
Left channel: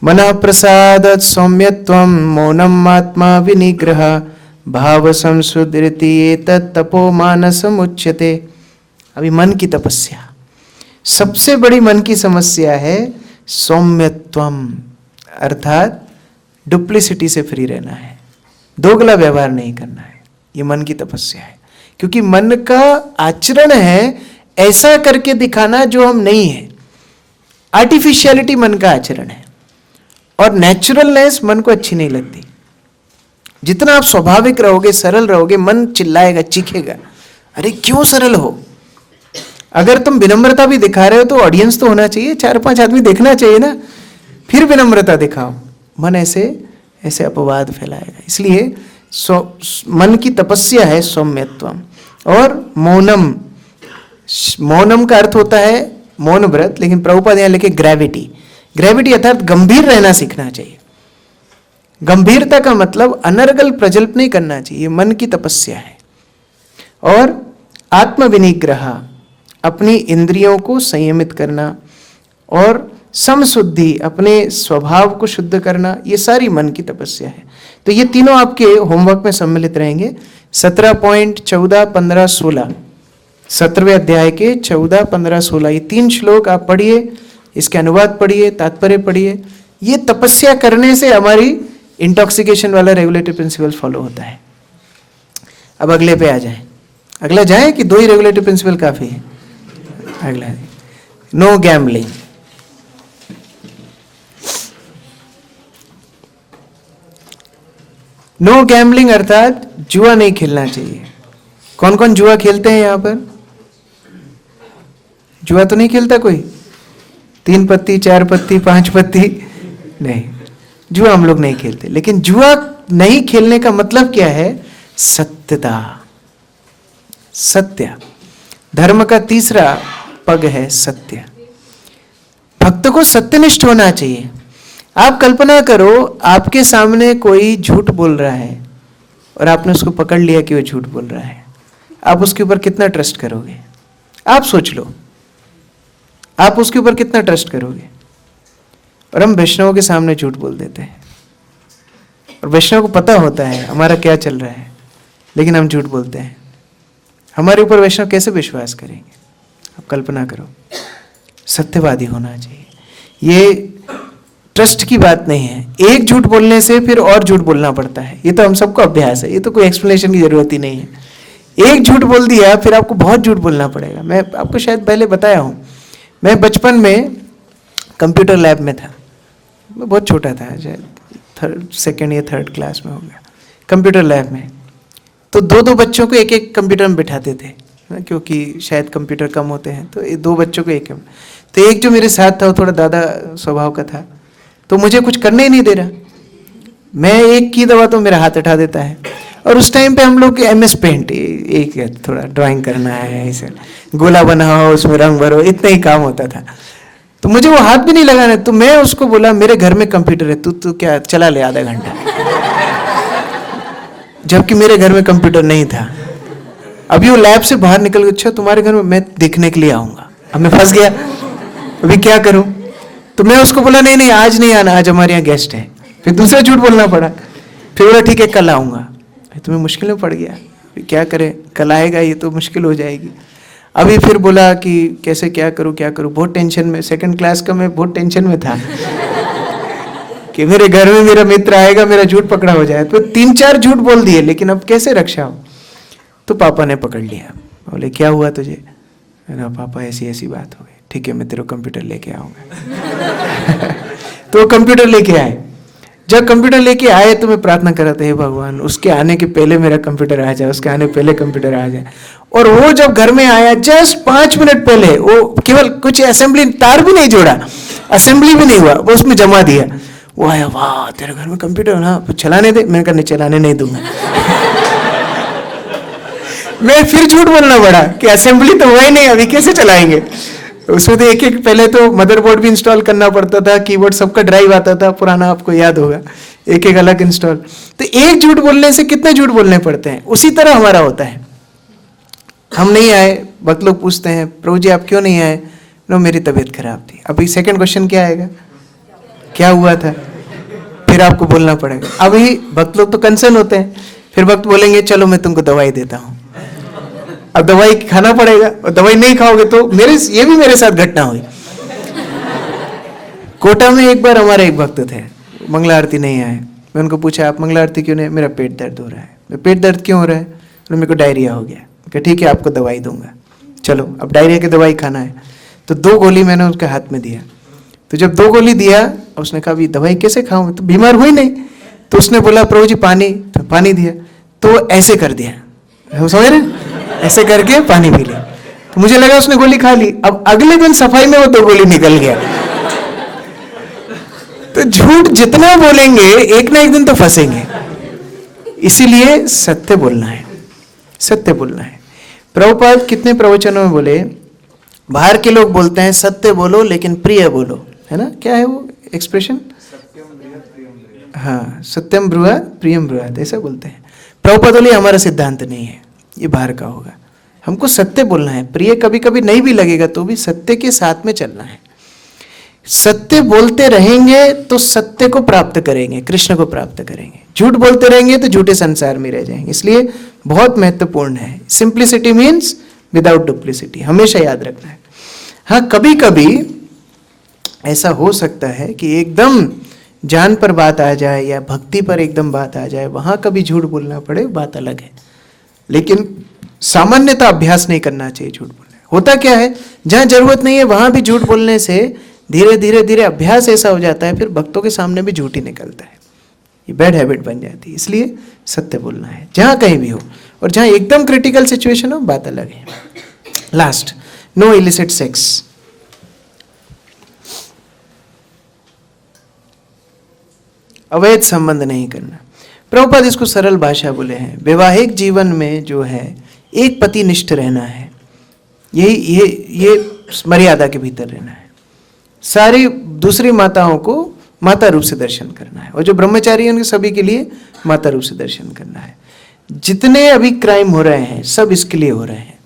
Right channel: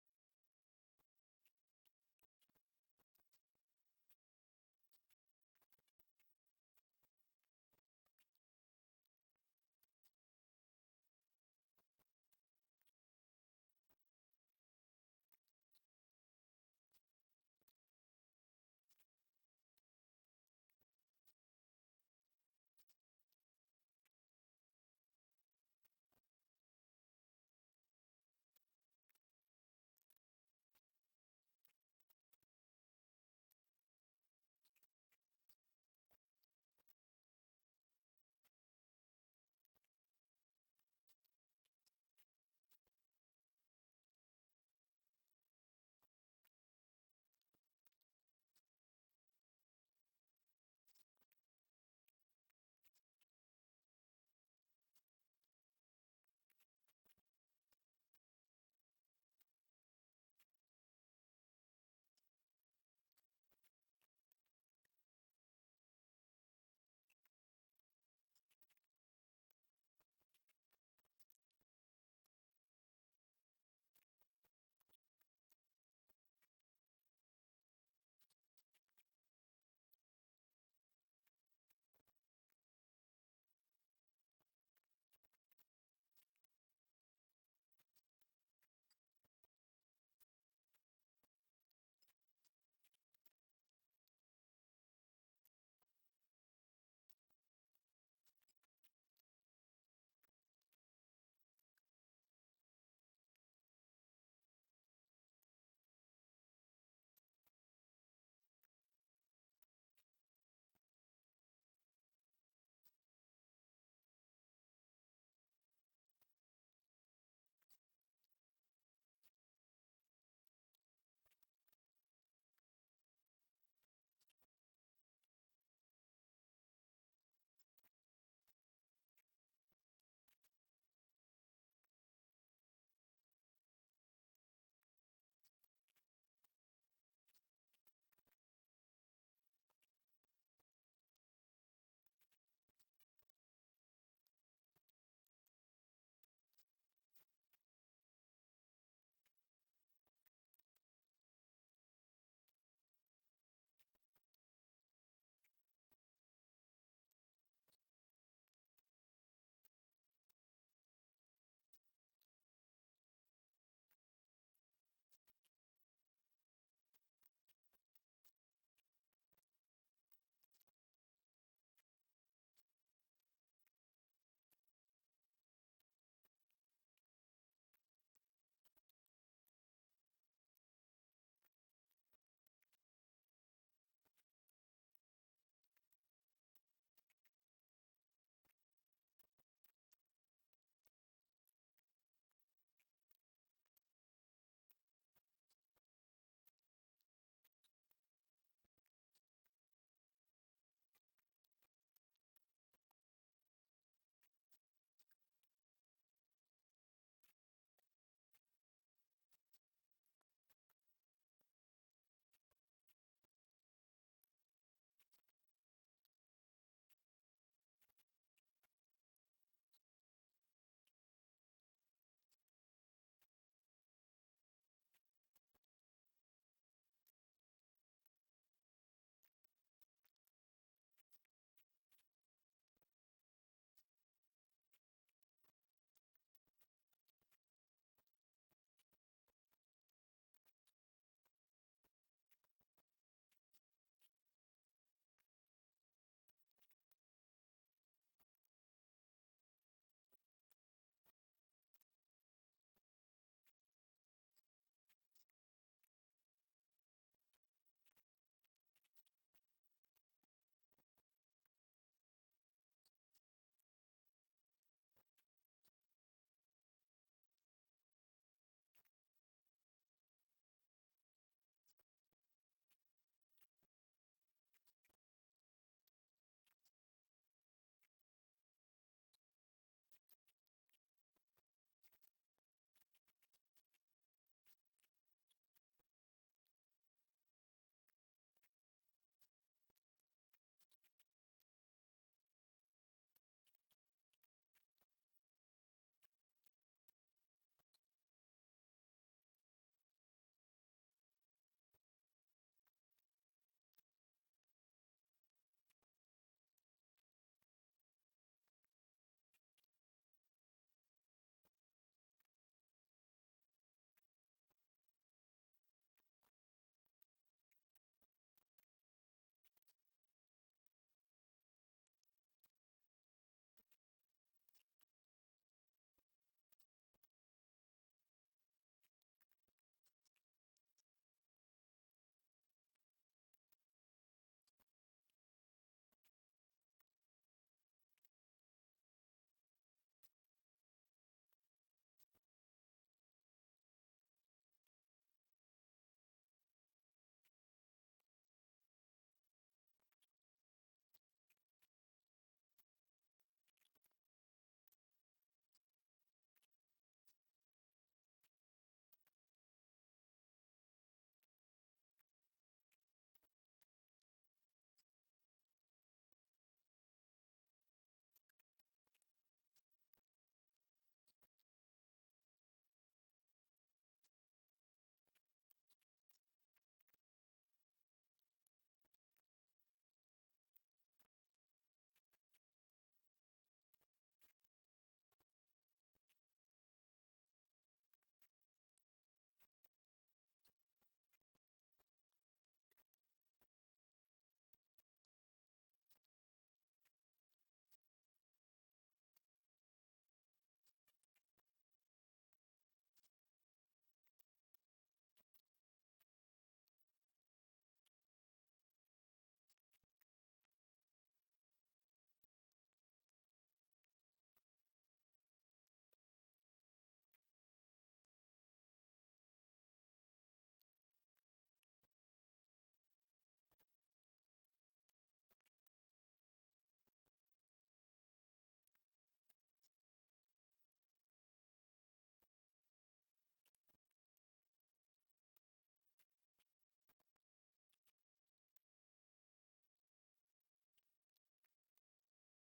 मनः प्रसादत् सौम्यत्वं मौनम आत्मा विनिग्रह भाव संसुदृति एतत् तपो मानसम उच्यते। अभी मन की तपस्या, सबसे बड़ी मन की समस्या है सौम्यत्वम, अर्थात डुप्लिसिटी से फ्री रहना है, दोगला व्यवहार नहीं करना है। ये मन की तपस्या है, क्योंकि मन का आचरण है ऐसा करके दिखाना जो हम नहीं है। आर्टिफिशियलिटी मन का आचरण है, और नेचुरलनेस मन को अच्छी नहीं लगती। जितना आप स्वाभाविक रहोगे, सरल रहोगे, मन चिल्लाएगा, चीखेगा, अरे क्यों सरल हो। अगर तुम विनम्रता भी दिखा रहे हो तो ऑडियंस तो होना चाहिए, 4-5 आदमी देखना चाहिए ना, फिर विनम्रता दिखाओ। मन ऐसे ऐसे अपवाद फैलाएगा। इसलिए मन की तपस्या है सौम्यत्वम। और मौनम, मौनम का अर्थ होता है मौन व्रत, लेकिन प्रभुपाद यहाँ लिखे ग्रेविटी। ग्रेविटी अर्थात गंभीर रहना सीखना चाहिए। गंभीरता का मतलब अनर्गल प्रजल्प नहीं करना चाहिए, मन की तपस्या है। और आत्म विनिग्रह, अपनी इंद्रियों को संयमित करना, और समशुद्धि, अपने स्वभाव को शुद्ध करना, ये सारी मन की तपस्या है। तो ये तीनों आपके होमवर्क में सम्मिलित रहेंगे। 17 पॉइंट 14, 15, 16, 17वें अध्याय के 14, 15, 16 ये 3 श्लोक आप पढ़िए, इसके अनुवाद पढ़िए, तात्पर्य पढ़िए। ये तपस्या करने से हमारी इंटॉक्सिकेशन वाला रेगुलेटरी प्रिंसिपल फॉलो होता है। अब अगले पे आ जाए, अगला जाए कि 2 ही रेगुलेटरी प्रिंसिपल काफी है? अगला, नो गैम्बलिंग। नो गैम्बलिंग अर्थात जुआ नहीं खेलना चाहिए। कौन कौन जुआ खेलते हैं यहां पर? जुआ तो नहीं खेलता कोई? 3 पत्ती, 4 पत्ती, 5 पत्ती नहीं, जुआ हम लोग नहीं खेलते। लेकिन जुआ नहीं खेलने का मतलब क्या है? सत्यता, सत्य। धर्म का तीसरा पग है सत्य। भक्त को सत्यनिष्ठ होना चाहिए। आप कल्पना करो, आपके सामने कोई झूठ बोल रहा है और आपने उसको पकड़ लिया कि वो झूठ बोल रहा है, आप उसके ऊपर कितना ट्रस्ट करोगे? आप सोच लो, आप उसके ऊपर कितना ट्रस्ट करोगे? और हम वैष्णवों के सामने झूठ बोल देते हैं, और वैष्णव को पता होता है हमारा क्या चल रहा है, लेकिन हम झूठ बोलते हैं। हमारे ऊपर वैष्णव कैसे विश्वास करेंगे? आप कल्पना करो। सत्यवादी होना चाहिए। ये ट्रस्ट की बात नहीं है। एक झूठ बोलने से फिर और झूठ बोलना पड़ता है, ये तो हम सबको अभ्यास है, ये तो कोई एक्सप्लेनेशन की जरूरत ही नहीं है। एक झूठ बोल दिया फिर आपको बहुत झूठ बोलना पड़ेगा। मैं आपको शायद पहले बताया हूँ, मैं बचपन में कंप्यूटर लैब में था। मैं बहुत छोटा था, शायद 2nd या 3rd क्लास में हो गया। कंप्यूटर लैब में तो 2-2 बच्चों को एक एक कंप्यूटर में बिठाते थे, क्योंकि शायद कंप्यूटर कम होते हैं, तो 2 बच्चों को एक। तो एक जो मेरे साथ था वो थोड़ा दादा स्वभाव का था, तो मुझे कुछ करने ही नहीं दे रहा। मैं एक की दवा तो मेरा हाथ उठा देता है। और उस टाइम पे हम लोग MS पेंट, एक थोड़ा ड्राइंग करना है, ऐसे गोला बनाओ, उसमें रंग भरो, इतना ही काम होता था। तो मुझे वो हाथ भी नहीं लगाना। तो मैं उसको बोला, मेरे घर में कंप्यूटर है, तू क्या चला ले आधा घंटा। जबकि मेरे घर में कंप्यूटर नहीं था। अभी वो लैब से बाहर निकल गया, अच्छा तुम्हारे घर में, मैं देखने के लिए आऊंगा। अब मैं फंस गया, अभी क्या करूं? तो मैं उसको बोला नहीं नहीं आज नहीं आना, आज हमारे यहाँ गेस्ट है। फिर दूसरा झूठ बोलना पड़ा। फिर बोला ठीक है कल आऊंगा। तो मैं मुश्किल में पड़ गया, क्या करें, कल आएगा, ये तो मुश्किल हो जाएगी। अभी फिर बोला कि कैसे क्या करूं, बहुत टेंशन में। 2nd क्लास का मैं बहुत टेंशन में था कि मेरे घर में मेरा मित्र आएगा, मेरा झूठ पकड़ा हो जाए। तो 3-4 झूठ बोल दिए, लेकिन अब कैसे रक्षा हो? तो पापा ने पकड़ लिया, बोले क्या हुआ तुझे? ना पापा ऐसी ऐसी बात हो गई। ठीक है मैं तेरे को कंप्यूटर लेके आऊंगा। तो कंप्यूटर लेके आए। जब कंप्यूटर लेके आए तो मैं प्रार्थना कर रहा था, हे भगवान उसके आने के पहले मेरा कंप्यूटर आ जाए, उसके आने पहले कंप्यूटर आ जाए। और वो जब घर में आया जस्ट 5 मिनट पहले, वो केवल कुछ असेंबली, तार भी नहीं जोड़ा, असेंबली भी नहीं हुआ, वो उसमें जमा दिया। वो आया, वाह तेरे घर में कंप्यूटर, हाँ चलाने दे। मैंने कहा नहीं चलाने नहीं दूंगा। मैं फिर झूठ बोलना पड़ा कि असेंबली तो हुआ ही नहीं, अभी कैसे चलाएंगे? उसमें तो एक पहले तो मदरबोर्ड भी इंस्टॉल करना पड़ता था, कीबोर्ड सबका ड्राइव आता था पुराना, आपको याद होगा, एक अलग इंस्टॉल। तो एक झूठ बोलने से कितने झूठ बोलने पड़ते हैं? उसी तरह हमारा होता है। हम नहीं आए, भक्त लोग पूछते हैं प्रभु जी आप क्यों नहीं आए? नो मेरी तबीयत खराब थी। अभी 2nd क्वेश्चन क्या आएगा? क्या हुआ था? फिर आपको बोलना पड़ेगा। अभी भक्त लोग तो कंसर्न होते हैं, फिर भक्त बोलेंगे चलो मैं तुमको दवाई देता हूँ। अब दवाई खाना पड़ेगा, और दवाई नहीं खाओगे तो ये भी मेरे साथ घटना हुई। कोटा में एक बार हमारे एक भक्त थे, मंगला आरती नहीं आए। मैं उनको पूछा आप मंगला आरती क्यों नहीं? मेरा पेट दर्द हो रहा है। पेट दर्द क्यों हो रहा है? मेरे को डायरिया हो गया। ठीक है आपको दवाई दूंगा, चलो अब डायरिया की दवाई खाना है। तो 2 गोली मैंने उसके हाथ में दिया। तो जब 2 गोली दिया, उसने कहा दवाई कैसे खाऊं, तो बीमार हुई नहीं। तो उसने बोला प्रभु जी पानी, तो पानी दिया। तो ऐसे कर दिया, समझ रहे, ऐसे करके पानी पी लिया। तो मुझे लगा उसने गोली खा ली। अब अगले दिन सफाई में वो 2 गोली निकल गया। तो झूठ जितना बोलेंगे एक ना एक दिन तो फंसेंगे। इसीलिए सत्य बोलना है, सत्य बोलना है। प्रभुपाद कितने प्रवचनों में बोले, बाहर के लोग बोलते हैं सत्य बोलो लेकिन प्रिय बोलो, है ना? क्या है वो एक्सप्रेशन? हाँ, सत्यम ब्रुवात प्रियम ब्रुवात, ऐसा बोलते हैं। प्रभुपाद बोले हमारा सिद्धांत नहीं है, ये बाहर का होगा। हमको सत्य बोलना है। प्रिय कभी कभी नहीं भी लगेगा तो भी सत्य के साथ में चलना है। सत्य बोलते रहेंगे तो सत्य को प्राप्त करेंगे, कृष्ण को प्राप्त करेंगे। झूठ बोलते रहेंगे तो झूठे संसार में रह जाएंगे। इसलिए बहुत महत्वपूर्ण है। सिंप्लिसिटी मीन्स विदाउट डुप्लिसिटी, हमेशा याद रखना है। हाँ, कभी कभी ऐसा हो सकता है कि एकदम जान पर बात आ जाए या भक्ति पर एकदम बात आ जाए, वहां कभी झूठ बोलना पड़े, बात अलग है। लेकिन सामान्यतः अभ्यास नहीं करना चाहिए झूठ बोलने। होता क्या है, जहां जरूरत नहीं है वहां भी झूठ बोलने से धीरे धीरे धीरे अभ्यास ऐसा हो जाता है, फिर भक्तों के सामने भी झूठ ही निकलता है, ये बैड हैबिट बन जाती है। इसलिए सत्य बोलना है जहां कहीं भी हो, और जहां एकदम क्रिटिकल सिचुएशन हो, बात अलग है। Last, no illicit sex. अवैध संबंध नहीं करना। प्रभुपाद इसको सरल भाषा बोले हैं, वैवाहिक जीवन में जो है एक पति निष्ठ रहना है, ये मर्यादा के भीतर रहना है। सारी दूसरी माताओं को माता रूप से दर्शन करना है, और जो ब्रह्मचारी हैं उनके सभी के लिए माता रूप से दर्शन करना है। जितने अभी क्राइम हो रहे हैं सब इसके लिए हो रहे हैं,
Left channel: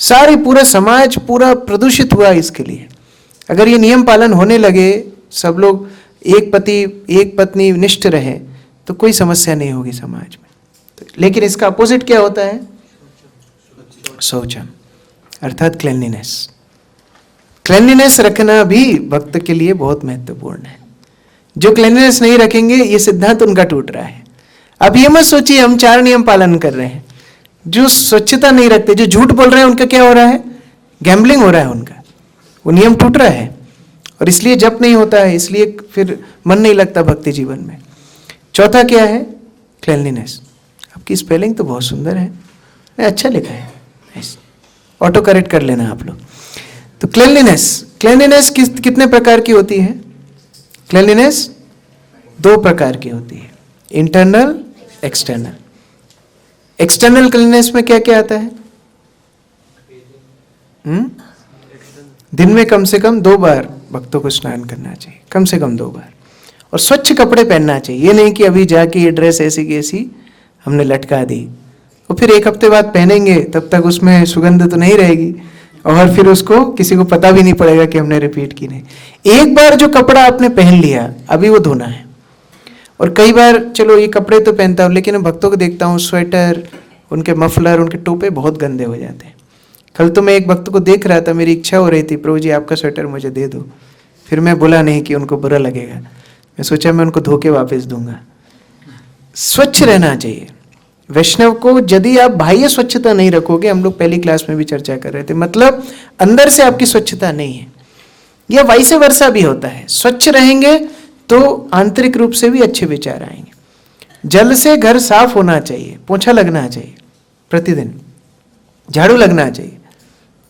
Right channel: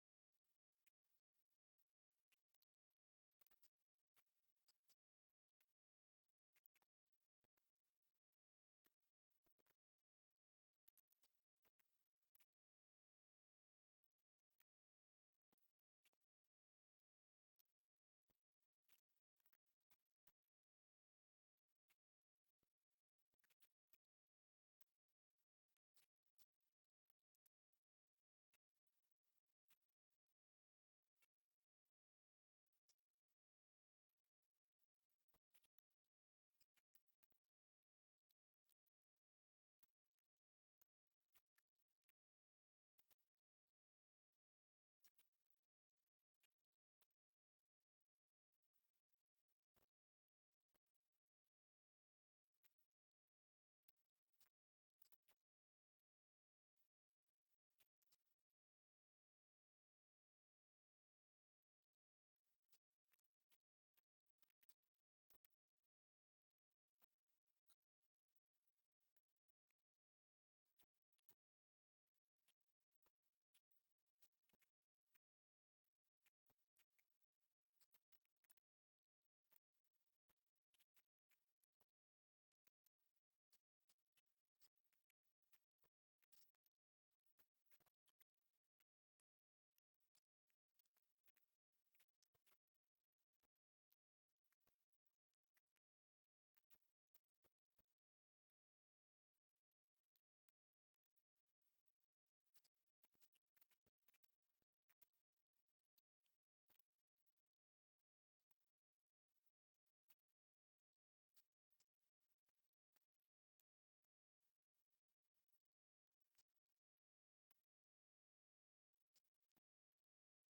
सारे पूरा समाज पूरा प्रदूषित हुआ इसके लिए। अगर ये नियम पालन होने लगे, सब लोग एक पति एक पत्नी निष्ठ रहे, तो कोई समस्या नहीं होगी समाज में। लेकिन इसका अपोजिट क्या होता है? शौचम, अर्थात क्लेanलीनेस। क्लेanलीनेस रखना भी भक्त के लिए बहुत महत्वपूर्ण है। जो क्लेanलीनेस नहीं रखेंगे, ये सिद्धांत उनका टूट रहा है। अब ये मत सोचिए हम 4 नियम पालन कर रहे हैं। जो स्वच्छता नहीं रखते, जो झूठ बोल रहे हैं, उनका क्या हो रहा है? गैम्बलिंग हो रहा है उनका, वो नियम टूट रहा है, और इसलिए जप नहीं होता है, इसलिए फिर मन नहीं लगता भक्ति जीवन में। चौथा क्या है? क्लेanलीनेस। आपकी स्पेलिंग तो बहुत सुंदर है, अच्छा लिखा है, ऑटो करेक्ट कर लेना आप लोग। तो क्लेanलीनेस कितने प्रकार की होती है? क्लेanलीनेस 2 प्रकार की होती है, इंटरनल, एक्सटर्नल। एक्सटर्नल क्लीननेस में क्या क्या आता है? दिन में कम से कम 2 बार भक्तों को स्नान करना चाहिए, कम से कम 2 बार, और स्वच्छ कपड़े पहनना चाहिए। ये नहीं कि अभी जाके ये ड्रेस ऐसी की ऐसी हमने लटका दी, और फिर 1 हफ्ते बाद पहनेंगे, तब तक उसमें सुगंध तो नहीं रहेगी, और फिर उसको किसी को पता भी नहीं पड़ेगा कि हमने रिपीट की नहीं। एक बार जो कपड़ा आपने पहन लिया, अभी वो धोना है। और कई बार चलो ये कपड़े तो पहनता हूँ, लेकिन भक्तों को देखता हूँ स्वेटर, उनके मफलर, उनके टोपे बहुत गंदे हो जाते हैं। कल तो मैं एक भक्त को देख रहा था, मेरी इच्छा हो रही थी, प्रभु जी आपका स्वेटर मुझे दे दो। फिर मैं बोला नहीं कि उनको बुरा लगेगा, मैं सोचा मैं उनको धो के वापस दूंगा। स्वच्छ रहना चाहिए वैष्णव को। यदि आप बाह्य स्वच्छता नहीं रखोगे, हम लोग पहली क्लास में भी चर्चा कर रहे थे, मतलब अंदर से आपकी स्वच्छता नहीं है, या वाइस वर्सा भी होता है। स्वच्छ रहेंगे तो आंतरिक रूप से भी अच्छे विचार आएंगे। जल से घर साफ होना चाहिए, पोछा लगना चाहिए प्रतिदिन, झाड़ू लगना चाहिए,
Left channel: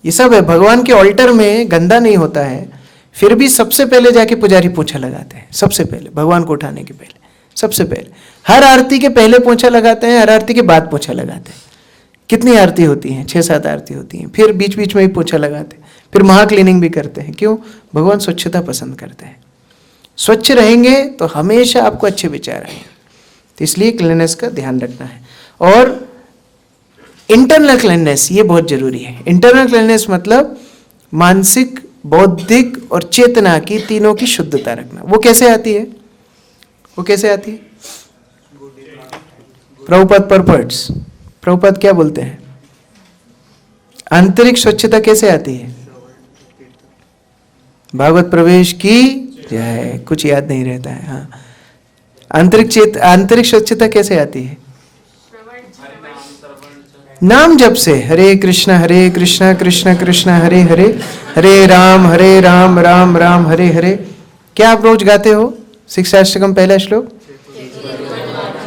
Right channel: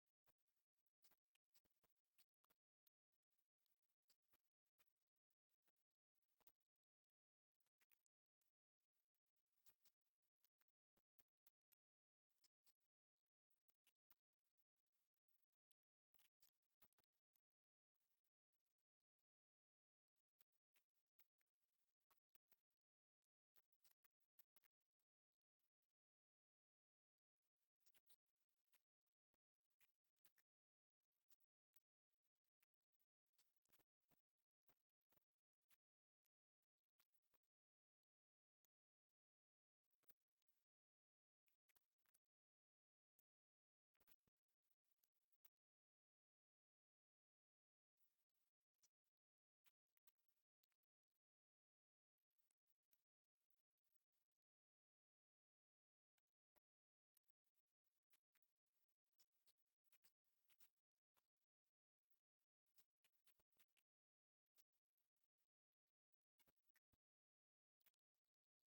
ये सब है। भगवान के ऑल्टर में गंदा नहीं होता है, फिर भी सबसे पहले जाके पुजारी पोछा लगाते हैं, सबसे पहले भगवान को उठाने के पहले, सबसे पहले। हर आरती के पहले पोछा लगाते हैं, हर आरती के बाद पोछा लगाते हैं। कितनी आरती होती हैं? 6-7 आरती होती हैं, फिर बीच बीच में भी पोछा लगाते हैं, फिर महा क्लीनिंग भी करते हैं। क्यों? भगवान स्वच्छता पसंद करते हैं। स्वच्छ रहेंगे तो हमेशा आपको अच्छे विचार आएंगे, तो इसलिए क्लीननेस का ध्यान रखना है। और इंटरनल क्लीननेस ये बहुत जरूरी है। इंटरनल क्लीननेस मतलब मानसिक, बौद्धिक और चेतना की तीनों की शुद्धता रखना। वो कैसे आती है? वो कैसे आती है? प्रभुपाद परपर्ट्स, प्रभुपाद क्या बोलते हैं? आंतरिक स्वच्छता कैसे आती है? भागवत प्रवेश की जय। कुछ याद नहीं रहता है। हाँ, आंतरिक स्वच्छता कैसे आती है? नाम जप से। हरे कृष्णा कृष्ण कृष्ण हरे हरे, हरे राम राम राम हरे हरे। क्या आप रोज गाते हो शिक्षाष्टकम पहला श्लोक?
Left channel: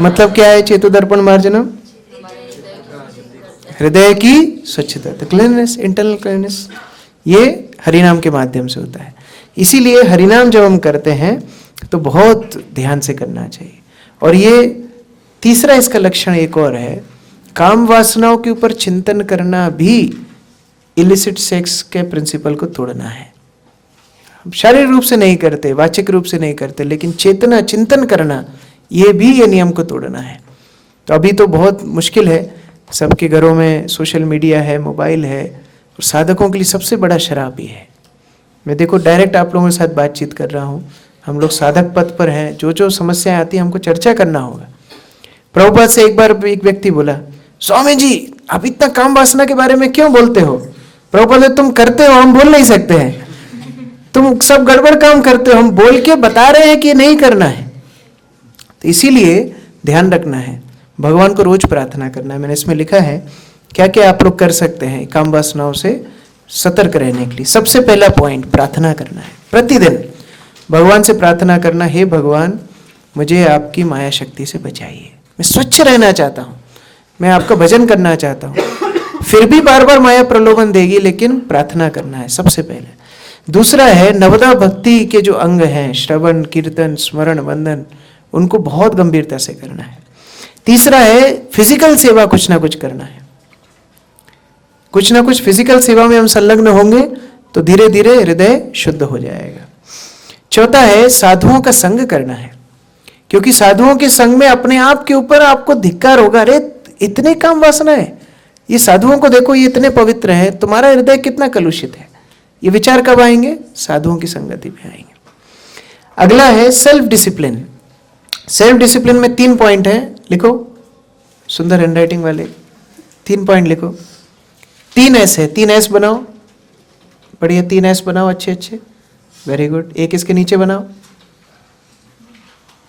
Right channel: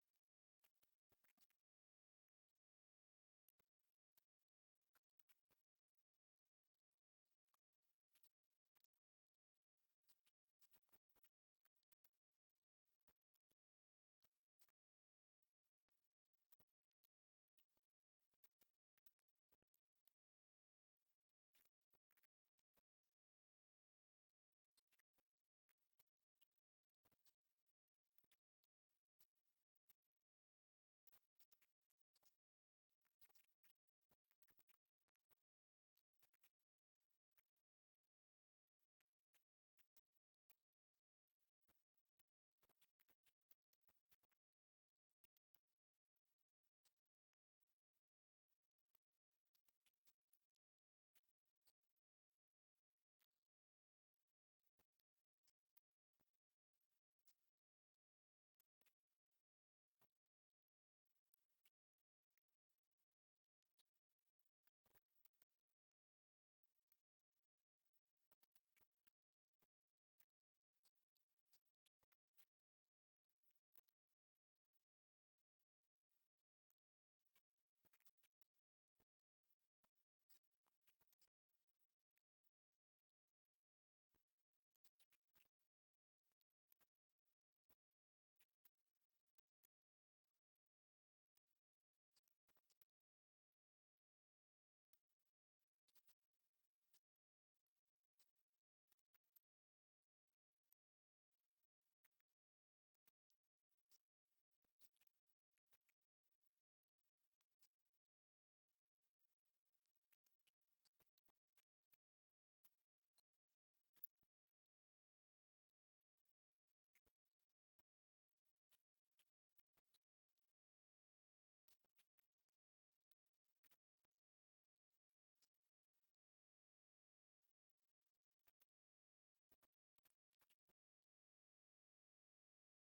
मतलब क्या है? चेतोदर्पण मार्जनम, हृदय की स्वच्छता, तो क्लीननेस, इंटरनल क्लीननेस, ये हरिनाम के माध्यम से होता है। इसीलिए हरिनाम जब हम करते हैं तो बहुत ध्यान से करना चाहिए। और ये तीसरा इसका लक्षण एक और है, काम वासनाओं के ऊपर चिंतन करना भी इलिसिट सेक्स के प्रिंसिपल को तोड़ना है। शारीरिक रूप से नहीं करते, वाचिक रूप से नहीं करते, लेकिन चेतना चिंतन करना, ये भी ये नियम को तोड़ना है। तो अभी तो बहुत मुश्किल है, सबके घरों में सोशल मीडिया है, मोबाइल है, और साधकों के लिए सबसे बड़ा शराब ही है। मैं देखो डायरेक्ट आप लोगों के साथ बातचीत कर रहा हूँ, हम लोग साधक पथ पर हैं, जो जो समस्याएं आती हैं हमको चर्चा करना होगा। प्रभुपाद से एक बार एक व्यक्ति बोला, स्वामी जी आप इतना काम वासना के बारे में क्यों बोलते हो? प्रभुपाद बोले, तुम करते हो, हम बोल नहीं सकते हैं, तुम सब गड़बड़ काम करते हो, हम बोल के बता रहे हैं कि नहीं करना है। तो इसीलिए ध्यान रखना है, भगवान को रोज प्रार्थना करना है। मैंने इसमें लिखा है क्या क्या आप लोग कर सकते हैं काम वासनाओं से सतर्क रहने के लिए। सबसे पहला पॉइंट प्रार्थना करना है, प्रतिदिन भगवान से प्रार्थना करना, हे भगवान मुझे आपकी माया शक्ति से बचाइए, मैं स्वच्छ रहना चाहता हूँ, मैं आपका भजन करना चाहता हूँ। फिर भी बार बार माया प्रलोभन देगी, लेकिन प्रार्थना करना है सबसे पहले। दूसरा है नवदा भक्ति के जो अंग हैं, श्रवण कीर्तन स्मरण वंदन, उनको बहुत गंभीरता से करना है। तीसरा है फिजिकल सेवा, कुछ ना कुछ करना है, कुछ ना कुछ फिजिकल सेवा में हम संलग्न होंगे तो धीरे धीरे हृदय शुद्ध हो जाएगा। चौथा है साधुओं का संग करना है, क्योंकि साधुओं के संग में अपने आप के ऊपर आपको धिक्कार होगा, अरे इतने काम वासना है, ये साधुओं को देखो ये इतने पवित्र हैं, तुम्हारा हृदय कितना कलुषित है। ये विचार कब आएंगे? साधुओं की संगति में आएंगे। अगला है सेल्फ डिसिप्लिन। सेल्फ डिसिप्लिन में 3 पॉइंट है, लिखो, सुंदर हैंडराइटिंग वाले 3 पॉइंट लिखो। 3 एस है, 3 एस बनाओ, बढ़िया 3 एस बनाओ, अच्छे अच्छे, वेरी गुड। एक इसके नीचे बनाओ,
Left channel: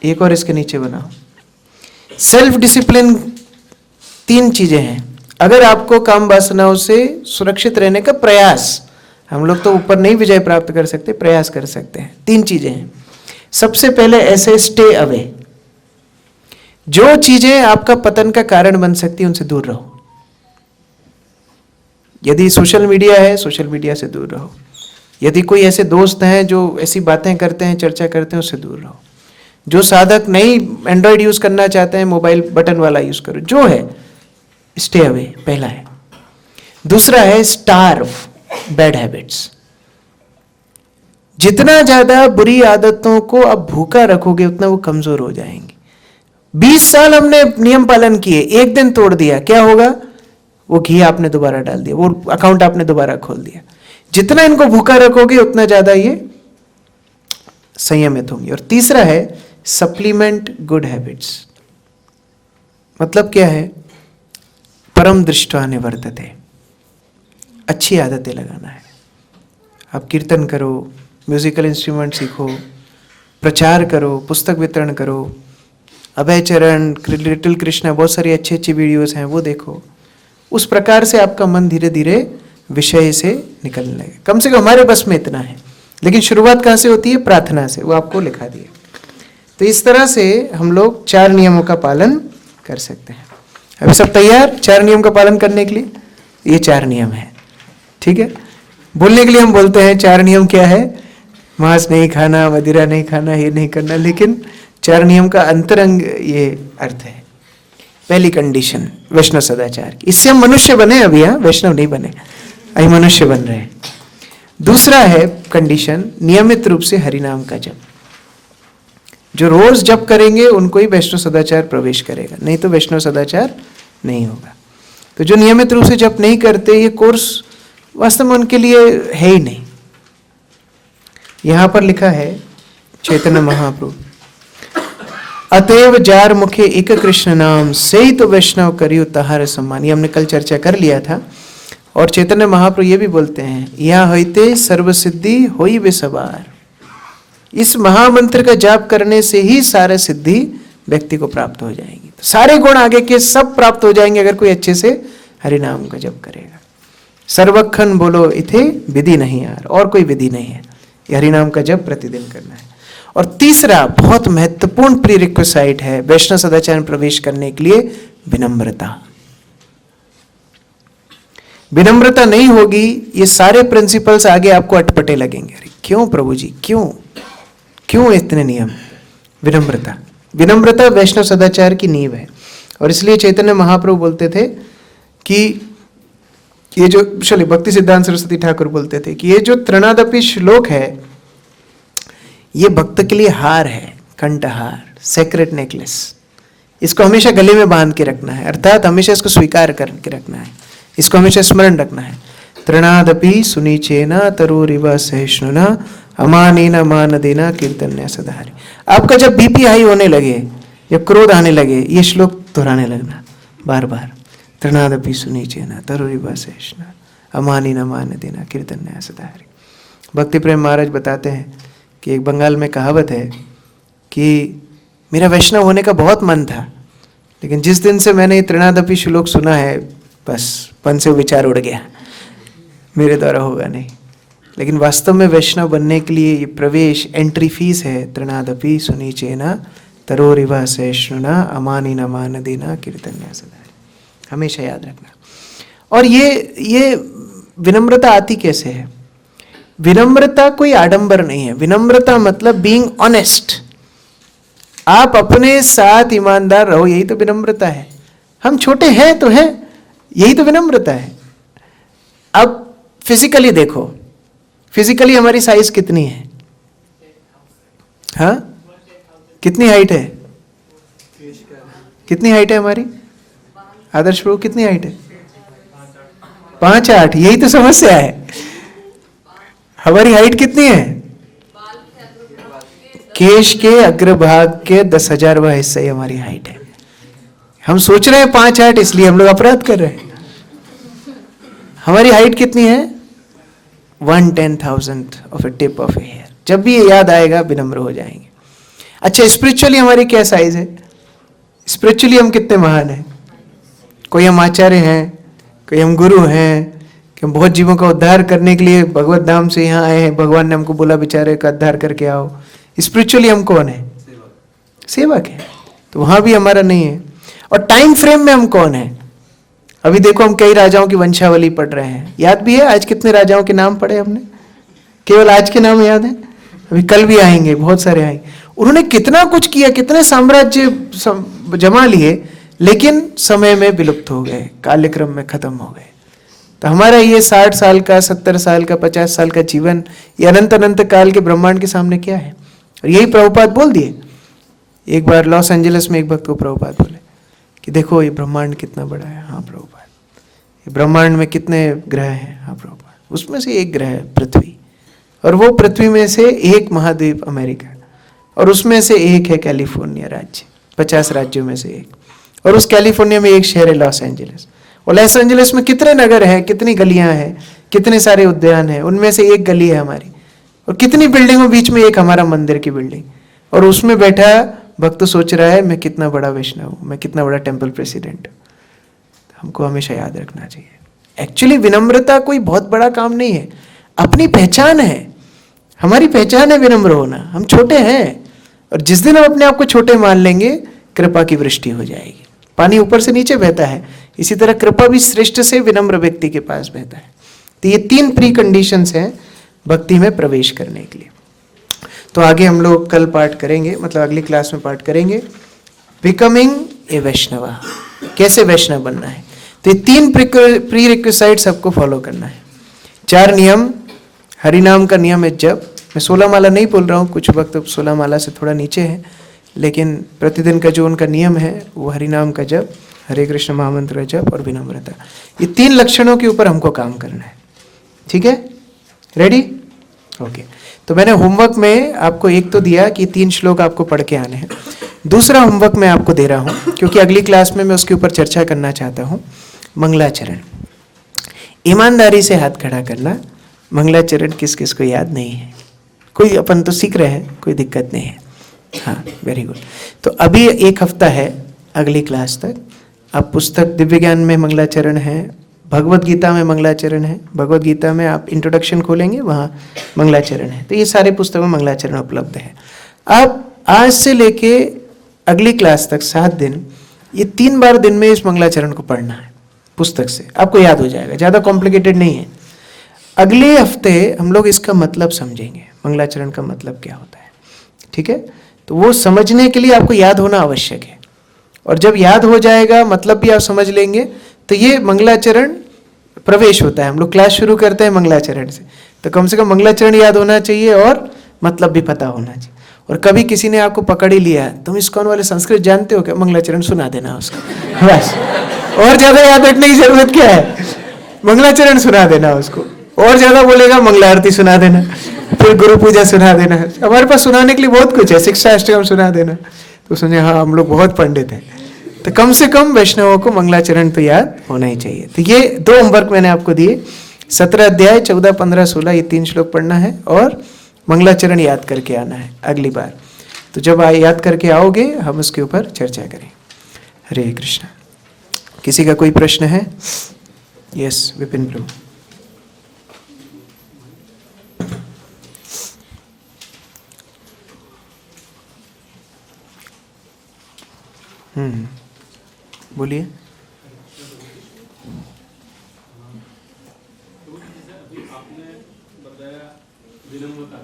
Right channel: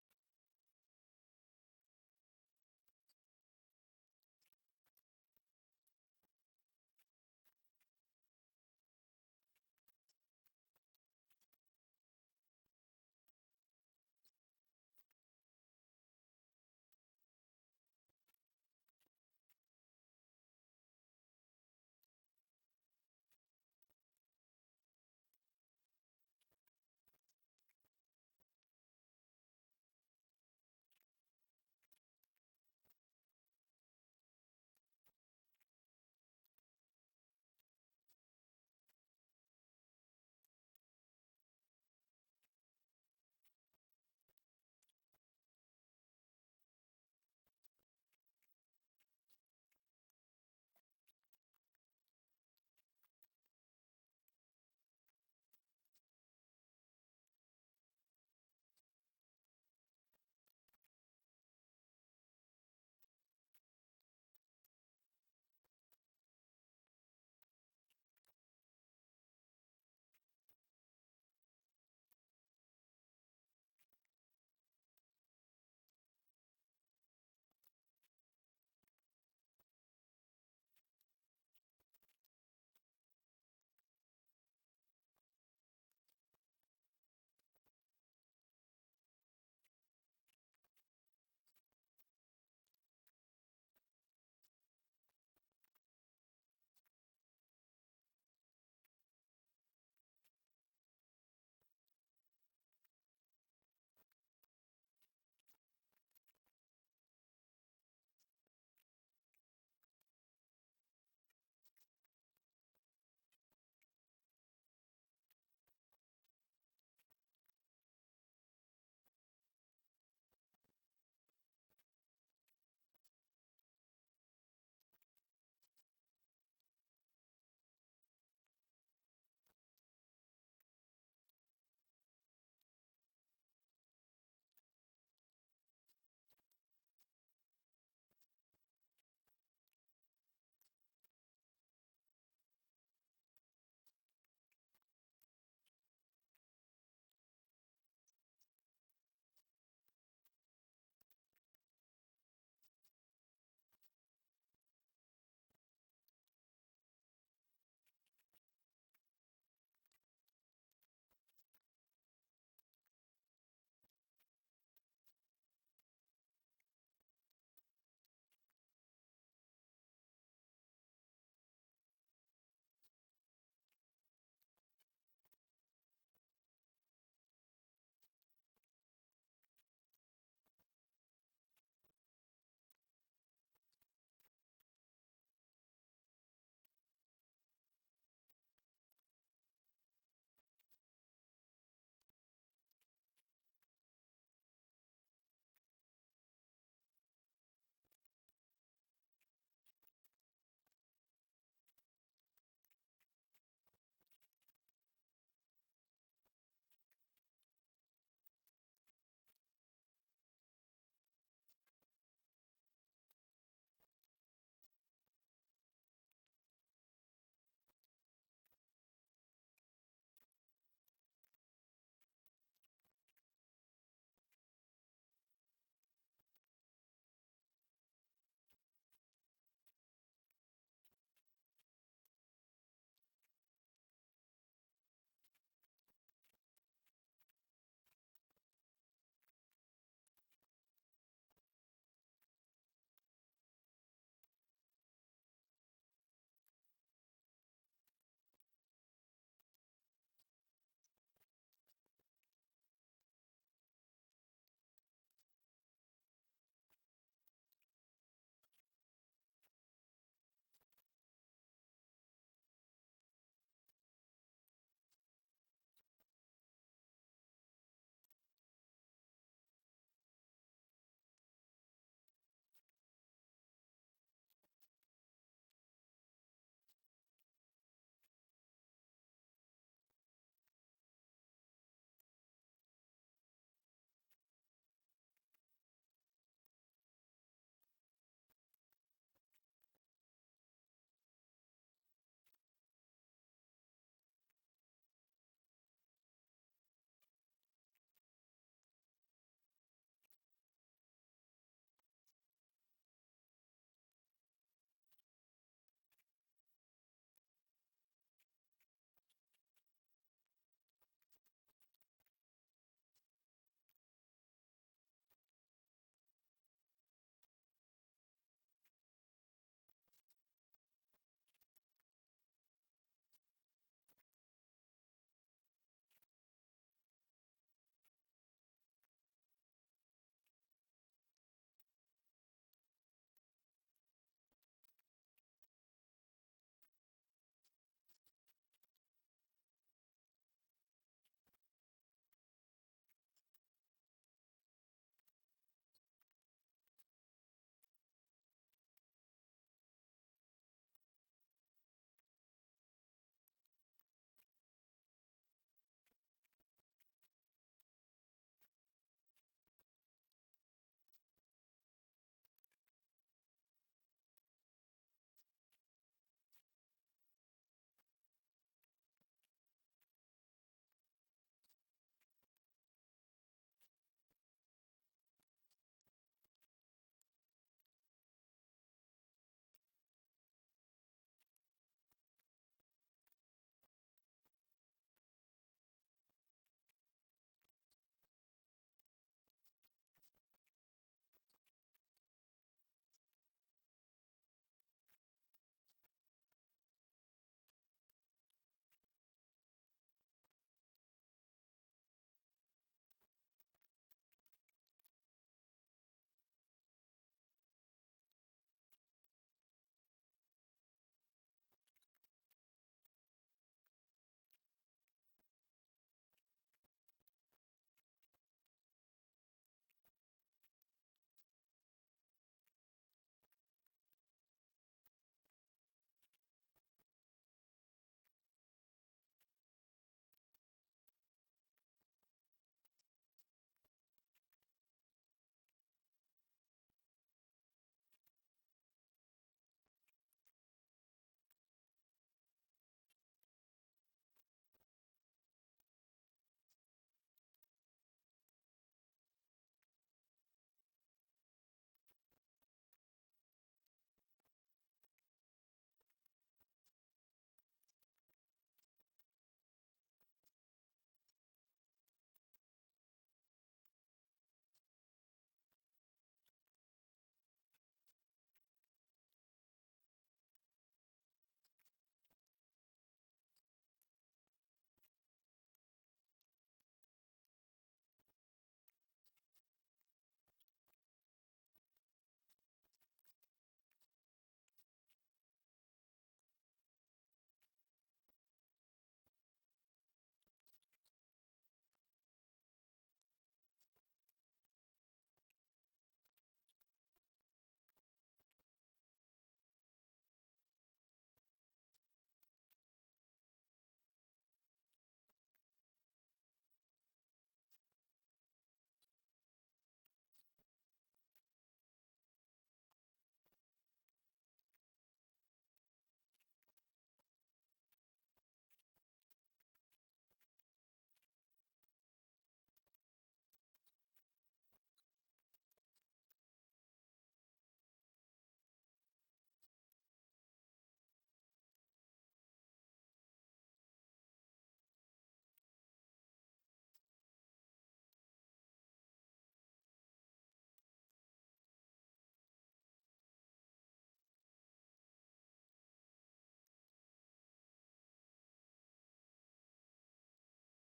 एक और इसके नीचे बनाओ। सेल्फ डिसिप्लिन 3 चीजें हैं। अगर आपको काम वासनाओं से सुरक्षित रहने का प्रयास, हम लोग तो ऊपर नहीं विजय प्राप्त कर सकते, प्रयास कर सकते हैं। 3 चीजें हैं। सबसे पहले ऐसे स्टे अवे, जो चीजें आपका पतन का कारण बन सकती है उनसे दूर रहो। यदि सोशल मीडिया है, सोशल मीडिया से दूर रहो। यदि कोई ऐसे दोस्त हैं जो ऐसी बातें करते हैं, चर्चा करते हैं, उससे दूर रहो। जो साधक नहीं एंड्रॉयड यूज करना चाहते हैं, मोबाइल बटन वाला यूज करो, जो है स्टे अवे, पहला है। दूसरा है स्टार्व बैड हैबिट्स। जितना ज्यादा बुरी आदतों को आप भूखा रखोगे उतना वो कमजोर हो जाएंगे। 20 साल हमने नियम पालन किए, एक दिन तोड़ दिया, क्या होगा? वो घी आपने दोबारा डाल दिया, वो अकाउंट आपने दोबारा खोल दिया। जितना इनको भूखा रखोगे उतना ज्यादा ये संयमित होंगे। और तीसरा है सप्लीमेंट गुड हैबिट्स। मतलब क्या है? परम दृष्टा निवर्तते, अच्छी आदतें लगाना है। आप कीर्तन करो, म्यूजिकल इंस्ट्रूमेंट सीखो, प्रचार करो, पुस्तक वितरण करो, अभय चरण, लिटिल कृष्णा, बहुत सारी अच्छी अच्छी वीडियोस हैं, वो देखो। उस प्रकार से आपका मन धीरे धीरे विषय से निकलने लगे। कम से कम हमारे बस में इतना है, लेकिन शुरुआत कहाँ से होती है? प्रार्थना से, वो आपको लिखा दिया। तो इस तरह से हम लोग 4 नियमों का पालन कर सकते हैं। अभी सब तैयार 4 नियम का पालन करने के लिए? ये 4 नियम है, ठीक है। बोलने के लिए हम बोलते हैं 4 नियम क्या है? मांस नहीं खाना, मदिरा नहीं खाना, ये नहीं करना, लेकिन 4 नियम का अंतरंग ये अर्थ है। पहली कंडीशन वैष्णव सदाचार की, इससे हम मनुष्य बने, अभी यहाँ वैष्णव नहीं बने, अभी मनुष्य बन रहे हैं। दूसरा है कंडीशन नियमित रूप से हरिनाम का जप। जो रोज जप करेंगे उनको ही वैष्णव सदाचार प्रवेश करेगा, नहीं तो वैष्णव सदाचार नहीं होगा। तो जो नियमित रूप से जप नहीं करते, ये कोर्स वास्तव में उनके लिए है ही नहीं। यहां पर लिखा है चैतन्य महाप्रभु, अतएव जार मुखे एक कृष्ण नाम, से ही तो वैष्णव करियो तहार सम्मान। ये हमने कल चर्चा कर लिया था। और चैतन्य महाप्रभु ये भी बोलते हैं, यहाँ होते सर्व सिद्धि होई वे सवार। इस महामंत्र का जाप करने से ही सारे सिद्धि व्यक्ति को प्राप्त हो जाएंगी। तो सारे गुण आगे के सब प्राप्त हो जाएंगे अगर कोई अच्छे से हरिनाम का जप करेगा। सर्वखन बोलो इथे विधि नहीं यार, और कोई विधि नहीं है, हरिनाम का जप प्रतिदिन करना है। और तीसरा बहुत महत्वपूर्ण प्रीरिक्विसाइट है वैष्णव सदाचार में प्रवेश करने के लिए, विनम्रता। विनम्रता नहीं होगी, ये सारे प्रिंसिपल्स आगे आपको अटपटे लगेंगे। अरे क्यों प्रभु जी, क्यों इतने नियम? विनम्रता, विनम्रता वैष्णव सदाचार की नींव है। और इसलिए चैतन्य महाप्रभु बोलते थे कि ये जो चलिए भक्ति सिद्धांत सरस्वती ठाकुर बोलते थे कि ये जो त्रिनादपि श्लोक है ये भक्त के लिए हार है, कंठहार, सेक्रेट नेकलेस। इसको हमेशा गले में बांध के रखना है, अर्थात हमेशा इसको स्वीकार करके रखना है, इसको हमेशा स्मरण रखना है। त्रिनादपि सुनीचेना तरुरिव सहिष्णुना अमानेना मान देना कीर्तन्या सदाहरि। आपका जब बीपी हाई होने लगे, जब क्रोध आने लगे ये श्लोक दोहराने लगना बार बार, तृणादपि सुनीचेन तरुरिव शेषन अमानी न मान देना कीर्तन्या सदा हरि। भक्ति प्रेम महाराज बताते हैं कि एक बंगाल में कहावत है कि मेरा वैष्णव होने का बहुत मन था, लेकिन जिस दिन से मैंने तृणादपि श्लोक सुना है बस मन से विचार उड़ गया, मेरे द्वारा होगा नहीं। लेकिन वास्तव में वैष्णव बनने के लिए ये प्रवेश एंट्री फीस है, तृणादपि सुनीचेन तरोरिव सहिष्णुना अमानी न मान देना कीर्तन्या सदा हरि, हमेशा याद रखना। और ये विनम्रता आती कैसे है? विनम्रता कोई आडंबर नहीं है। विनम्रता मतलब बीइंग ऑनेस्ट, आप अपने साथ ईमानदार रहो, यही तो विनम्रता है। हम छोटे हैं तो हैं, यही तो विनम्रता है। अब फिजिकली देखो, फिजिकली हमारी साइज कितनी है? हाँ, कितनी हाइट है? कितनी हाइट है हमारी? आदर्श प्रभु कितनी हाइट है? 5'8", यही तो समस्या है। हमारी हाइट कितनी है? केश के अग्रभाग के 10,000वां हिस्सा ही हमारी हाइट है। हम सोच रहे हैं 5'8", इसलिए हम लोग अपराध कर रहे हैं। हमारी हाइट कितनी है? 1/10,000 of a tip of a hair. जब भी ये याद आएगा विनम्र हो जाएंगे। अच्छा, स्पिरिचुअली हमारी क्या साइज है? स्पिरिचुअली हम कितने महान हैं? कोई हम आचार्य हैं, कोई हम गुरु हैं, कि हम बहुत जीवों का उद्धार करने के लिए भगवत धाम से यहाँ आए हैं, भगवान ने हमको बोला बेचारे का उद्धार करके आओ। स्पिरिचुअली हम कौन है? सेवक है। तो वहां भी हमारा नहीं है। और टाइम फ्रेम में हम कौन है? अभी देखो हम कई राजाओं की वंशावली पढ़ रहे हैं, याद भी है आज कितने राजाओं के नाम पढ़े हमने? केवल आज के नाम याद है? अभी कल भी आएंगे, बहुत सारे आएंगे। उन्होंने कितना कुछ किया, कितने साम्राज्य जमा लिए, लेकिन समय में विलुप्त हो गए, कालक्रम में खत्म हो गए। तो हमारा ये 60 साल का, 70 साल का, 50 साल का जीवन, ये अनंत अनंत काल के ब्रह्मांड के सामने क्या है? और यही प्रभुपाद बोल दिए। एक बार लॉस एंजलिस में एक भक्त को प्रभुपाद बोले कि देखो ये ब्रह्मांड कितना बड़ा है। हाँ प्रभुपाद, ये ब्रह्मांड में कितने ग्रह हैं? हाँ प्रभुपाद, उसमें से एक ग्रह है पृथ्वी, और वो पृथ्वी में से एक महाद्वीप अमेरिका, और उसमें से एक है कैलिफोर्निया राज्य, 50 राज्यों में से एक, और उस कैलिफोर्निया में एक शहर है लॉस एंजलिस। और लॉस एंजलिस में कितने नगर हैं, कितनी गलियां हैं, कितने सारे उद्यान हैं, उनमें से एक गली है हमारी। और कितनी बिल्डिंगों बीच में एक हमारा मंदिर की बिल्डिंग, और उसमें बैठा भक्त सोच रहा है मैं कितना बड़ा वैष्णव हूँ, मैं कितना बड़ा टेम्पल प्रेसिडेंट हूँ। हमको हमेशा याद रखना चाहिए, एक्चुअली विनम्रता कोई बहुत बड़ा काम नहीं है, अपनी पहचान है। हमारी पहचान है विनम्र होना। हम छोटे हैं, और जिस दिन हम अपने आप को छोटे मान लेंगे, कृपा की वृष्टि हो जाएगी। पानी ऊपर से नीचे बहता है, इसी तरह कृपा भी श्रेष्ठ से विनम्र व्यक्ति के पास बहता है। तो ये 3 प्री कंडीशंस हैं भक्ति में प्रवेश करने के लिए। तो आगे हम लोग कल पाठ करेंगे, मतलब अगली क्लास में पाठ करेंगे बिकमिंग ए वैष्णव, कैसे वैष्णव बनना है। तो ये 3 प्री रिक्विसाइट्स सबको फॉलो करना है। 4 नियम, हरिनाम का नियम है जप। मैं 16 माला नहीं बोल रहा हूँ, कुछ वक्त 16 माला से थोड़ा नीचे है, लेकिन प्रतिदिन का जो उनका नियम है वो हरिनाम का जप, हरे कृष्ण महामंत्र का जप और विनम्रता। ये 3 लक्षणों के ऊपर हमको काम करना है। ठीक है, रेडी? ओके। तो मैंने होमवर्क में आपको एक तो दिया कि 3 श्लोक आपको पढ़ के आने हैं। दूसरा होमवर्क मैं आपको दे रहा हूँ, क्योंकि अगली क्लास में मैं उसके ऊपर चर्चा करना चाहता हूँ। मंगलाचरण, ईमानदारी से हाथ खड़ा करना। मंगलाचरण किस किस को याद नहीं है? कोई, अपन तो सीख रहे हैं, कोई दिक्कत नहीं है। हाँ, वेरी गुड। तो अभी 1 हफ्ता है अगली क्लास तक। आप पुस्तक दिव्य ज्ञान में मंगलाचरण है, भगवत गीता में मंगलाचरण है। भगवत गीता में आप इंट्रोडक्शन खोलेंगे, वहाँ मंगलाचरण है। तो ये सारे पुस्तकों में मंगलाचरण उपलब्ध है। आप आज से लेके अगली क्लास तक 7 दिन, ये 3 बार दिन में इस मंगलाचरण को पढ़ना है पुस्तक से, आपको याद हो जाएगा, ज़्यादा कॉम्प्लिकेटेड नहीं है। अगले हफ्ते हम लोग इसका मतलब समझेंगे, मंगलाचरण का मतलब क्या होता है। ठीक है, तो वो समझने के लिए आपको याद होना आवश्यक है, और जब याद हो जाएगा, मतलब भी आप समझ लेंगे, तो ये मंगलाचरण प्रवेश होता है। हम लोग क्लास शुरू करते हैं मंगलाचरण से, तो कम से कम मंगलाचरण याद होना चाहिए और मतलब भी पता होना चाहिए। और कभी किसी ने आपको पकड़ ही लिया, तुम इस्कॉन वाले संस्कृत जानते हो क्या? मंगलाचरण सुना देना उसको, बस। और ज्यादा याद रखने की जरूरत क्या है? मंगलाचरण सुना देना उसको। और ज्यादा बोलेगा मंगला आरती सुना देना, फिर गुरु पूजा सुना देना। हमारे पास सुनाने के लिए बहुत कुछ है, शिक्षा अष्टकम सुना देना। तो समझे हाँ हम लोग बहुत पंडित हैं। तो कम से कम वैष्णवों को मंगलाचरण तो याद होना ही चाहिए। तो ये 2 होमवर्क मैंने आपको दिए, 17 अध्याय 14, 15, 16 ये 3 श्लोक पढ़ना है और मंगलाचरण याद करके आना है अगली बार। तो जब याद करके आओगे हम उसके ऊपर चर्चा करें। हरे कृष्णा। किसी का कोई प्रश्न है? यस विपिन प्रभु। बोलिए। आपने बताया विनम्रता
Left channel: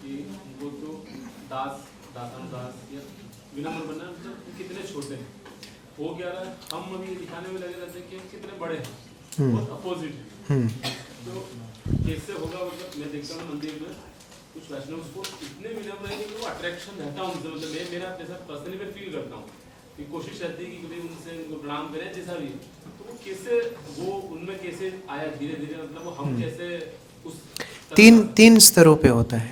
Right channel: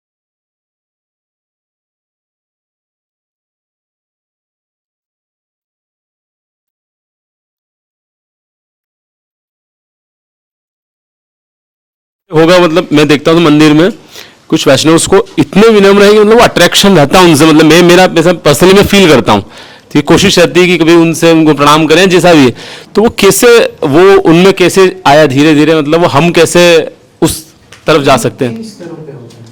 कि वो तो दास या विनम्र बनना मतलब कितने छोटे हैं, वो क्या रहा हम अभी दिखाने में लगे रहते हैं कि हम कितने बड़े हैं, बहुत अपोजिट है। तो कैसे होगा मतलब मैं देखता हूँ मंदिर में कुछ वैष्णव उसको इतने विनम्र है कि मतलब वो अट्रैक्शन रहता है उनसे, मतलब मैं मेरा ऐसा पर्सनली मैं फील करता हूँ। तो ये कोशिश रहती है कि कभी उनसे उनको प्रणाम करें जैसा भी है। तो वो कैसे वो उनमें कैसे आया धीरे धीरे, मतलब वो हम कैसे उस तरफ जा सकते हैं? 3 स्तरों पे होता है।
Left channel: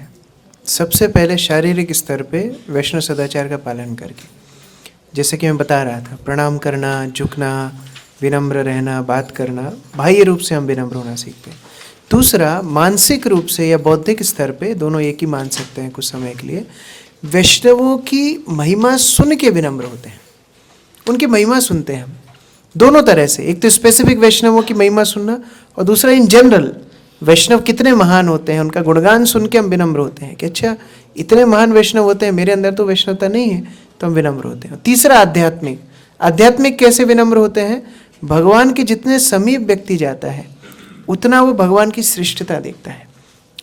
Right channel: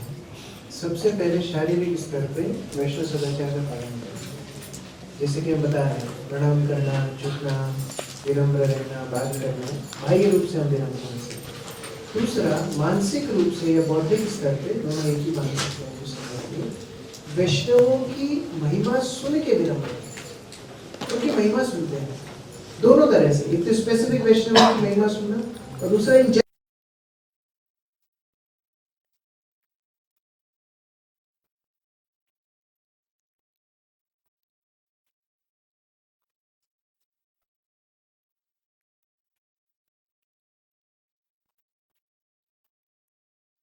सबसे पहले शारीरिक स्तर पे वैष्णव सदाचार का पालन करके, जैसे कि मैं बता रहा था, प्रणाम करना, झुकना, विनम्र रहना, बात करना, बाह्य रूप से हम विनम्र होना सीखते हैं। दूसरा मानसिक रूप से या बौद्धिक स्तर पे, दोनों एक ही मान सकते हैं कुछ समय के लिए, वैष्णवों की महिमा सुन के विनम्र होते हैं, उनकी महिमा सुनते हैं दोनों तरह से। एक तो स्पेसिफिक वैष्णवों की महिमा सुनना और दूसरा इन जनरल वैष्णव कितने महान होते हैं उनका गुणगान सुन के हम विनम्र होते हैं कि अच्छा इतने महान वैष्णव होते हैं, मेरे अंदर तो वैष्णवता नहीं है, तो हम विनम्र होते हैं। तीसरा आध्यात्मिक कैसे विनम्र होते हैं? भगवान के जितने समीप व्यक्ति जाता है उतना वो भगवान की श्रेष्ठता देखता है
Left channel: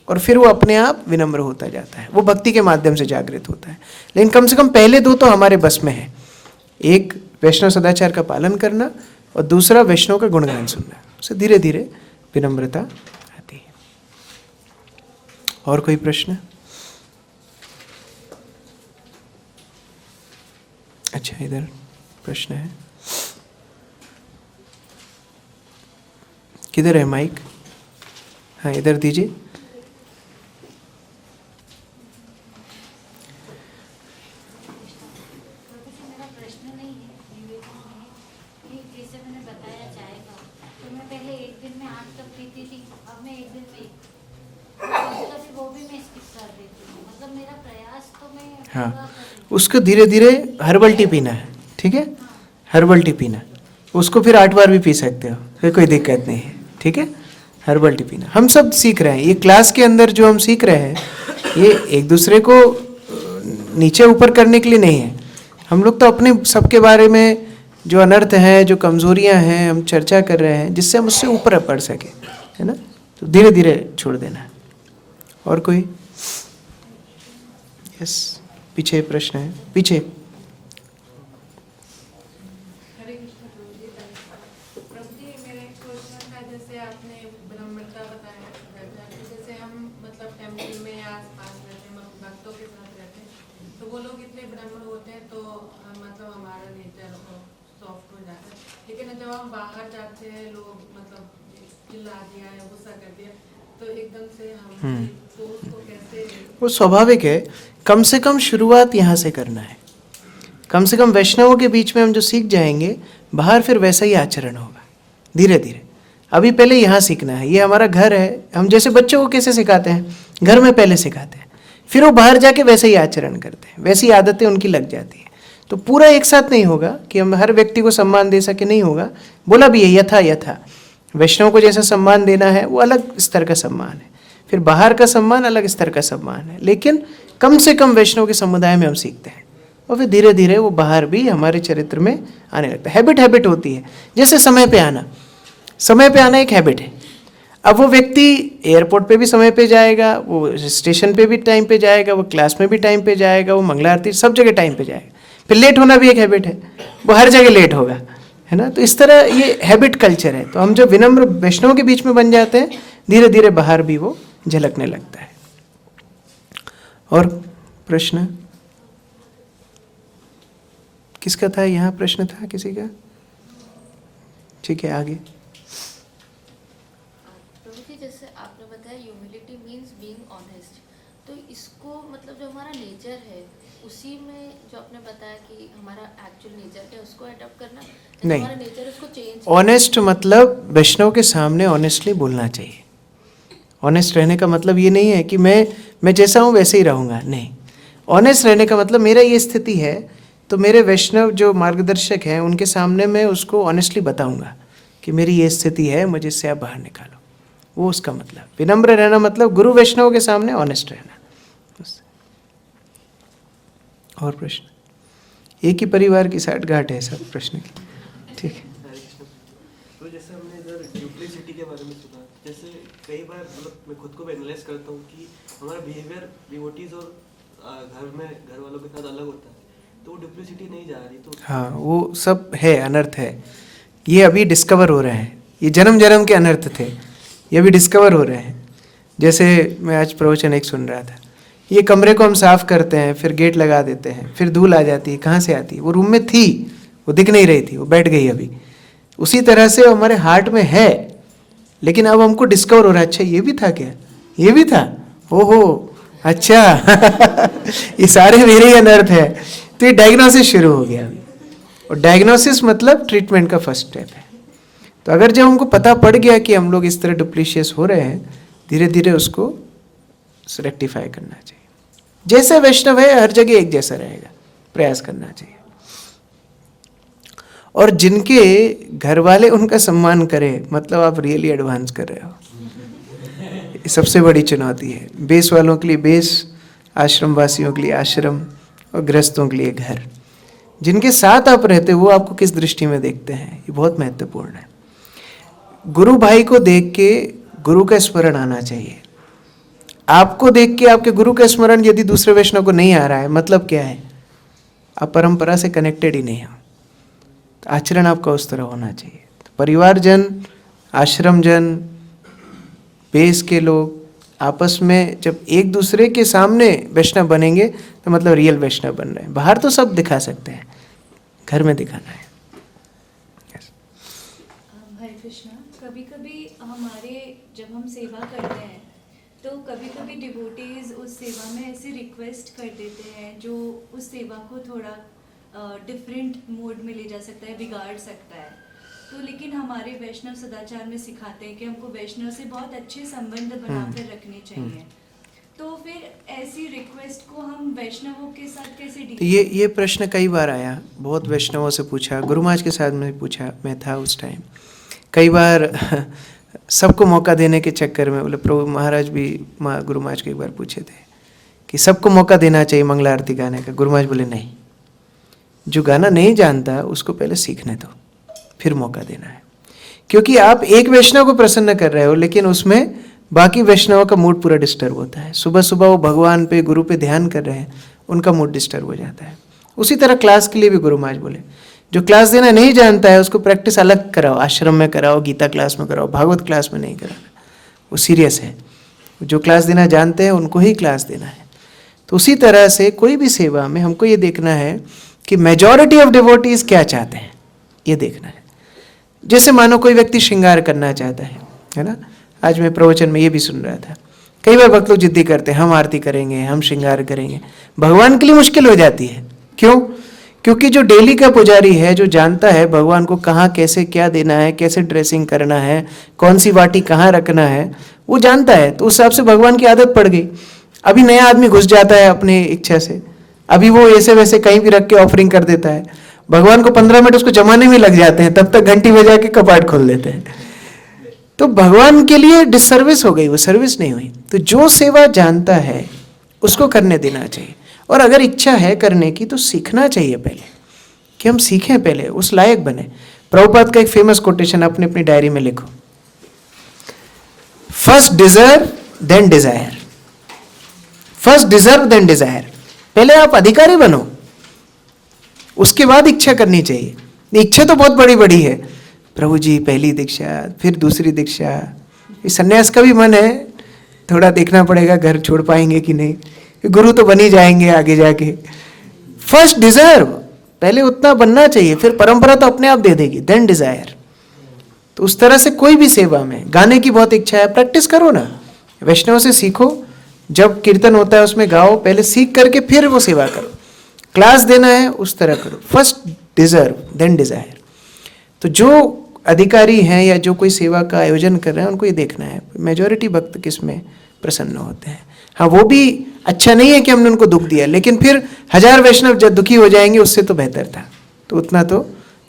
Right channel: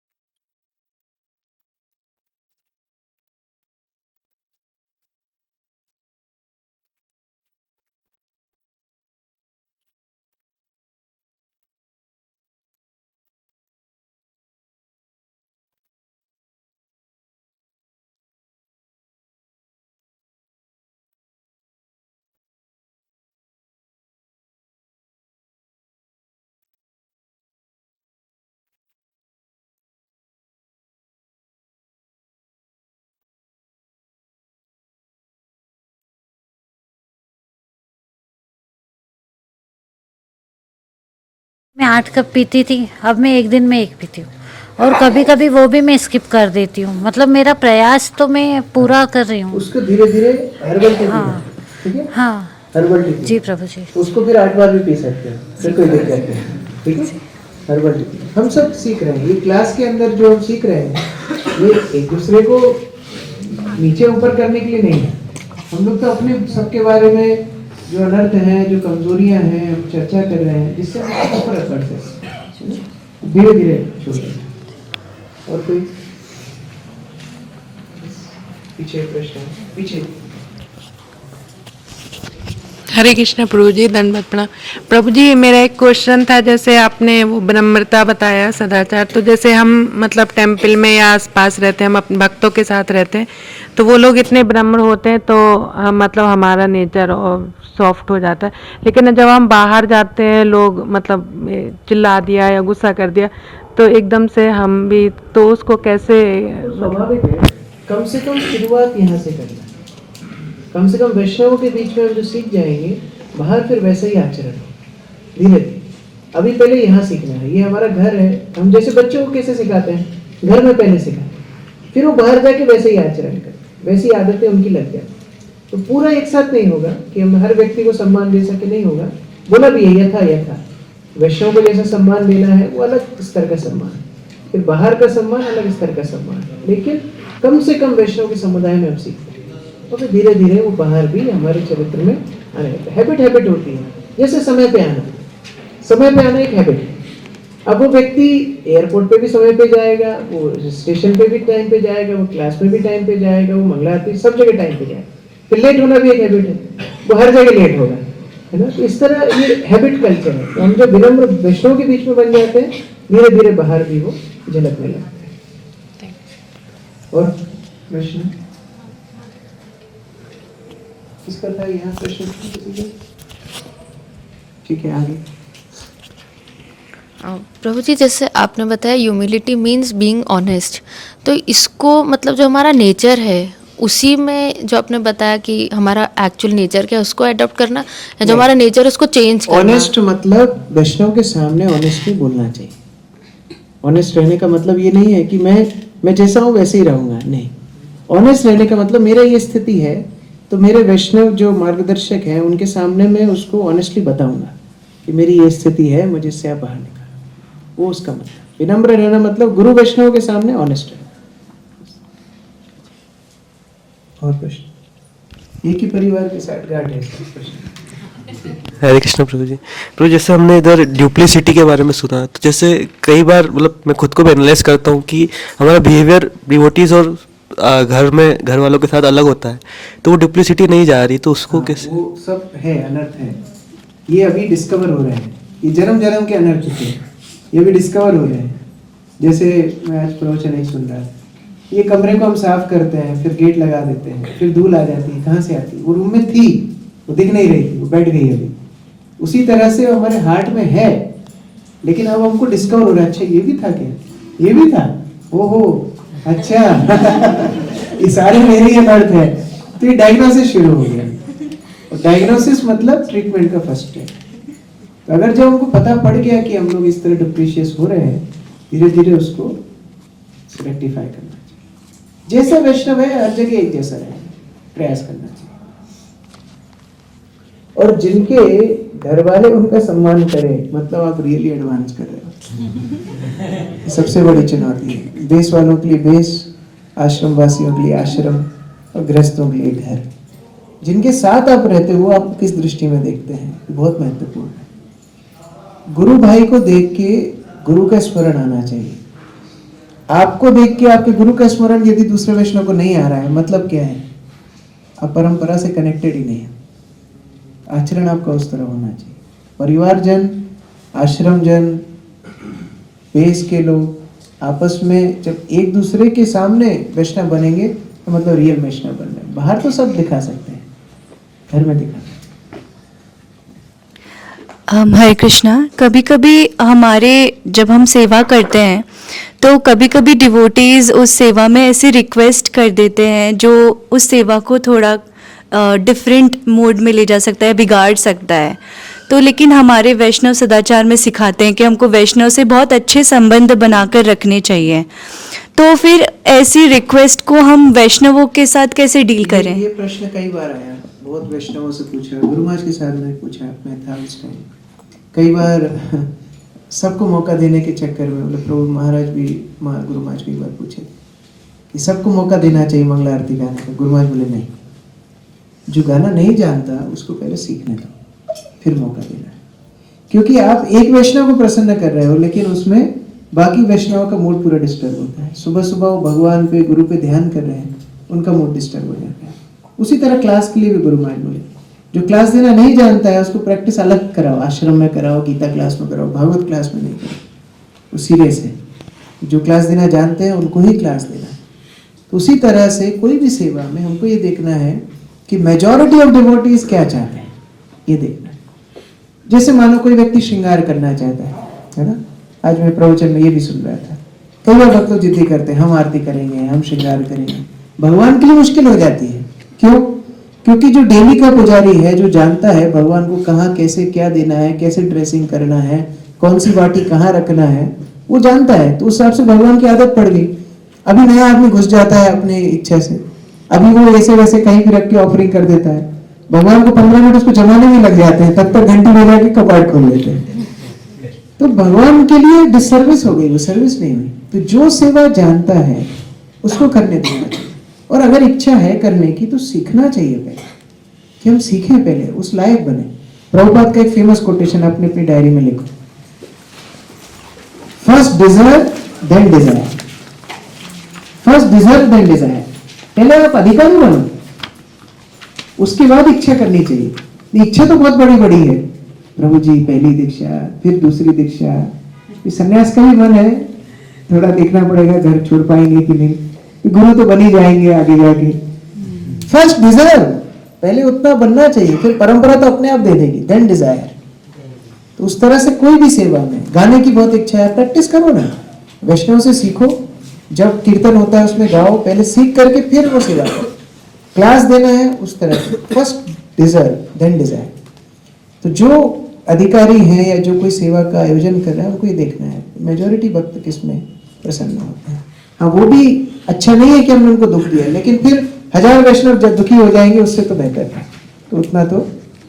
और फिर वो अपने आप विनम्र होता जाता है, वो भक्ति के माध्यम से जागृत होता है। लेकिन कम से कम पहले 2 तो हमारे बस में है, एक वैष्णव सदाचार का पालन करना और दूसरा वैष्णव का गुणगान सुनना, उससे धीरे धीरे विनम्रता आती है। और कोई प्रश्न? अच्छा इधर प्रश्न है, किधर है माइक? हाँ इधर दीजिए। मैं 8 कप पीती थी, अब मैं एक दिन में 1 पीती हूँ और कभी कभी वो भी मैं स्किप कर देती हूँ। मतलब मेरा प्रयास तो मैं पूरा कर रही हूँ। उसको धीरे धीरे हर्बल टी पीना है, ठीक है? हाँ हर्बल टी पीना। जी प्रभु जी। उसको फिर 8 बार भी पी सकते हो, फिर कोई दिक्कत नहीं, ठीक है? हर्बल टी पीना हम सब सीख रहे हैं। ये क्लास के अंदर जो हम सीख रहे हैं ये एक दूसरे को नीचे ऊपर करने के लिए नहीं है। हम लोग तो अपने सबके बारे में जो अनर्थ हैं, जो कमजोरियां हैं, हम चर्चा कर रहे हैं जिससे हम उससे ऊपर बढ़ सके, है ना? धीरे धीरे छोड़ देना है। और कोई? यस पीछे प्रश्न है, पीछे। हरे कृष्ण प्रभु जी, दंडवत प्रणाम। प्रभु जी मेरा एक क्वेश्चन था, जैसे आपने वो विनम्रता बताया, सदाचार, तो जैसे हम मतलब टेम्पल में या आसपास रहते हैं, हम अपने भक्तों के साथ रहते हैं, तो वो लोग इतने विनम्र होते हैं तो मतलब हमारा नेचर और सॉफ्ट हो जाता है। लेकिन जब हम बाहर जाते हैं, लोग मतलब चिल्ला दिया या गुस्सा कर दिया तो एकदम से हम भी, तो उसको कैसे? वो स्वाभाविक है, कम से कम शुरुआत यहाँ से करना है। कम से कम वैष्णवों के बीच में हम जो सीख जाएंगे, बाहर फिर वैसा ही आचरण होगा धीरे धीरे। अभी पहले यहाँ सीखना है, ये हमारा घर है। हम जैसे बच्चों को कैसे सिखाते हैं, घर में पहले सिखाते हैं, फिर वो बाहर जाके वैसे ही आचरण करते हैं, वैसी आदतें उनकी लग जाती हैं। तो पूरा एक साथ नहीं होगा कि हम हर व्यक्ति को सम्मान दे सके, नहीं होगा। बोला भी है यथा वैष्णव को जैसा सम्मान देना है वो अलग स्तर का सम्मान है, फिर बाहर का सम्मान अलग स्तर का सम्मान है। लेकिन कम से कम वैष्णव के समुदाय में हम सीखते हैं और फिर धीरे धीरे वो बाहर भी हमारे चरित्र में आने लगता है। हैबिट होती है, जैसे समय पे आना एक हैबिट है। अब वो व्यक्ति एयरपोर्ट पे भी समय पे जाएगा, वो स्टेशन पे भी टाइम पे जाएगा, वो क्लास में भी टाइम पे जाएगा, वो मंगला आरती सब जगह टाइम पे जाएगा। फिर लेट होना भी एक हैबिट है, वो हर जगह लेट होगा, है ना? तो इस तरह ये हैबिट कल्चर है। तो हम जब विनम्र वैष्णव के बीच में बन जाते हैं, धीरे धीरे बाहर भी वो झलकने लगता है। और प्रश्न किसका था? यहाँ प्रश्न था किसी का? ठीक है आगे। प्रभु जी जैसे आपने बताया ह्यूमिलिटी मीन्स बीइंग ऑनेस्ट, तो इसको मतलब जो हमारा नेचर है उसी में जो आपने बताया कि हमारा एक्चुअल नेचर क्या है उसको अडॉप्ट करना, या जो हमारा नेचर उसको चेंज करना? ऑनेस्ट मतलब वैष्णव के सामने ऑनेस्टली बोलना चाहिए। ऑनेस्ट रहने का मतलब ये नहीं है कि मैं जैसा हूँ वैसे ही रहूँगा, नहीं। ऑनेस्ट रहने का मतलब मेरा ये स्थिति है तो मेरे वैष्णव जो मार्गदर्शक हैं उनके सामने मैं उसको ऑनेस्टली बताऊंगा कि मेरी ये स्थिति है, मुझे इससे आप बाहर निकालो, वो उसका मतलब। विनम्र रहना मतलब गुरु वैष्णव के सामने ऑनेस्ट रहना। और प्रश्न? एक ही परिवार की साठगांठ है सर प्रश्न। हरे कृष्ण प्रभु जी। प्रभु जैसे हमने इधर ड्यूप्लिसिटी के बारे में सुना, तो जैसे कई बार मतलब मैं खुद को भी एनालाइज करता हूँ कि हमारा बिहेवियर डिवोटीज और घर में घर वालों के साथ अलग होता है, तो वो डुप्लिसिटी नहीं जा रही, तो उसको कैसे? वो सब है, अनर्थ है, ये अभी डिस्कवर हो रहे हैं। ये जन्म जन्म के अनर्थ थे, ये अभी डिस्कवर हो रहे हैं। जैसे मैं आज प्रवचन एक सुन रहा था, ये कमरे को हम साफ करते हैं, फिर गेट लगा देते हैं, फिर धूल आ जाती है, कहाँ से आती है? वो रूम में थी, वो दिख नहीं रही थी, वो बैठ गई अभी। उसी तरह से हमारे हार्ट में है, लेकिन अब हमको डिस्कवर हो रहा है, अच्छा ये भी था क्या, ये भी था, ओहो अच्छा ये सारे मेरे ही अनर्थ है। तो ये डायग्नोसिस शुरू हो गया, और डायग्नोसिस मतलब ट्रीटमेंट का फर्स्ट स्टेप है। तो अगर जब हमको पता पड़ गया कि हम लोग इस तरह डुप्लीशियस हो रहे हैं, धीरे धीरे उसको रेक्टिफाई करना चाहिए। जैसे वैष्णव है हर जगह एक जैसा रहेगा, प्रयास करना चाहिए। और जिनके घर वाले उनका सम्मान करें, मतलब आप रियली एडवांस कर रहे हो। ये सबसे बड़ी चुनौती है। बेस वालों के लिए बेस, आश्रम वासियों के लिए आश्रम, और गृहस्थों के लिए घर। जिनके साथ आप रहते हो वो आपको किस दृष्टि में देखते हैं, ये बहुत महत्वपूर्ण है। गुरु भाई को देख के गुरु का स्मरण आना चाहिए। आपको देख के आपके गुरु का स्मरण यदि दूसरे वैष्णव को नहीं आ रहा है, मतलब क्या है? आप परंपरा से कनेक्टेड ही नहीं हो। आचरण आपका उस तरह होना चाहिए। परिवारजन, आश्रमजन, बेस के लोग आपस में जब एक दूसरे के सामने वैष्णव बनेंगे तो मतलब रियल वैष्णव बन रहे हैं। बाहर तो सब दिखा सकते हैं, घर में दिखाना है। हरे कृष्णा। कभी कभी हमारे जब हम सेवा करते हैं तो कभी कभी डिवोटीज उस सेवा में ऐसी रिक्वेस्ट कर देते हैं जो उस सेवा को थोड़ा डिफरेंट मोड में ले जा सकता है, बिगाड़ सकता है। तो लेकिन हमारे वैष्णव सदाचार में सिखाते हैं कि हमको वैष्णव से बहुत अच्छे संबंध बनाकर रखने चाहिए। तो फिर ऐसी रिक्वेस्ट को हम वैष्णवों के साथ कैसे डील करें? ये प्रश्न कई बार आया, बहुत वैष्णवों से पूछा, गुरु महाराज के साथ मैंने पूछा, मैं था उस टाइम। कई बार सबको मौका देने के चक्कर में, बोले प्रभु महाराज भी गुरु महाराज को एक बार पूछे थे कि सबको मौका देना चाहिए मंगला आरती गाने का। गुरु महाराज बोले नहीं, जो गाना नहीं जानता उसको पहले सीखने दो, फिर मौका देना है। क्योंकि आप एक वैष्णव को प्रसन्न कर रहे हो, लेकिन उसमें बाकी वैष्णव का मूड पूरा डिस्टर्ब होता है। सुबह सुबह वो भगवान पे, गुरु पे ध्यान कर रहे हैं, उनका मूड डिस्टर्ब हो जाता है। उसी तरह क्लास के लिए भी गुरु महाराज बोले, जो क्लास देना नहीं जानता है उसको प्रैक्टिस अलग कराओ, आश्रम में कराओ, गीता क्लास में कराओ, भागवत क्लास में नहीं कराओ, वो सीरियस है। जो क्लास देना जानते हैं उनको ही क्लास देना है। तो उसी तरह से कोई भी सेवा में हमको ये देखना है कि मेजॉरिटी ऑफ डिवोटीज क्या चाहते हैं, ये देखना है। जैसे मानो कोई व्यक्ति श्रृंगार करना चाहता है ना। आज मैं प्रवचन में ये भी सुन रहा था, कई बार भक्त लोग जिद्दी करते हैं, हम आरती करेंगे, हम श्रृंगार करेंगे। भगवान के लिए मुश्किल हो जाती है। क्यों? क्योंकि जो डेली का पुजारी है, जो जानता है भगवान को कहाँ कैसे क्या देना है, कैसे ड्रेसिंग करना है, कौन सी वाटी कहाँ रखना है, वो जानता है। तो उस हिसाब से भगवान की आदत पड़ गई। अभी नया आदमी घुस जाता है अपनी इच्छा से, अभी वो ऐसे वैसे कहीं भी रख के ऑफरिंग कर देता है। भगवान को 15 मिनट उसको जमाने में लग जाते हैं, तब तक घंटी बजा के कपाट खोल देते हैं। तो भगवान के लिए डिसर्विस हो गई, वो सर्विस नहीं हुई। तो जो सेवा जानता है उसको करने देना चाहिए। और अगर इच्छा है करने की तो सीखना चाहिए पहले, कि हम सीखें पहले, उस लायक बने। प्रभुपाद का एक फेमस कोटेशन आपने अपनी डायरी में लिखो, first deserve then desire. First deserve then desire. पहले आप अधिकारी बनो, उसके बाद इच्छा करनी चाहिए। इच्छा तो बहुत बड़ी बड़ी है, प्रभु जी पहली दीक्षा, फिर दूसरी दीक्षा। इस सन्यास का भी मन है, थोड़ा देखना पड़ेगा घर छोड़ पाएंगे कि नहीं, गुरु तो बन ही जाएंगे आगे जाके। फर्स्ट डिजायर, पहले उतना बनना चाहिए, फिर परंपरा तो अपने आप दे देगी, देन डिजायर। तो उस तरह से कोई भी सेवा में, गाने की बहुत इच्छा है, प्रैक्टिस करो ना, वैष्णव से सीखो। जब कीर्तन होता है उसमें गाओ, पहले सीख करके फिर वो सेवा करो। क्लास देना है उस तरह करो, फर्स्ट डिजर्व देन डिजायर। तो जो अधिकारी हैं या जो कोई सेवा का आयोजन कर रहे हैं उनको ये देखना है मेजॉरिटी भक्त किस में प्रसन्न होते हैं। हाँ, वो भी अच्छा नहीं है कि हमने उनको दुख दिया, लेकिन फिर 1000 वैष्णव जब दुखी हो जाएंगे उससे तो बेहतर था, तो उतना तो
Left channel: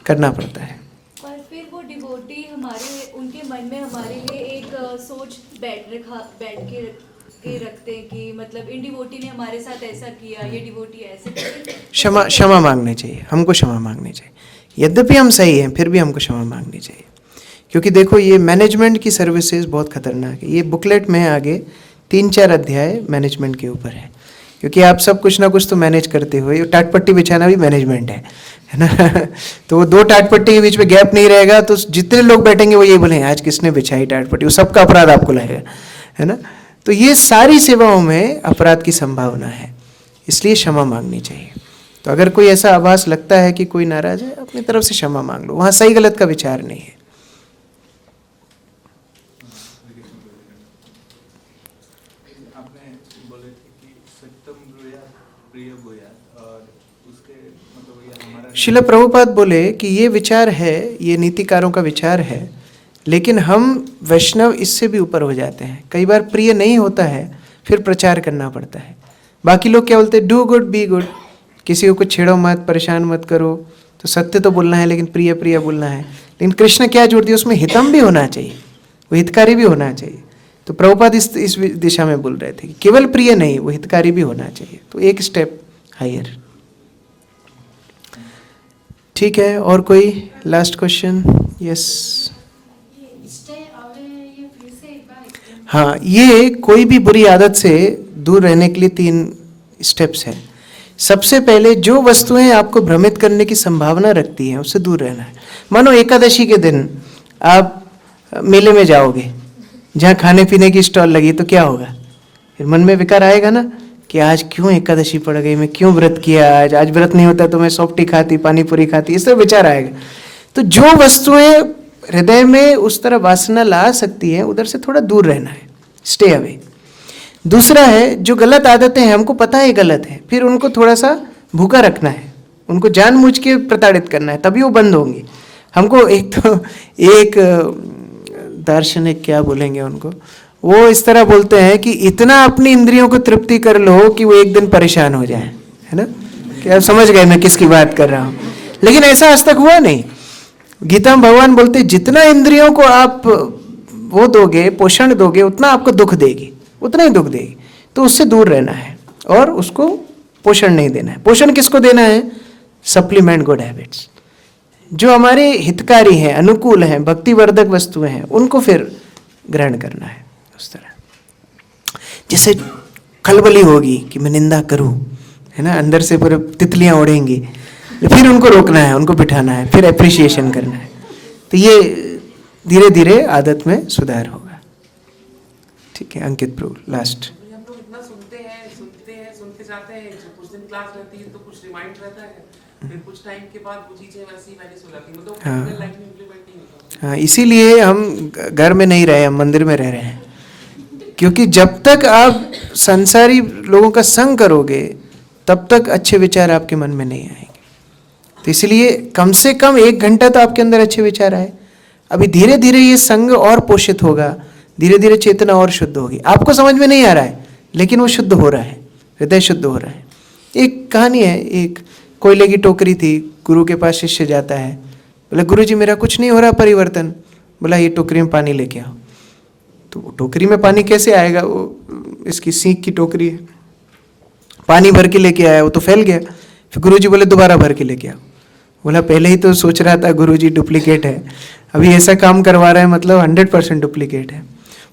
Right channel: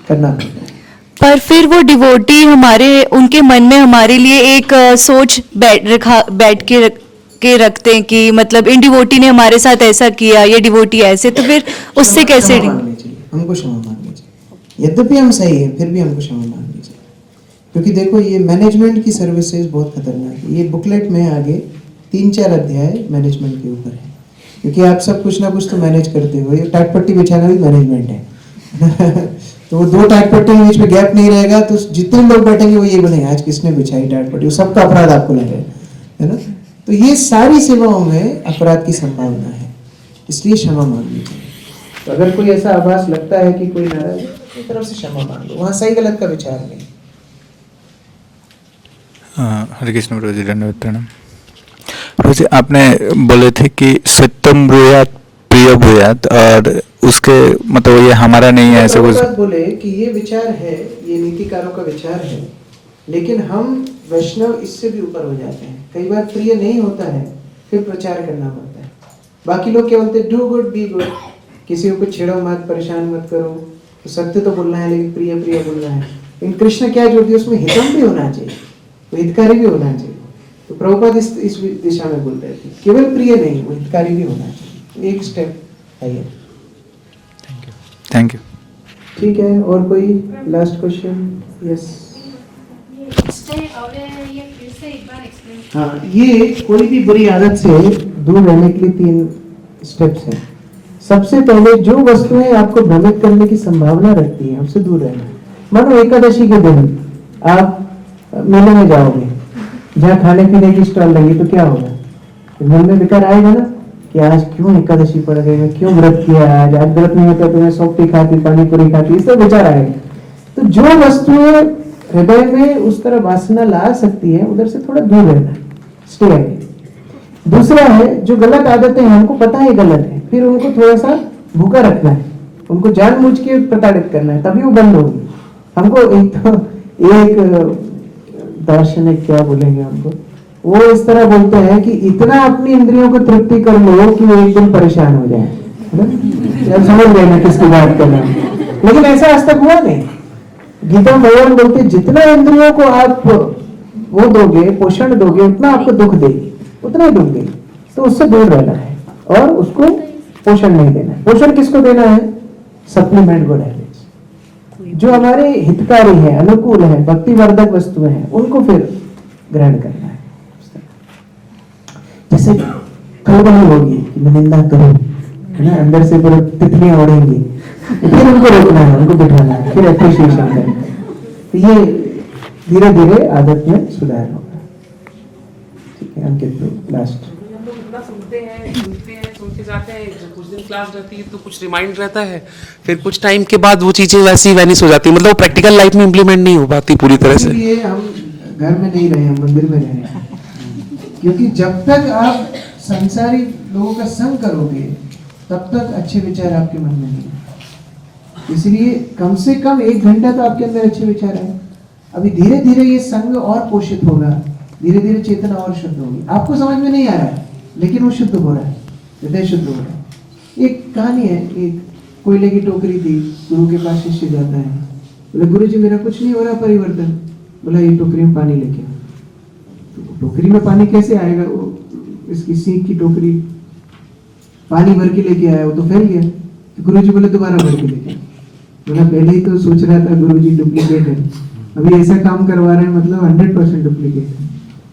करना पड़ता है। पर फिर वो डिवोटी हमारे उनके मन में हमारे लिए एक सोच बैठ के रखते हैं कि मतलब इन डिवोटी ने हमारे साथ ऐसा किया, ये डिवोटी ऐसे, तो फिर उससे कैसे क्षमा मांगनी चाहिए, हमको क्षमा मांगनी चाहिए। यद्यपि हम सही हैं फिर भी हमको क्षमा मांगनी चाहिए, क्योंकि देखो ये मैनेजमेंट की सर्विसेज बहुत खतरनाक है। ये बुकलेट में आगे 3-4 अध्याय मैनेजमेंट के ऊपर है, क्योंकि आप सब कुछ ना कुछ तो मैनेज करते हो। ये टाटपट्टी बिछाना भी मैनेजमेंट है ना। तो वो 2 टाटपट्टी के बीच में गैप नहीं रहेगा तो जितने लोग बैठेंगे वो ये बोले आज किसने बिछाई टाटपट्टी, वो सबका अपराध आपको लगेगा, है ना। तो ये सारी सेवाओं में अपराध की संभावना है, इसलिए क्षमा मांगनी चाहिए। तो अगर कोई ऐसा आभास लगता है कि कोई नाराज है, अपनी तरफ से क्षमा मांग लो, वहाँ सही गलत का विचार नहीं है। हरे कृष्ण प्रभु जी, धन्यवाद प्रणाम। प्रभु जी, आपने बोले थे कि सत्यम ब्रूयात प्रिय ब्रूयात, और उसके मतलब ये हमारा नहीं है। प्रभुपाद बोले कि ये विचार है, ये नीतिकारों का विचार है, लेकिन हम वैष्णव इससे भी ऊपर हो जाते हैं। कई बार प्रिय नहीं होता है, फिर प्रचार करना पड़ता है। बाकी लोग क्या बोलते हैं, डू गुड बी गुड, किसी को कुछ छेड़ो मत, परेशान मत करो। तो सत्य तो बोलना है लेकिन प्रिय प्रिय बोलना है। लेकिन कृष्ण क्या जोड़ दिया, उसमें हितम भी होना चाहिए, वो हितकारी भी होना चाहिए। तो प्रभुपाद इस दिशा में बोल रहे थे, केवल प्रिय नहीं, वो हितकारी भी होना चाहिए। तो एक स्टेप हायर। Thank you. ठीक है, और कोई लास्ट क्वेश्चन? यस। हाँ, ये कोई भी बुरी आदत से दूर रहने के लिए 3 स्टेप्स हैं। सबसे पहले जो वस्तुएं आपको भ्रमित करने की संभावना रखती हैं उससे दूर रहना है। मानो एकादशी के दिन आप मेले में जाओगे जहाँ खाने पीने की स्टॉल लगी, तो क्या होगा, फिर मन में विकार आएगा ना कि आज क्यों एकादशी पड़ गई, मैं क्यों व्रत किया, आज व्रत नहीं होता तो मैं सौंपटी खाती, पानी पूरी खाती, इस तरह विचार आएगा। तो जो वस्तुएं हृदय में उस तरह वासना ला सकती है उधर से थोड़ा दूर रहना है, स्टे अवे। दूसरा है, जो गलत आदतें हैं हमको पता है गलत है, फिर उनको थोड़ा सा भूखा रखना है, उनको जानबूझ के प्रताड़ित करना है, तभी वो बंद होंगी। हमको एक दार्शनिक क्या बोलेंगे उनको, वो इस तरह बोलते हैं कि इतना अपनी इंद्रियों को तृप्ति कर लो कि वो एक दिन परेशान हो जाए, है ना। कि आप समझ गए मैं किसकी बात कर रहा हूँ। लेकिन ऐसा आज तक हुआ नहीं। गीता में भगवान बोलते जितना इंद्रियों को आप वो दोगे, पोषण दोगे, उतना आपको दुख देगी, उतना ही दुख देगी। तो उससे दूर रहना है और उसको पोषण नहीं देना है। पोषण किसको देना है, सप्लीमेंट गुड हैबिट्स, जो हमारी हितकारी हैं, अनुकूल हैं, भक्ति वर्धक वस्तुएं हैं, उनको फिर ग्रहण करना है। उस तरह जैसे खलबली होगी कि मैं निंदा करूं, है ना, अंदर से पूरा तितलियां उड़ेंगी, फिर उनको रोकना है, उनको बिठाना है, फिर अप्रिशिएशन करना है। तो ये धीरे धीरे आदत में सुधार होगा। ठीक है, अंकित प्रभु लास्ट। हम लोग इतना सुनते हैं, सुनते जाते हैं, कुछ दिन क्लास रहती है तो कुछ रिमाइंड रहता है, फिर कुछ टाइम के बाद वो चीजें वैसी वैनिश हो जाती है, मतलब प्रैक्टिकल लाइफ में इम्प्लीमेंट नहीं हो पाती पूरी तरह से। इसीलिए हम घर में नहीं रहे, हम मंदिर में रह रहे हैं, क्योंकि जब तक आप संसारी लोगों का संग करोगे तब तक अच्छे विचार आपके मन में नहीं आएंगे। तो इसलिए कम से कम 1 घंटा तो आपके अंदर अच्छे विचार आए। अभी धीरे धीरे ये संग और पोषित होगा, धीरे धीरे चेतना और शुद्ध होगी। आपको समझ में नहीं आ रहा है लेकिन वो शुद्ध हो रहा है, हृदय शुद्ध हो रहा है। एक कहानी है, एक कोयले की टोकरी थी, गुरु के पास शिष्य जाता है, बोले गुरु जी मेरा कुछ नहीं हो रहा परिवर्तन। बोला ये टोकरी में पानी लेके आओ। तो टोकरी में पानी कैसे आएगा, वो इसकी सीख की टोकरी है, पानी भर के लेके आया, वो तो फैल गया। फिर गुरुजी बोले दोबारा भर के लेके आओ। बोला पहले ही तो सोच रहा था गुरुजी डुप्लीकेट है, अभी ऐसा काम करवा रहा है मतलब 100% डुप्लीकेट है।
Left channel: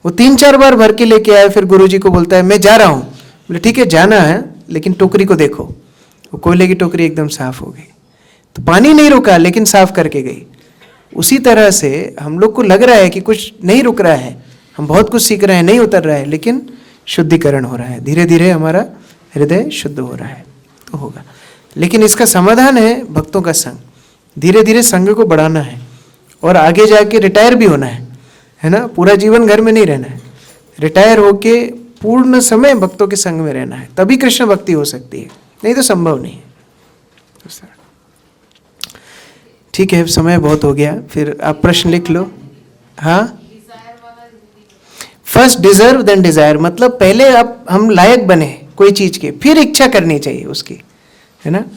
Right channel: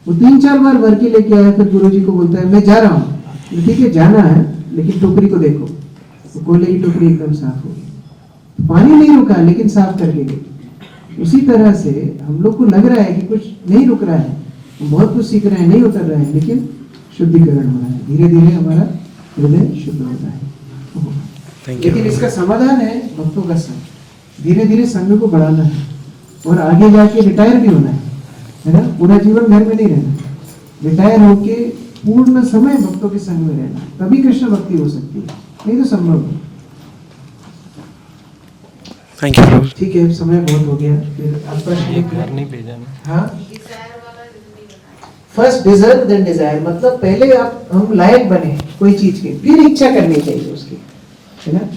वो 3-4 बार भर के लेके आया, फिर गुरुजी को बोलता है मैं जा रहा हूँ। बोले ठीक है जाना है लेकिन टोकरी को देखो। वो कोयले की टोकरी एकदम साफ हो गई। तो पानी नहीं रुका लेकिन साफ करके गई। उसी तरह से हम लोग को लग रहा है कि कुछ नहीं रुक रहा है, हम बहुत कुछ सीख रहे हैं, नहीं उतर रहा है, लेकिन शुद्धिकरण हो रहा है, धीरे धीरे हमारा हृदय शुद्ध हो रहा है, तो होगा। लेकिन इसका समाधान है भक्तों का संग। धीरे धीरे संग को बढ़ाना है और आगे जाके रिटायर भी होना है ना। पूरा जीवन घर में नहीं रहना है, रिटायर होके पूर्ण समय भक्तों के संग में रहना है, तभी कृष्ण भक्ति हो सकती है, नहीं तो संभव नहीं। Thank you. ठीक है, समय बहुत हो गया, फिर आप प्रश्न लिख लो। हाँ, फर्स्ट डिजर्व देन डिजायर, मतलब पहले आप हम लायक बने कोई चीज के, फिर इच्छा करनी चाहिए उसकी, है ना।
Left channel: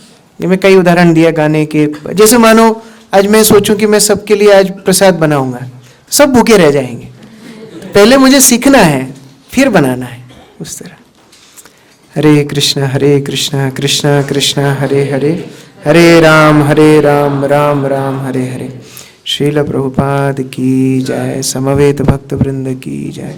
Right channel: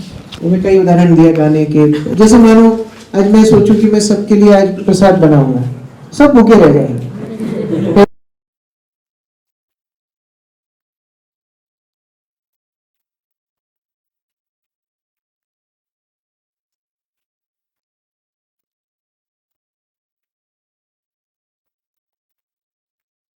ये मैं कई उदाहरण दिया गाने के, जैसे मानो आज मैं सोचूं कि मैं सबके लिए आज प्रसाद बनाऊंगा, सब भूखे रह जाएंगे। पहले मुझे सीखना है, फिर बनाना है, उस तरह। हरे कृष्णा कृष्णा कृष्णा हरे हरे, हरे राम राम राम हरे हरे। श्रील प्रभुपाद की जय, समवेत भक्त वृंद की जय।